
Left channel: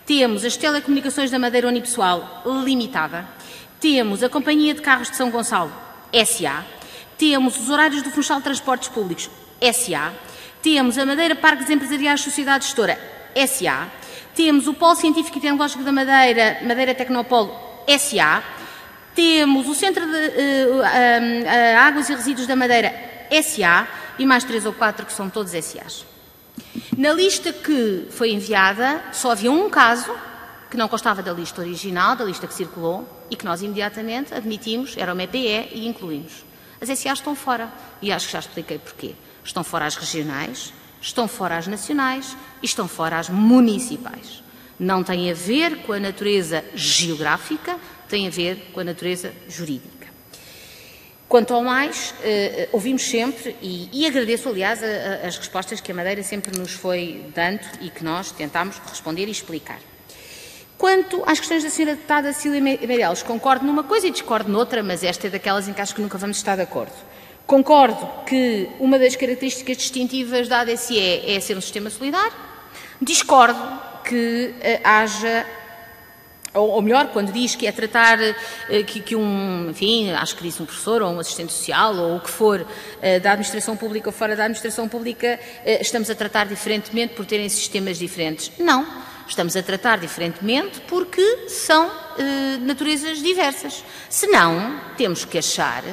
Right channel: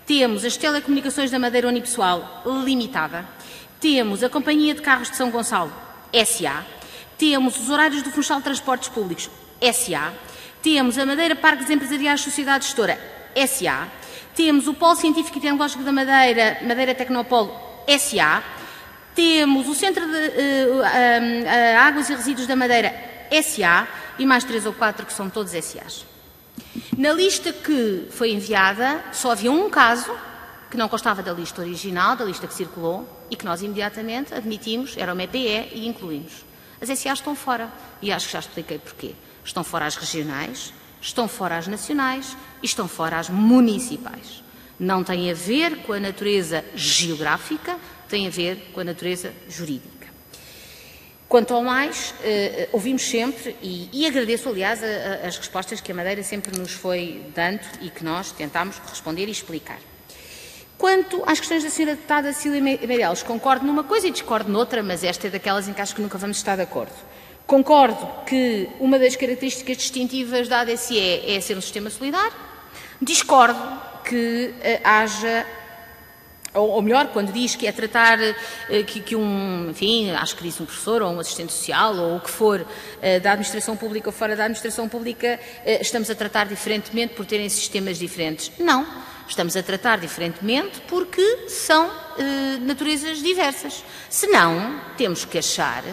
temos as Telecomunicações da Madeira Unipessoal Limitada, temos a Companhia de Carros de São Gonçalo, SA, temos os Horários do Funchal de Transportes Públicos, SA, temos a Madeira Parques Empresariais Sociedade Gestora, SA, temos o Polo Científico e Tecnológico da Madeira, Madeira Tecnopolo, SA, temos o Centro de Águas e Resíduos da Madeira, SA, e mais 3 ou 4 que são todos SAs. Na lista que foi enviada, só havia um caso que não constava da lista original, da lista que circulou, e que nós imediatamente admitimos, era uma EPE, e incluímos. As SAs estão fora, e acho que já expliquei porquê. Estão fora as regionais, estão fora as nacionais e estão fora as municipais. Não tem a ver com a natureza geográfica, tem a ver com a natureza jurídica. Quanto ao mais, ouvimos sempre, e agradeço, aliás, as respostas que a Madeira sempre nos foi dando e que nós tentámos responder e explicar. Quanto às questões da senhora deputada Cecília Meireles, concordo numa coisa e discordo noutra, mas esta é daquelas em que acho que nunca vamos estar de acordo. Concordo que uma das características distintivas da ADSE é ser um sistema solidário. Discordo que haja ou melhor, quando diz que é tratar enfim, acho que disse um professor ou um assistente social ou o que for da administração pública ou fora da administração pública, estamos a tratar diferentemente por terem sistemas diferentes. Não, estamos a tratar diferentemente porque são naturezas diversas. Senão, temos que achar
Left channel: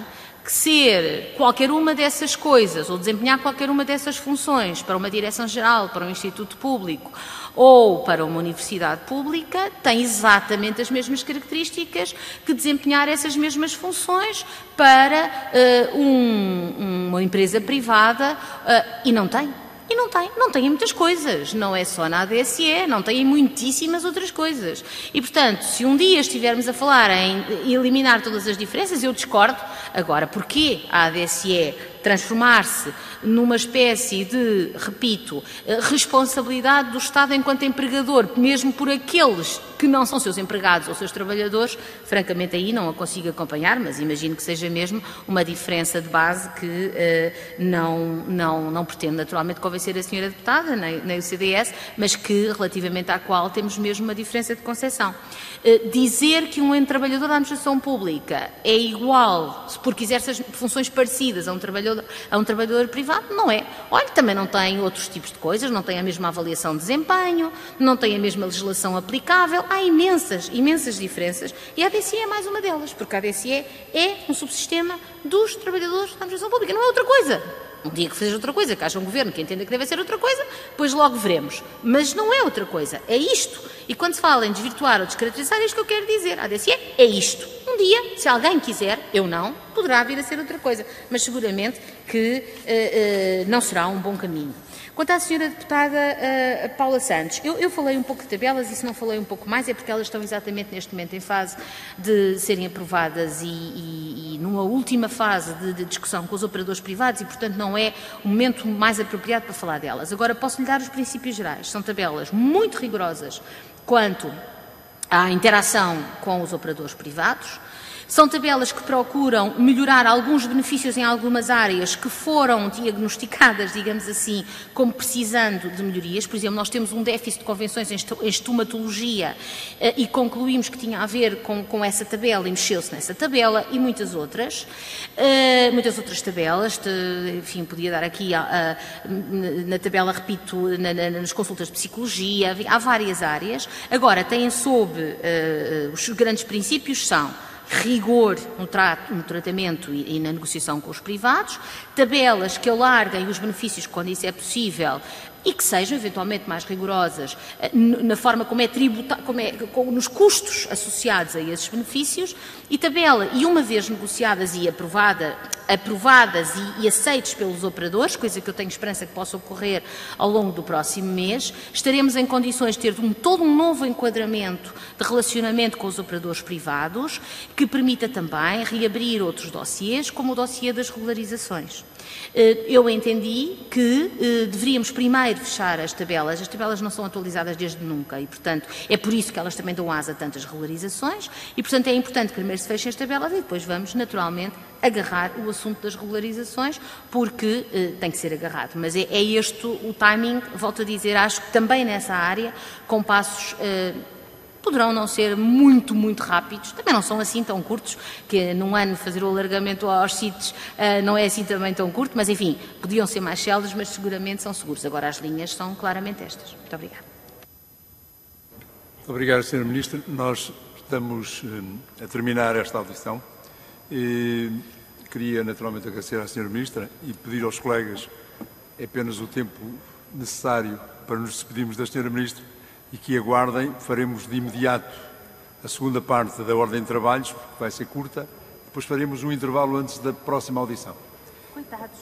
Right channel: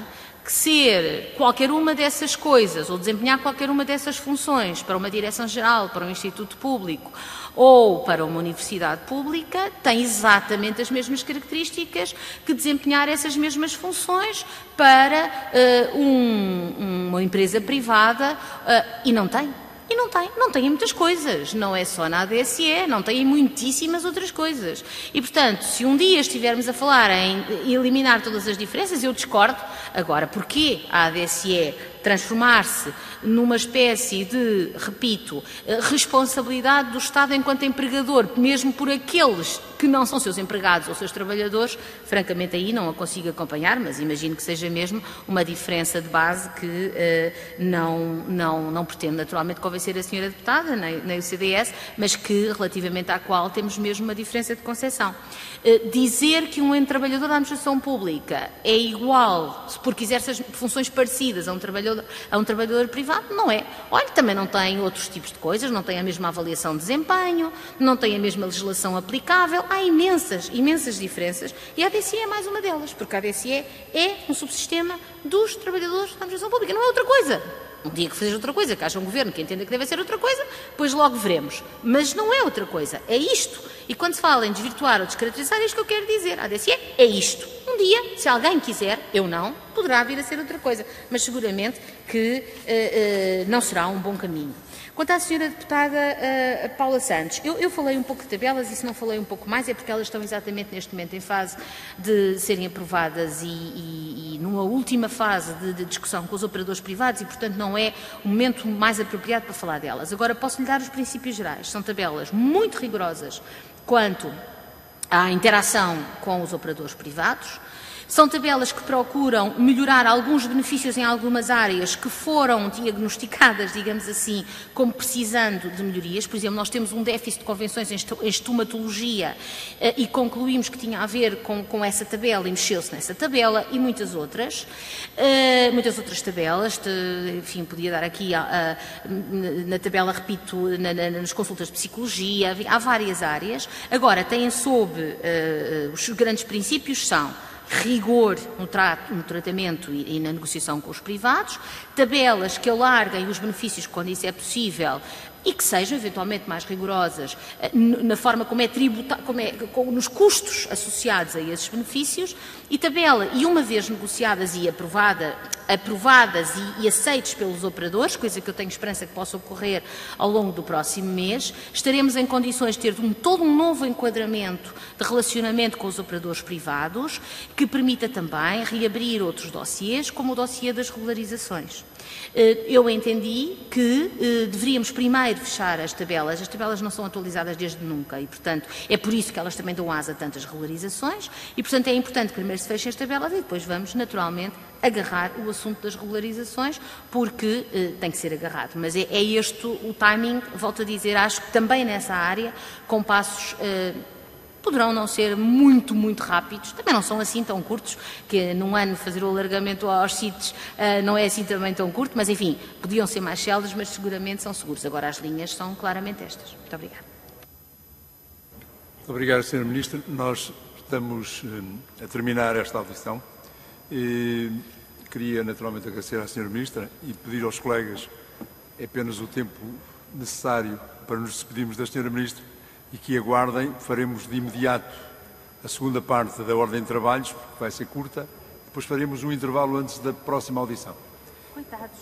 que ser qualquer uma dessas coisas ou desempenhar qualquer uma dessas funções para uma direção-geral, para um instituto público ou para uma universidade pública tem exatamente as mesmas características que desempenhar essas mesmas funções para uma empresa privada e não tem. E não tem muitas coisas, não é só na ADSE, não tem muitíssimas outras coisas. E, portanto, se um dia estivermos a falar em eliminar todas as diferenças, eu discordo. Agora, porquê a ADSE transformar-se numa espécie de, repito, responsabilidade do Estado enquanto empregador, mesmo por aqueles que não são seus empregados ou seus trabalhadores, francamente aí não a consigo acompanhar, mas imagino que seja mesmo uma diferença de base que não pretende naturalmente convencer a senhora deputada, nem o CDS, mas que relativamente à qual temos mesmo uma diferença de concepção. Dizer que um trabalhador da administração pública é igual, porque exerce as funções parecidas a um trabalhador privado, não é. Olha, também não tem outros tipos de coisas, não tem a mesma avaliação de desempenho, não tem a mesma legislação aplicável, há imensas diferenças e a ADSE é mais uma delas, porque a ADSE é um subsistema dos trabalhadores da administração pública, não é outra coisa. Um dia que seja outra coisa, que haja um governo que entenda que deve ser outra coisa, depois logo veremos. Mas não é outra coisa, é isto. E quando se fala em desvirtuar ou descaracterizar, é isto que eu quero dizer. A ADSE é isto. Um dia, se alguém quiser, eu não, poderá vir a ser outra coisa. Mas seguramente que não será um bom caminho. Quanto à senhora deputada Paula Santos, eu falei um pouco de tabelas e se não falei um pouco mais é porque elas estão exatamente neste momento em fase de serem aprovadas e numa última fase de discussão com os operadores privados e, portanto, não é o momento mais apropriado para falar delas. Agora, posso-lhe dar os princípios gerais. São tabelas muito rigorosas quanto à interação com os operadores privados. São tabelas que procuram melhorar alguns benefícios em algumas áreas que foram diagnosticadas, digamos assim, como precisando de melhorias. Por exemplo, nós temos um déficit de convenções em estomatologia e concluímos que tinha a ver com essa tabela e mexeu-se nessa tabela e muitas outras tabelas. Enfim, podia dar aqui na tabela, repito, nas consultas de psicologia, há várias áreas. Agora, têm sob os grandes princípios são rigor no tratamento e na negociação com os privados, tabelas que alarguem os benefícios quando isso é possível e que sejam eventualmente mais rigorosas na forma como é tributado, nos custos associados a esses benefícios, e uma vez negociadas e aprovadas e aceites pelos operadores, coisa que eu tenho esperança que possa ocorrer ao longo do próximo mês, estaremos em condições de ter todo um novo enquadramento de relacionamento com os operadores privados, que permita também reabrir outros dossiês, como o dossiê das regularizações. Eu entendi que deveríamos primeiro fechar as tabelas. As tabelas não são atualizadas desde nunca e, portanto, é por isso que elas também dão asa a tantas regularizações e, portanto, é importante que primeiro se fechem as tabelas e depois vamos, naturalmente, agarrar o assunto das regularizações, porque tem que ser agarrado. Mas é este o timing, volto a dizer, acho que também nessa área, com passos poderão não ser muito rápidos, também não são assim tão curtos, que num ano fazer o alargamento aos sítios não é assim também tão curto, mas enfim, podiam ser mais céleres, mas seguramente são seguros. Agora as linhas são claramente estas. Muito obrigada. Muito obrigado, Sra. Ministra. Nós estamos a terminar esta audição. Queria naturalmente agradecer à Sra. Ministra e pedir aos colegas apenas o tempo necessário para nos despedirmos da Sra. Ministra e que aguardem, faremos de imediato a segunda parte da ordem de trabalhos, porque vai ser curta, depois faremos um intervalo antes da próxima audição. Coitados.